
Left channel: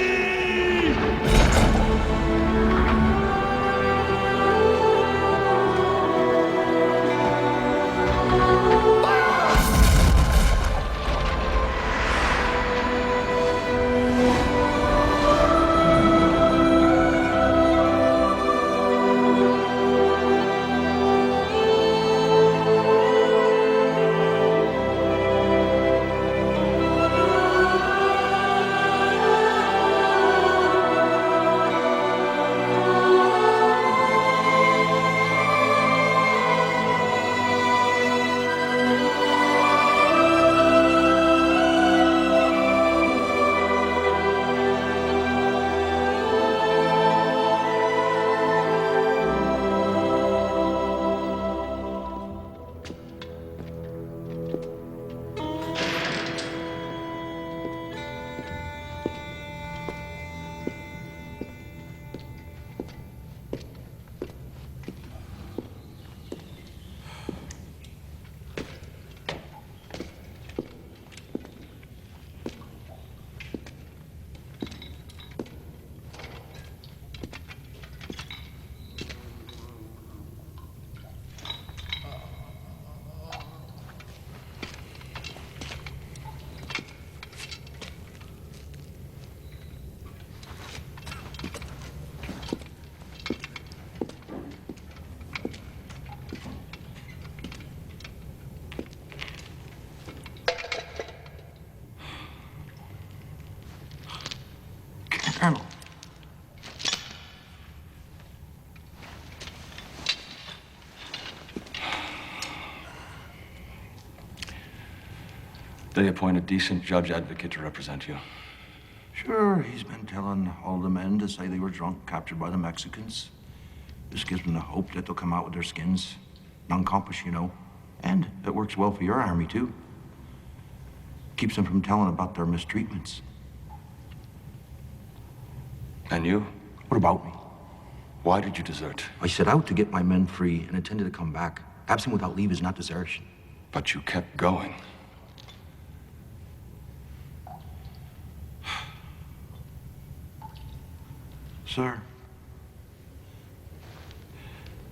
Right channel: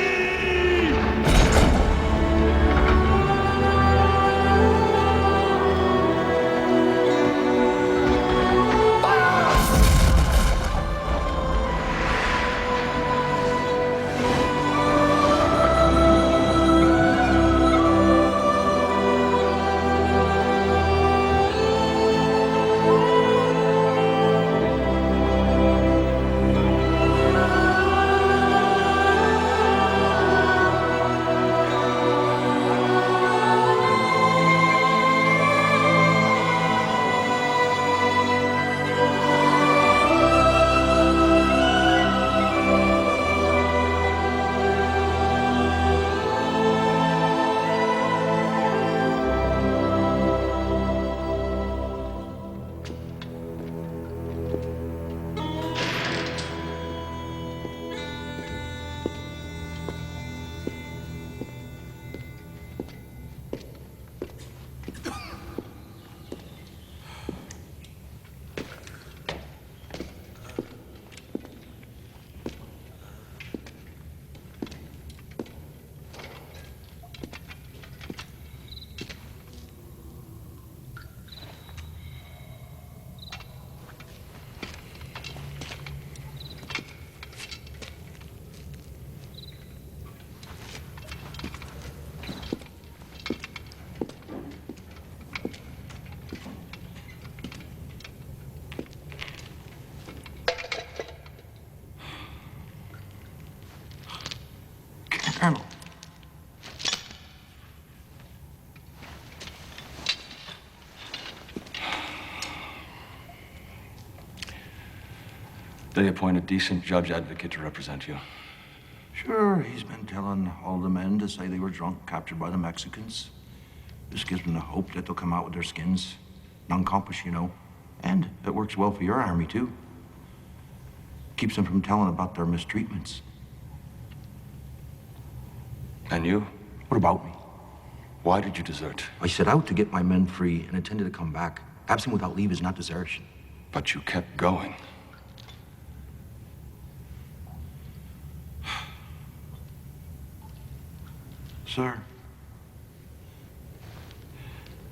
Colonel. They appoint a decent judge advocate to represent you. Sure, he's been telling all the men to say they were drunk, captured by the Mexicans. This gives them the hope that they'll come out with their skins. Non-compass, you know. And it works well for your army, too. Keeps them from telling about their mistreatments. And you? What about me? Why did you desert? I set out to get my men free and intended to come back. Absent without leave is not desertion. But you kept going. Sir,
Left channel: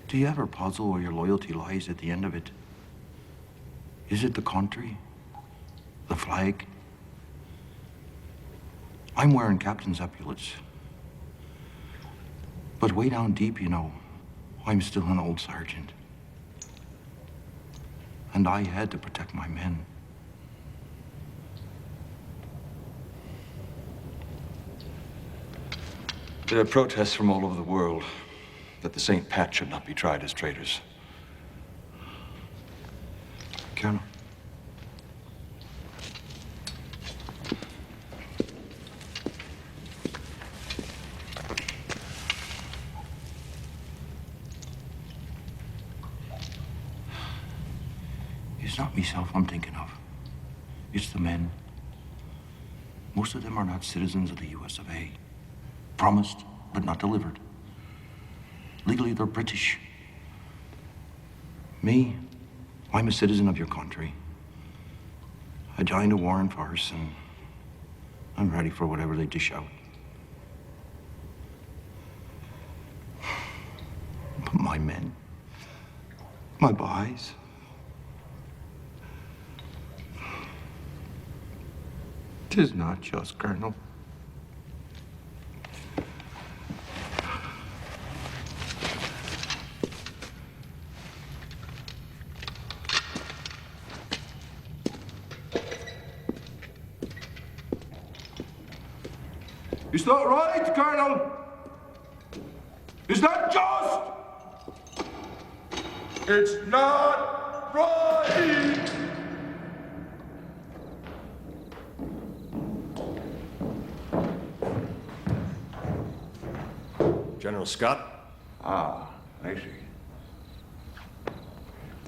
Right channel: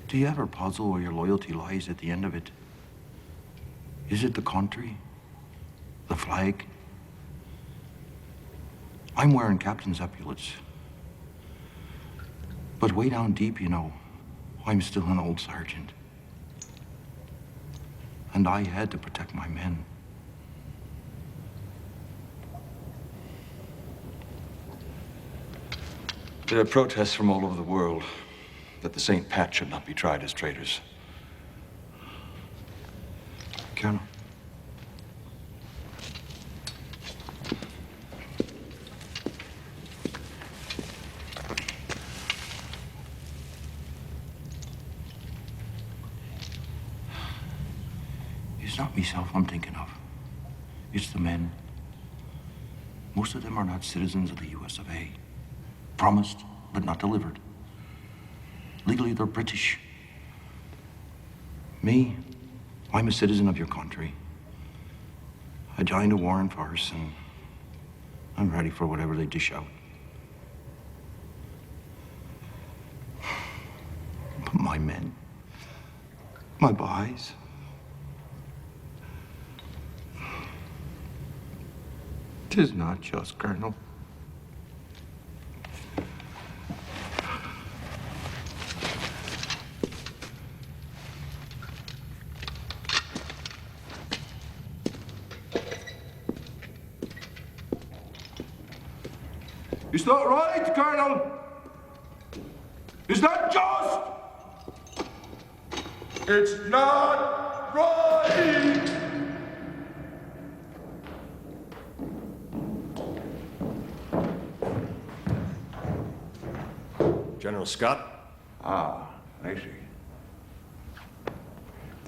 do you ever puzzle where your loyalty lies at the end of it? Is it the country? The flag? I'm wearing captain's epaulets. But way down deep, you know, I'm still an old sergeant. And I had to protect my men. There are protests from all over the world that the St. Pat should not be tried as traitors. Colonel. It's not myself I'm thinking of. It's the men. Most of them are not citizens of the US of A. Promised, but not delivered. Legally, they're British. Me, I'm a citizen of your country. I joined a war in farce, and I'm ready for whatever they dish out. But my men, my boys, tis not just, Colonel. Is that right, Colonel? Is that just? It's not right! General Scott? Ah, I see.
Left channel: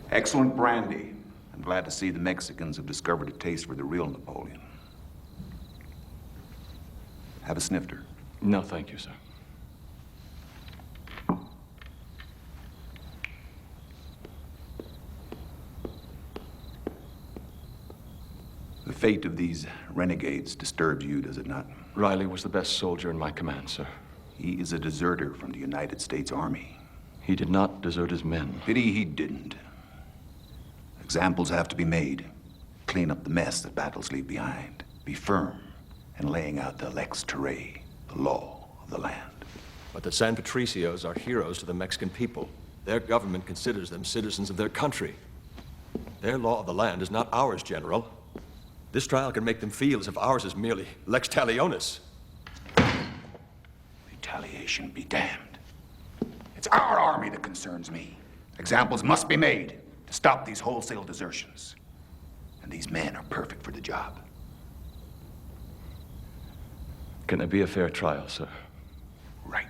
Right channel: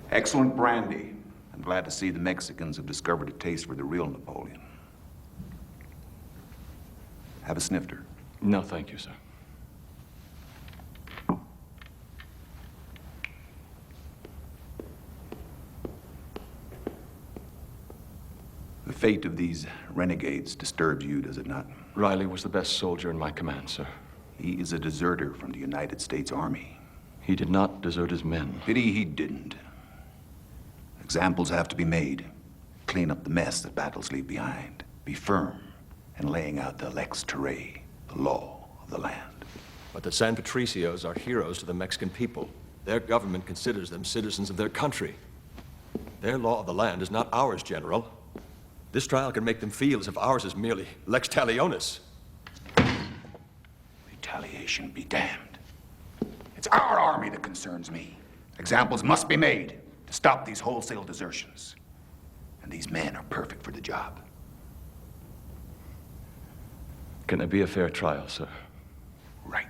Excellent brandy. I'm glad to see the Mexicans have discovered a taste for the real Napoleon. Have a snifter. No, thank you, sir. The fate of these renegades disturbs you, does it not? Riley was the best soldier in my command, sir. He is a deserter from the United States Army. He did not desert his men. Pity he didn't. Examples have to be made. Clean up the mess that battles leave behind. Be firm in laying out the lex terrae, the law of the land. But the San Patricios are heroes to the Mexican people. Their government considers them citizens of their country. Their law of the land is not ours, General. This trial can make them feel as if ours is merely lex talionis. Retaliation be damned. It's our army that concerns me. Examples must be made to stop these wholesale desertions. And these men are perfect for the job. Can it be a fair trial, sir? Right.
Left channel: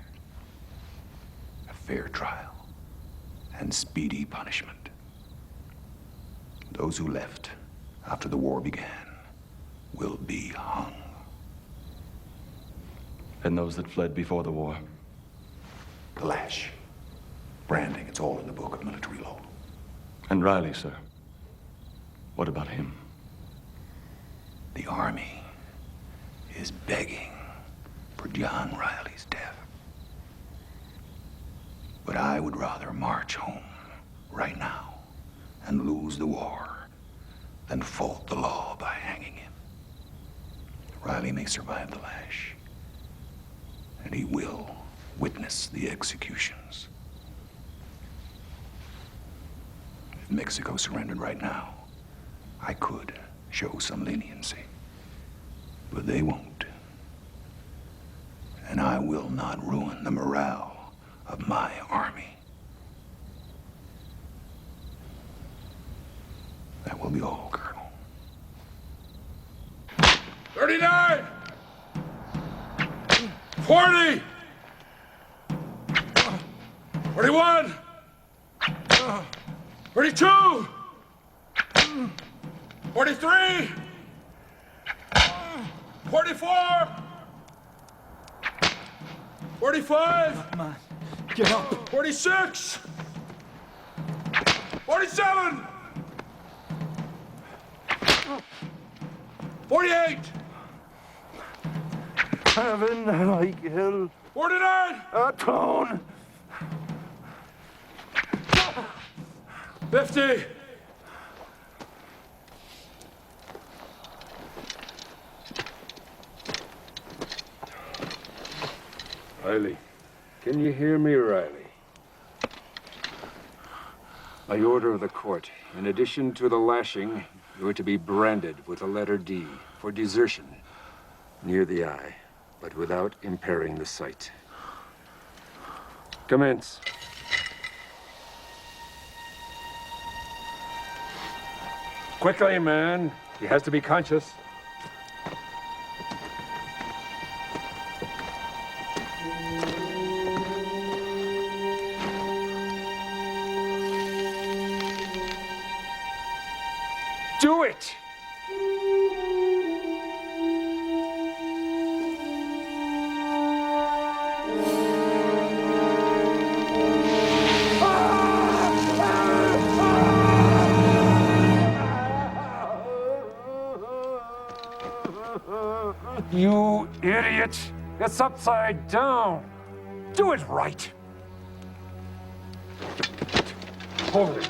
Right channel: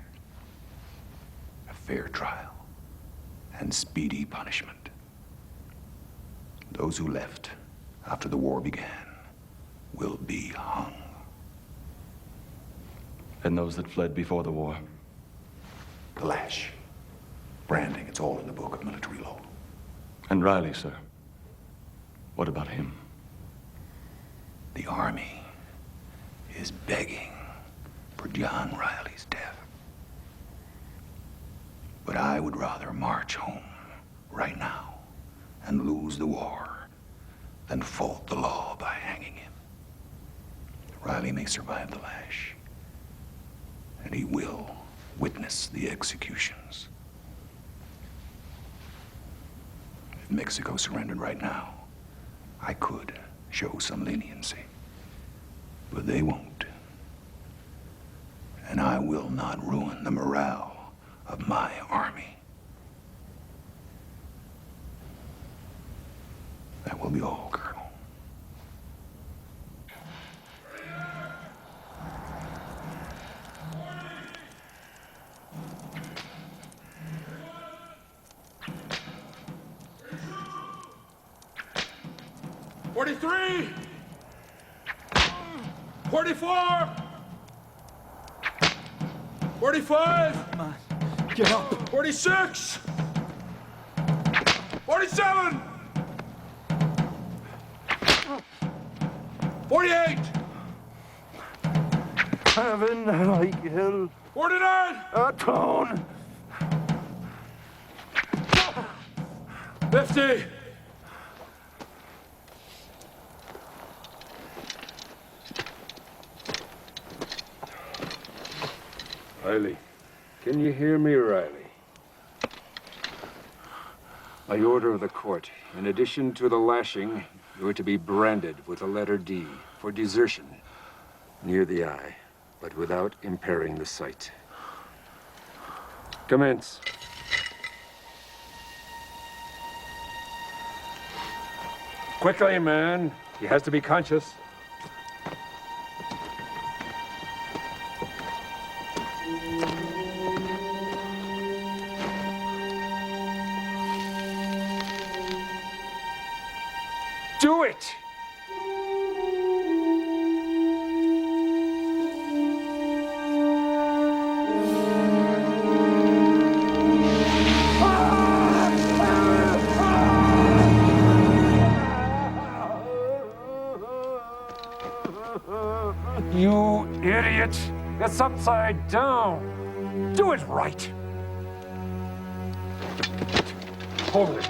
A fair trial and speedy punishment. Those who left after the war began will be hung. And those that fled before the war? The lash. Branding, it's all in the book of military law. And Riley, sir? What about him? The army is begging for John Riley's death. But I would rather march home right now and lose the war than fault the law by hanging him. Riley may survive the lash, and he will witness the executions. If Mexico surrendered right now, I could show some leniency, but they won't. And I will not ruin the morale of my army. That will be all, Colonel. 39! 40! 41! 42! 43! 44! 45! Come on, get up! 46! 47! 48! Heaven, like hell. 49! Tone! 50! Riley. Can you hear me, Riley? By order of the court, in addition to the lashing, you are to be branded with the letter D for desertion near the eye, but without impairing the sight. Commence. Quickly, man. He has to be conscious. Do it! You idiot! It's upside down. Do it right. Hold it.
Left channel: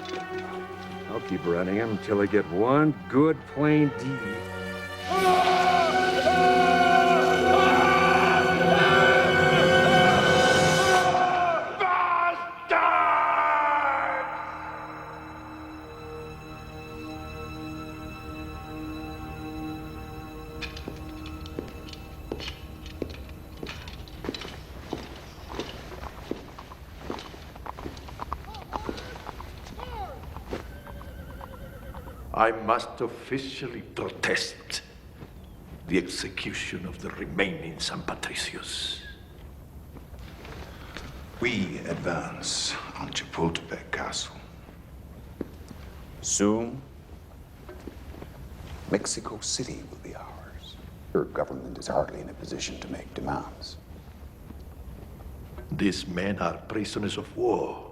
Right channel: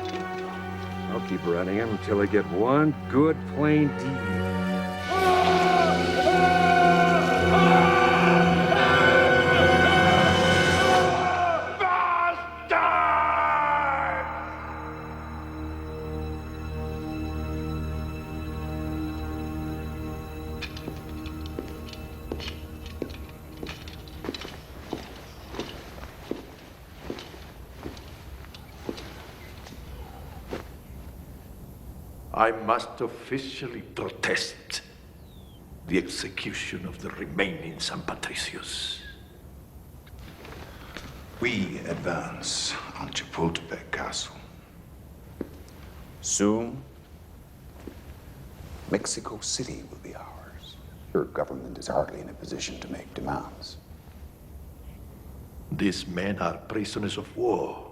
I'll keep running him until I get one good plain D. I must officially protest the execution of the remaining San Patricios. We advance on Chapultepec Castle. Soon, Mexico City will be ours. Your government is hardly in a position to make demands. These men are prisoners of war.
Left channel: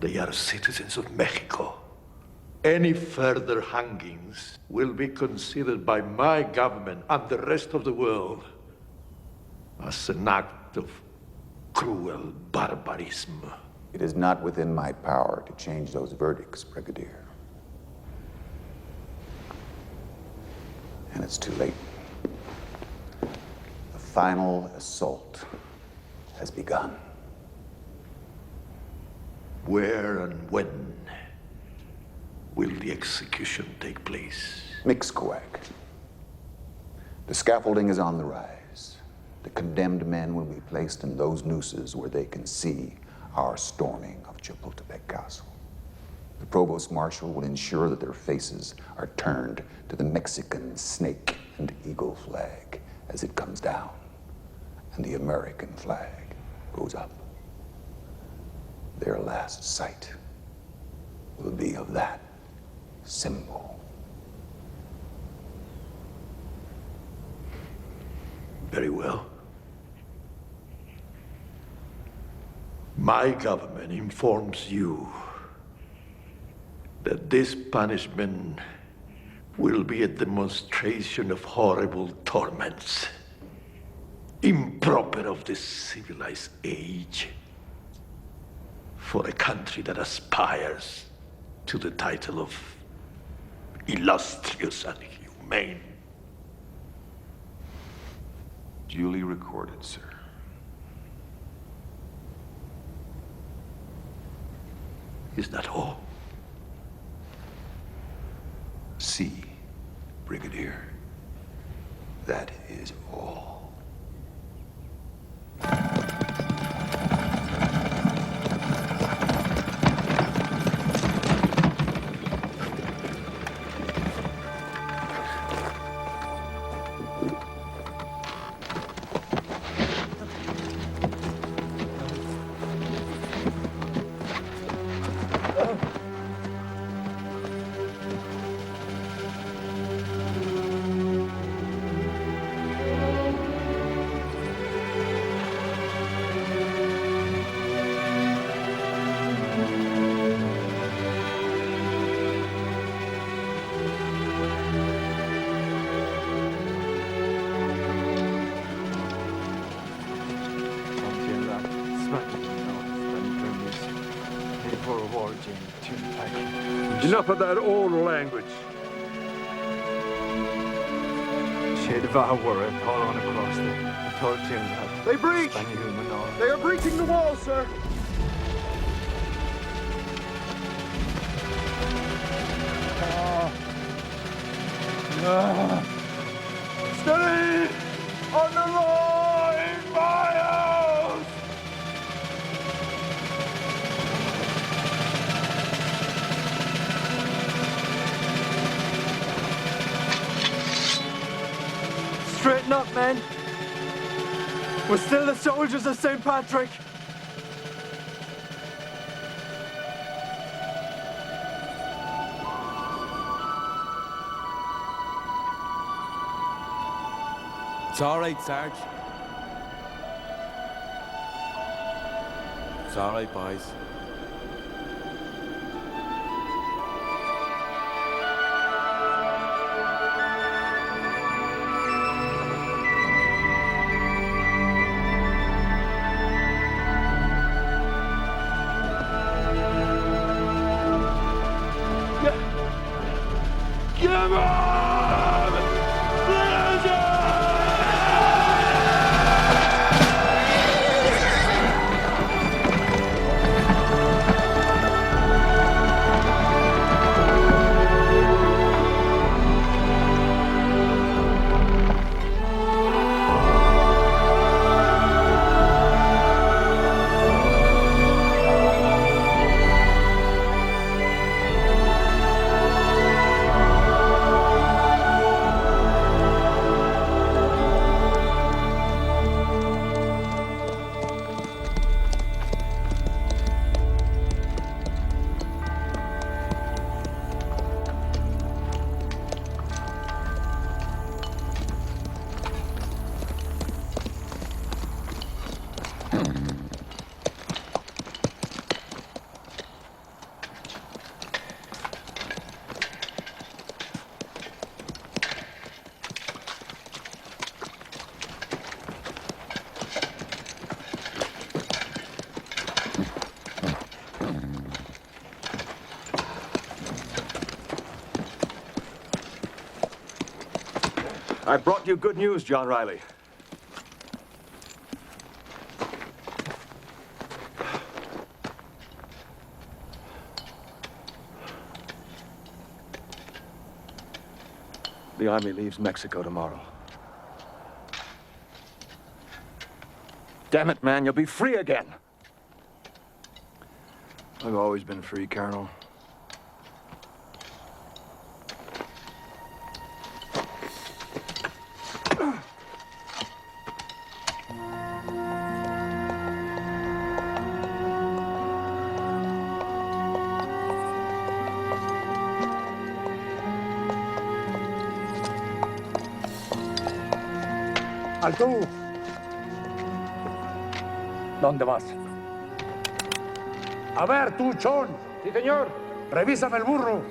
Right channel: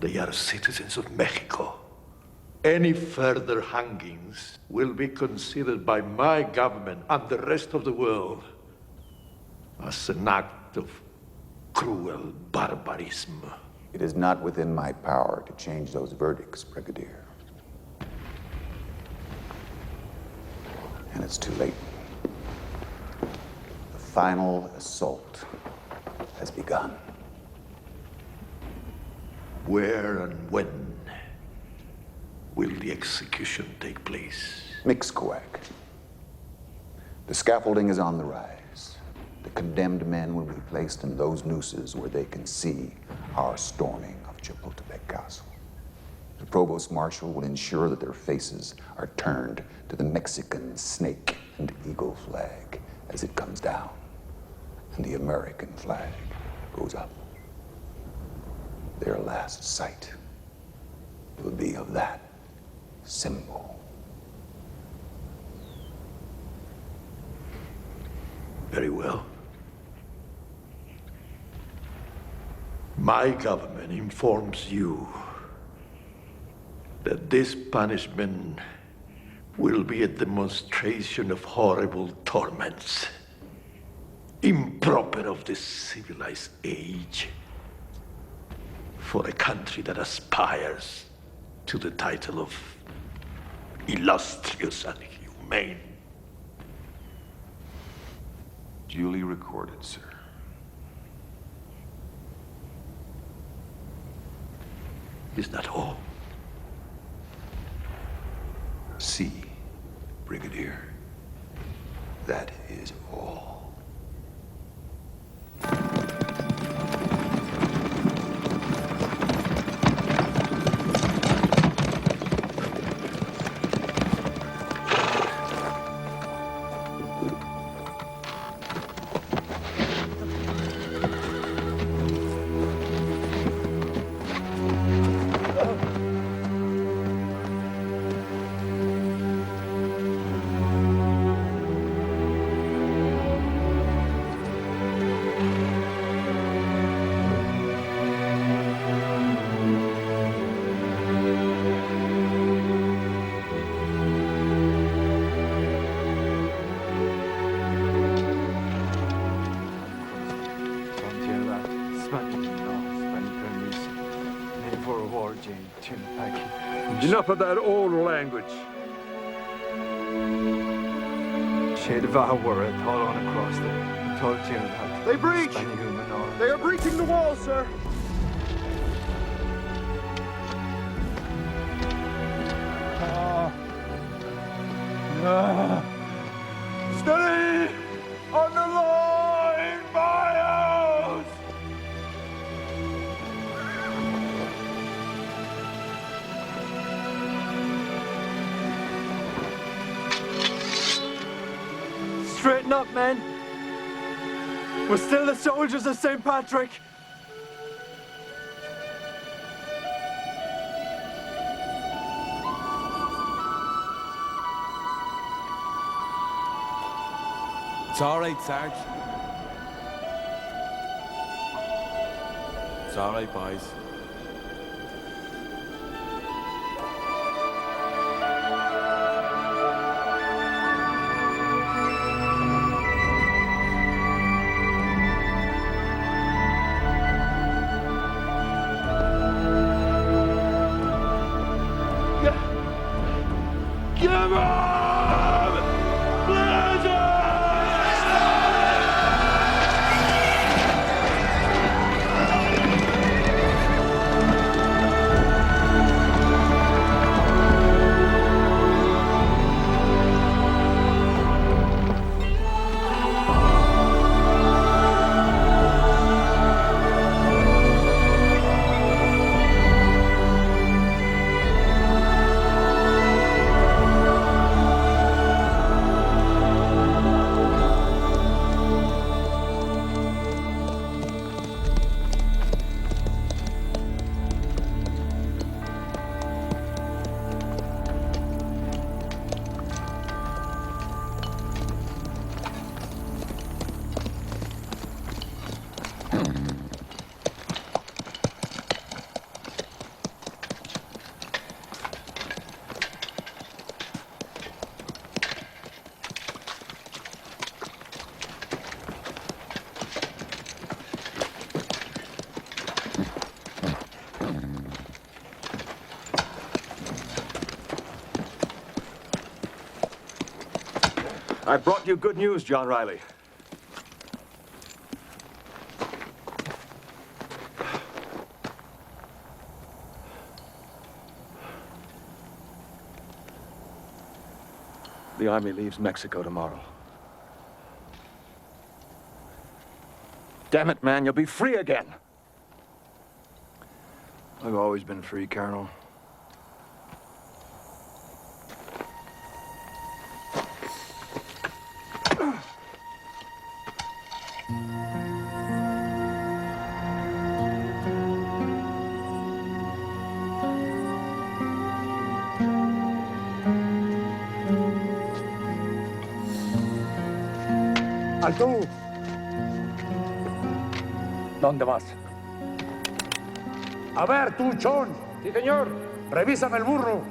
They are citizens of Mexico. Any further hangings will be considered by my government and the rest of the world as an act of cruel barbarism. It is not within my power to change those verdicts, Brigadier. And it's too late. The final assault has begun. Where and when will the execution take place? Mixcoac. The scaffolding is on the rise. The condemned men will be placed in those nooses where they can see our storming of Chapultepec Castle. The Provost Marshal will ensure that their faces are turned to the Mexican snake and eagle flag as it comes down, and the American flag goes up. Their last sight will be of that symbol. Very well. My government informs you that this punishment will be a demonstration of horrible torments, improper of the civilized age, for a country that aspires to the title of illustrious and humane. Duly recorded, sir. Is that all? See, Brigadier, that is all. Enough of that old language. They breach! They are breaching the wall, sir! Steady! On the line, Miles! Straighten up, men. We're still the soldiers of St. Patrick. It's all right, Sarge. It's all right, boys. Come on! Blizzard! I brought you good news, John Riley. The army leaves Mexico tomorrow. Damn it, man, you'll be free again. I've always been free, Colonel. ¡Alto! ¿Dónde vas? A ver, tú, John. Sí, señor. Revísame el burro.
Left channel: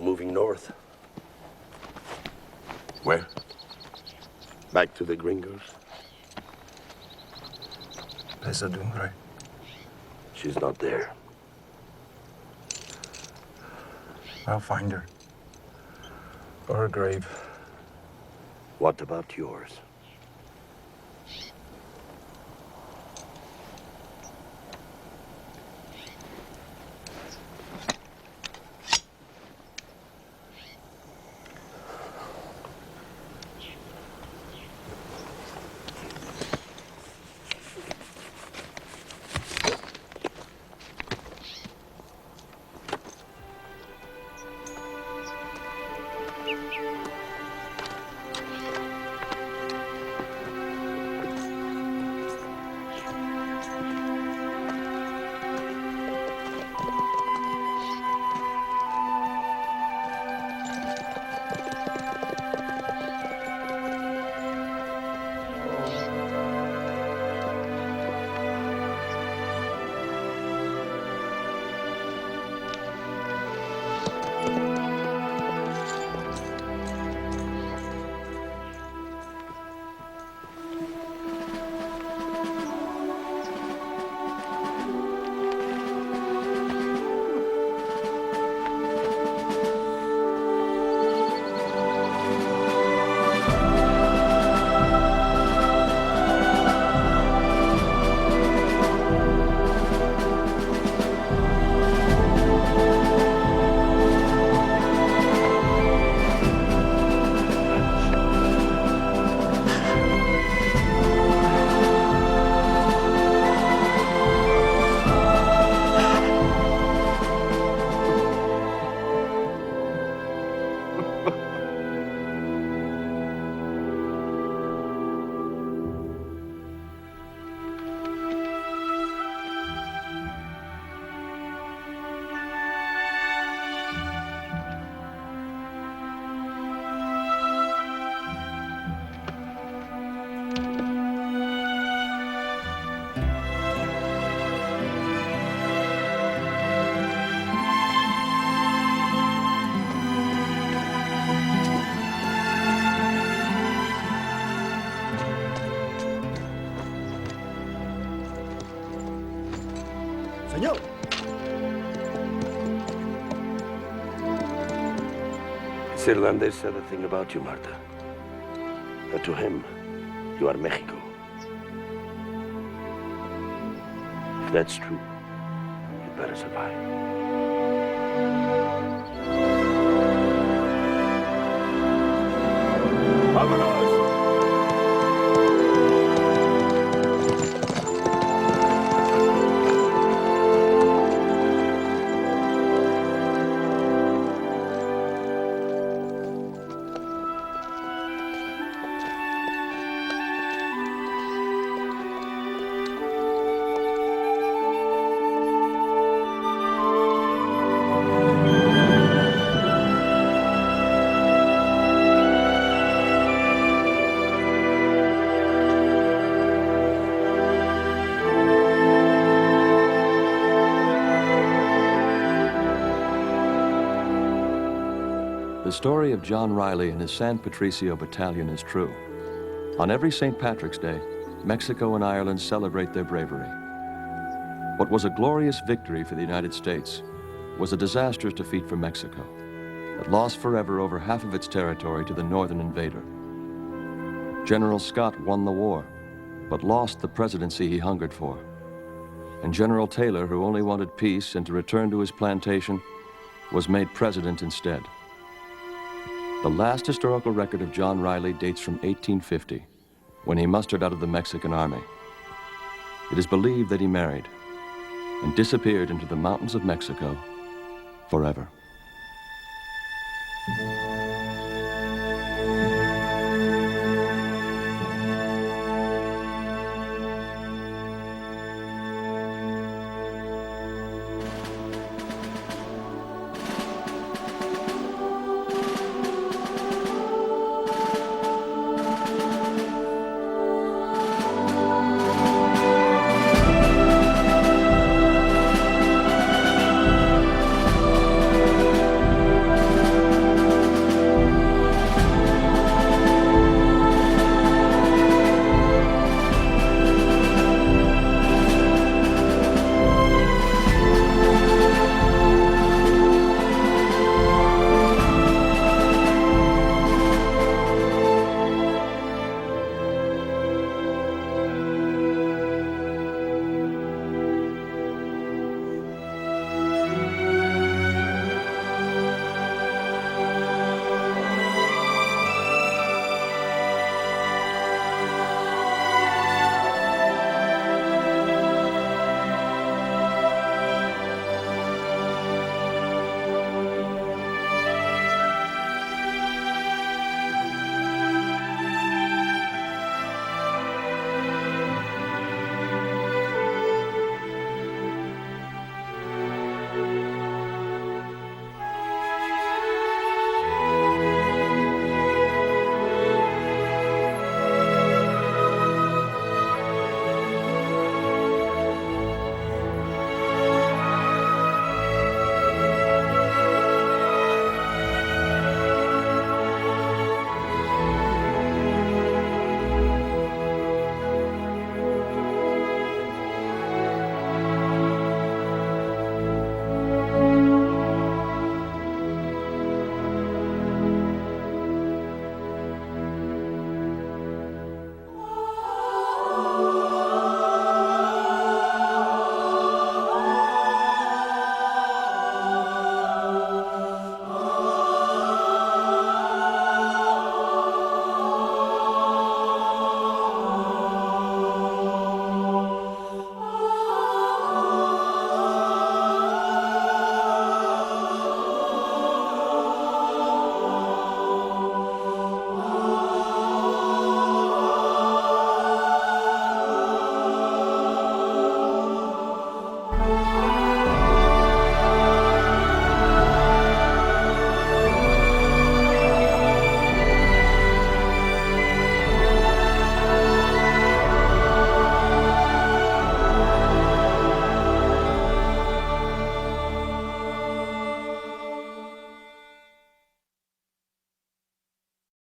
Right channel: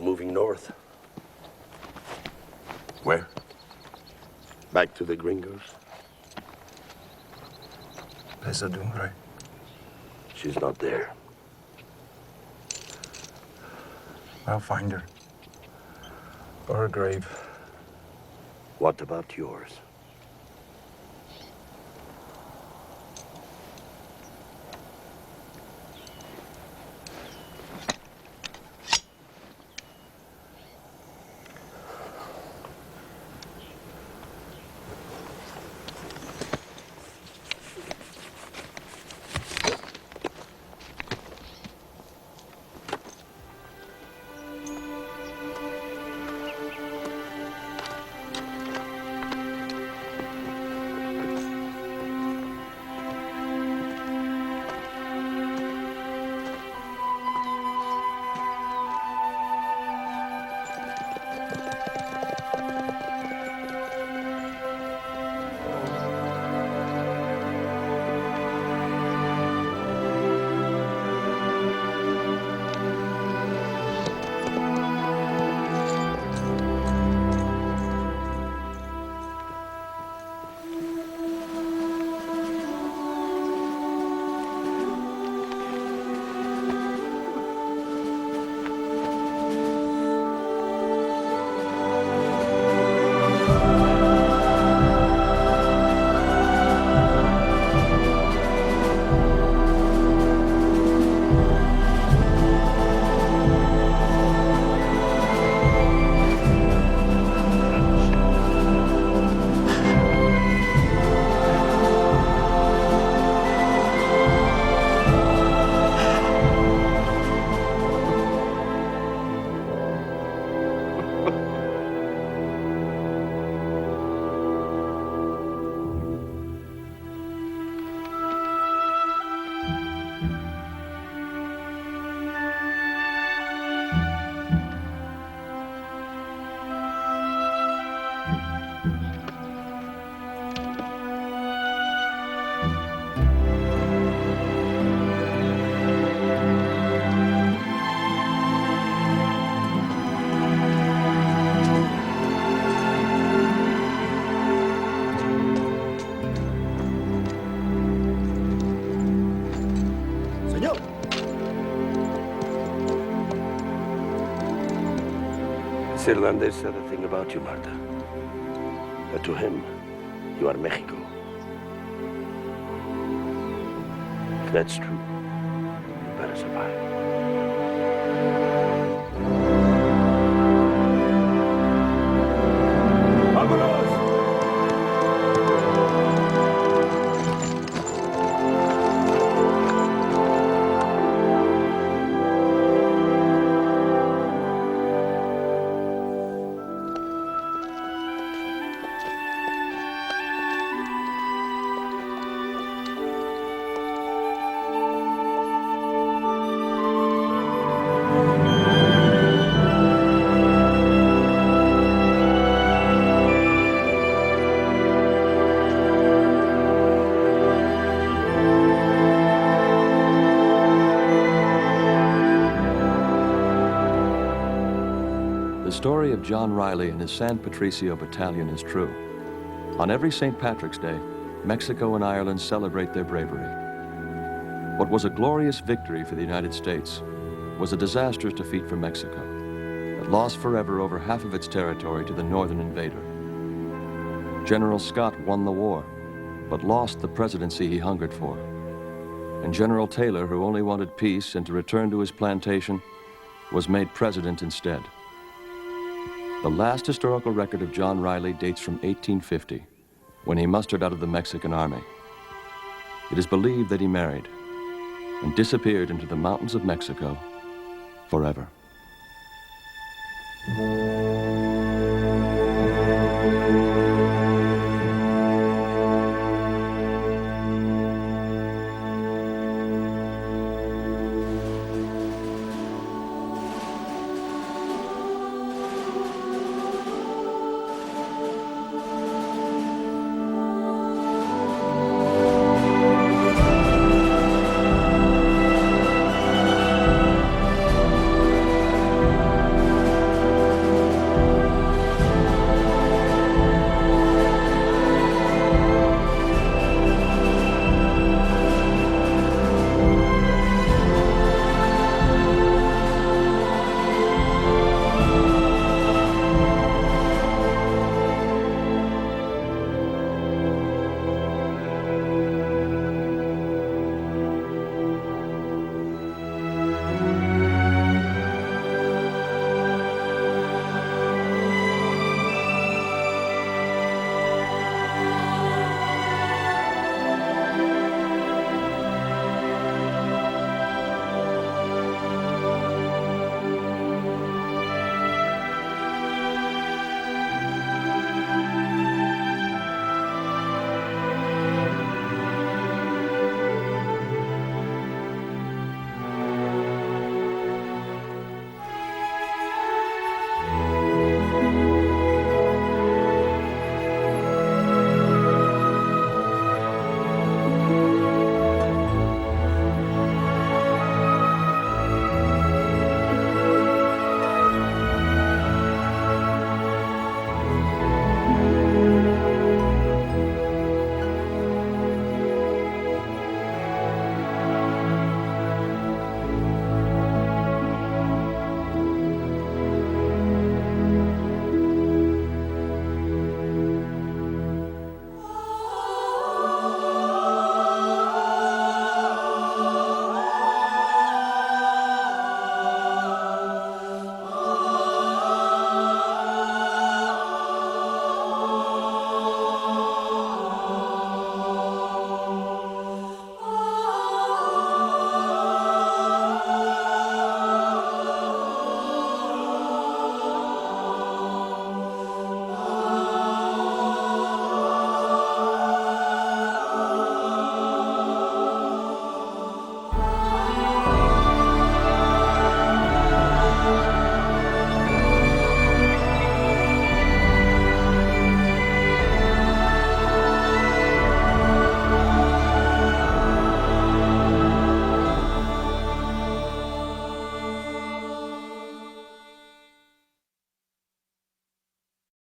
Moving north. Where? Back to the gringos. Esa Dumbre. She's not there. I'll find her. Or her grave. What about yours? This irlandés said a thing about you, Marta. That to him, you are Mexico. If that's true, you'd better survive. ¡Vámonos! The story of John Riley and his San Patricio battalion is true. On every St. Patrick's Day, Mexico and Ireland celebrate their bravery. What was a glorious victory for the United States was a disastrous defeat for Mexico that lost forever over half of its territory to the northern invader. General Scott won the war, but lost the presidency he hungered for. And General Taylor, who only wanted peace and to return to his plantation, was made president instead. The last historical record of John Riley dates from 1850, when he mustered out of the Mexican army. It is believed that he married and disappeared into the mountains of Mexico forever.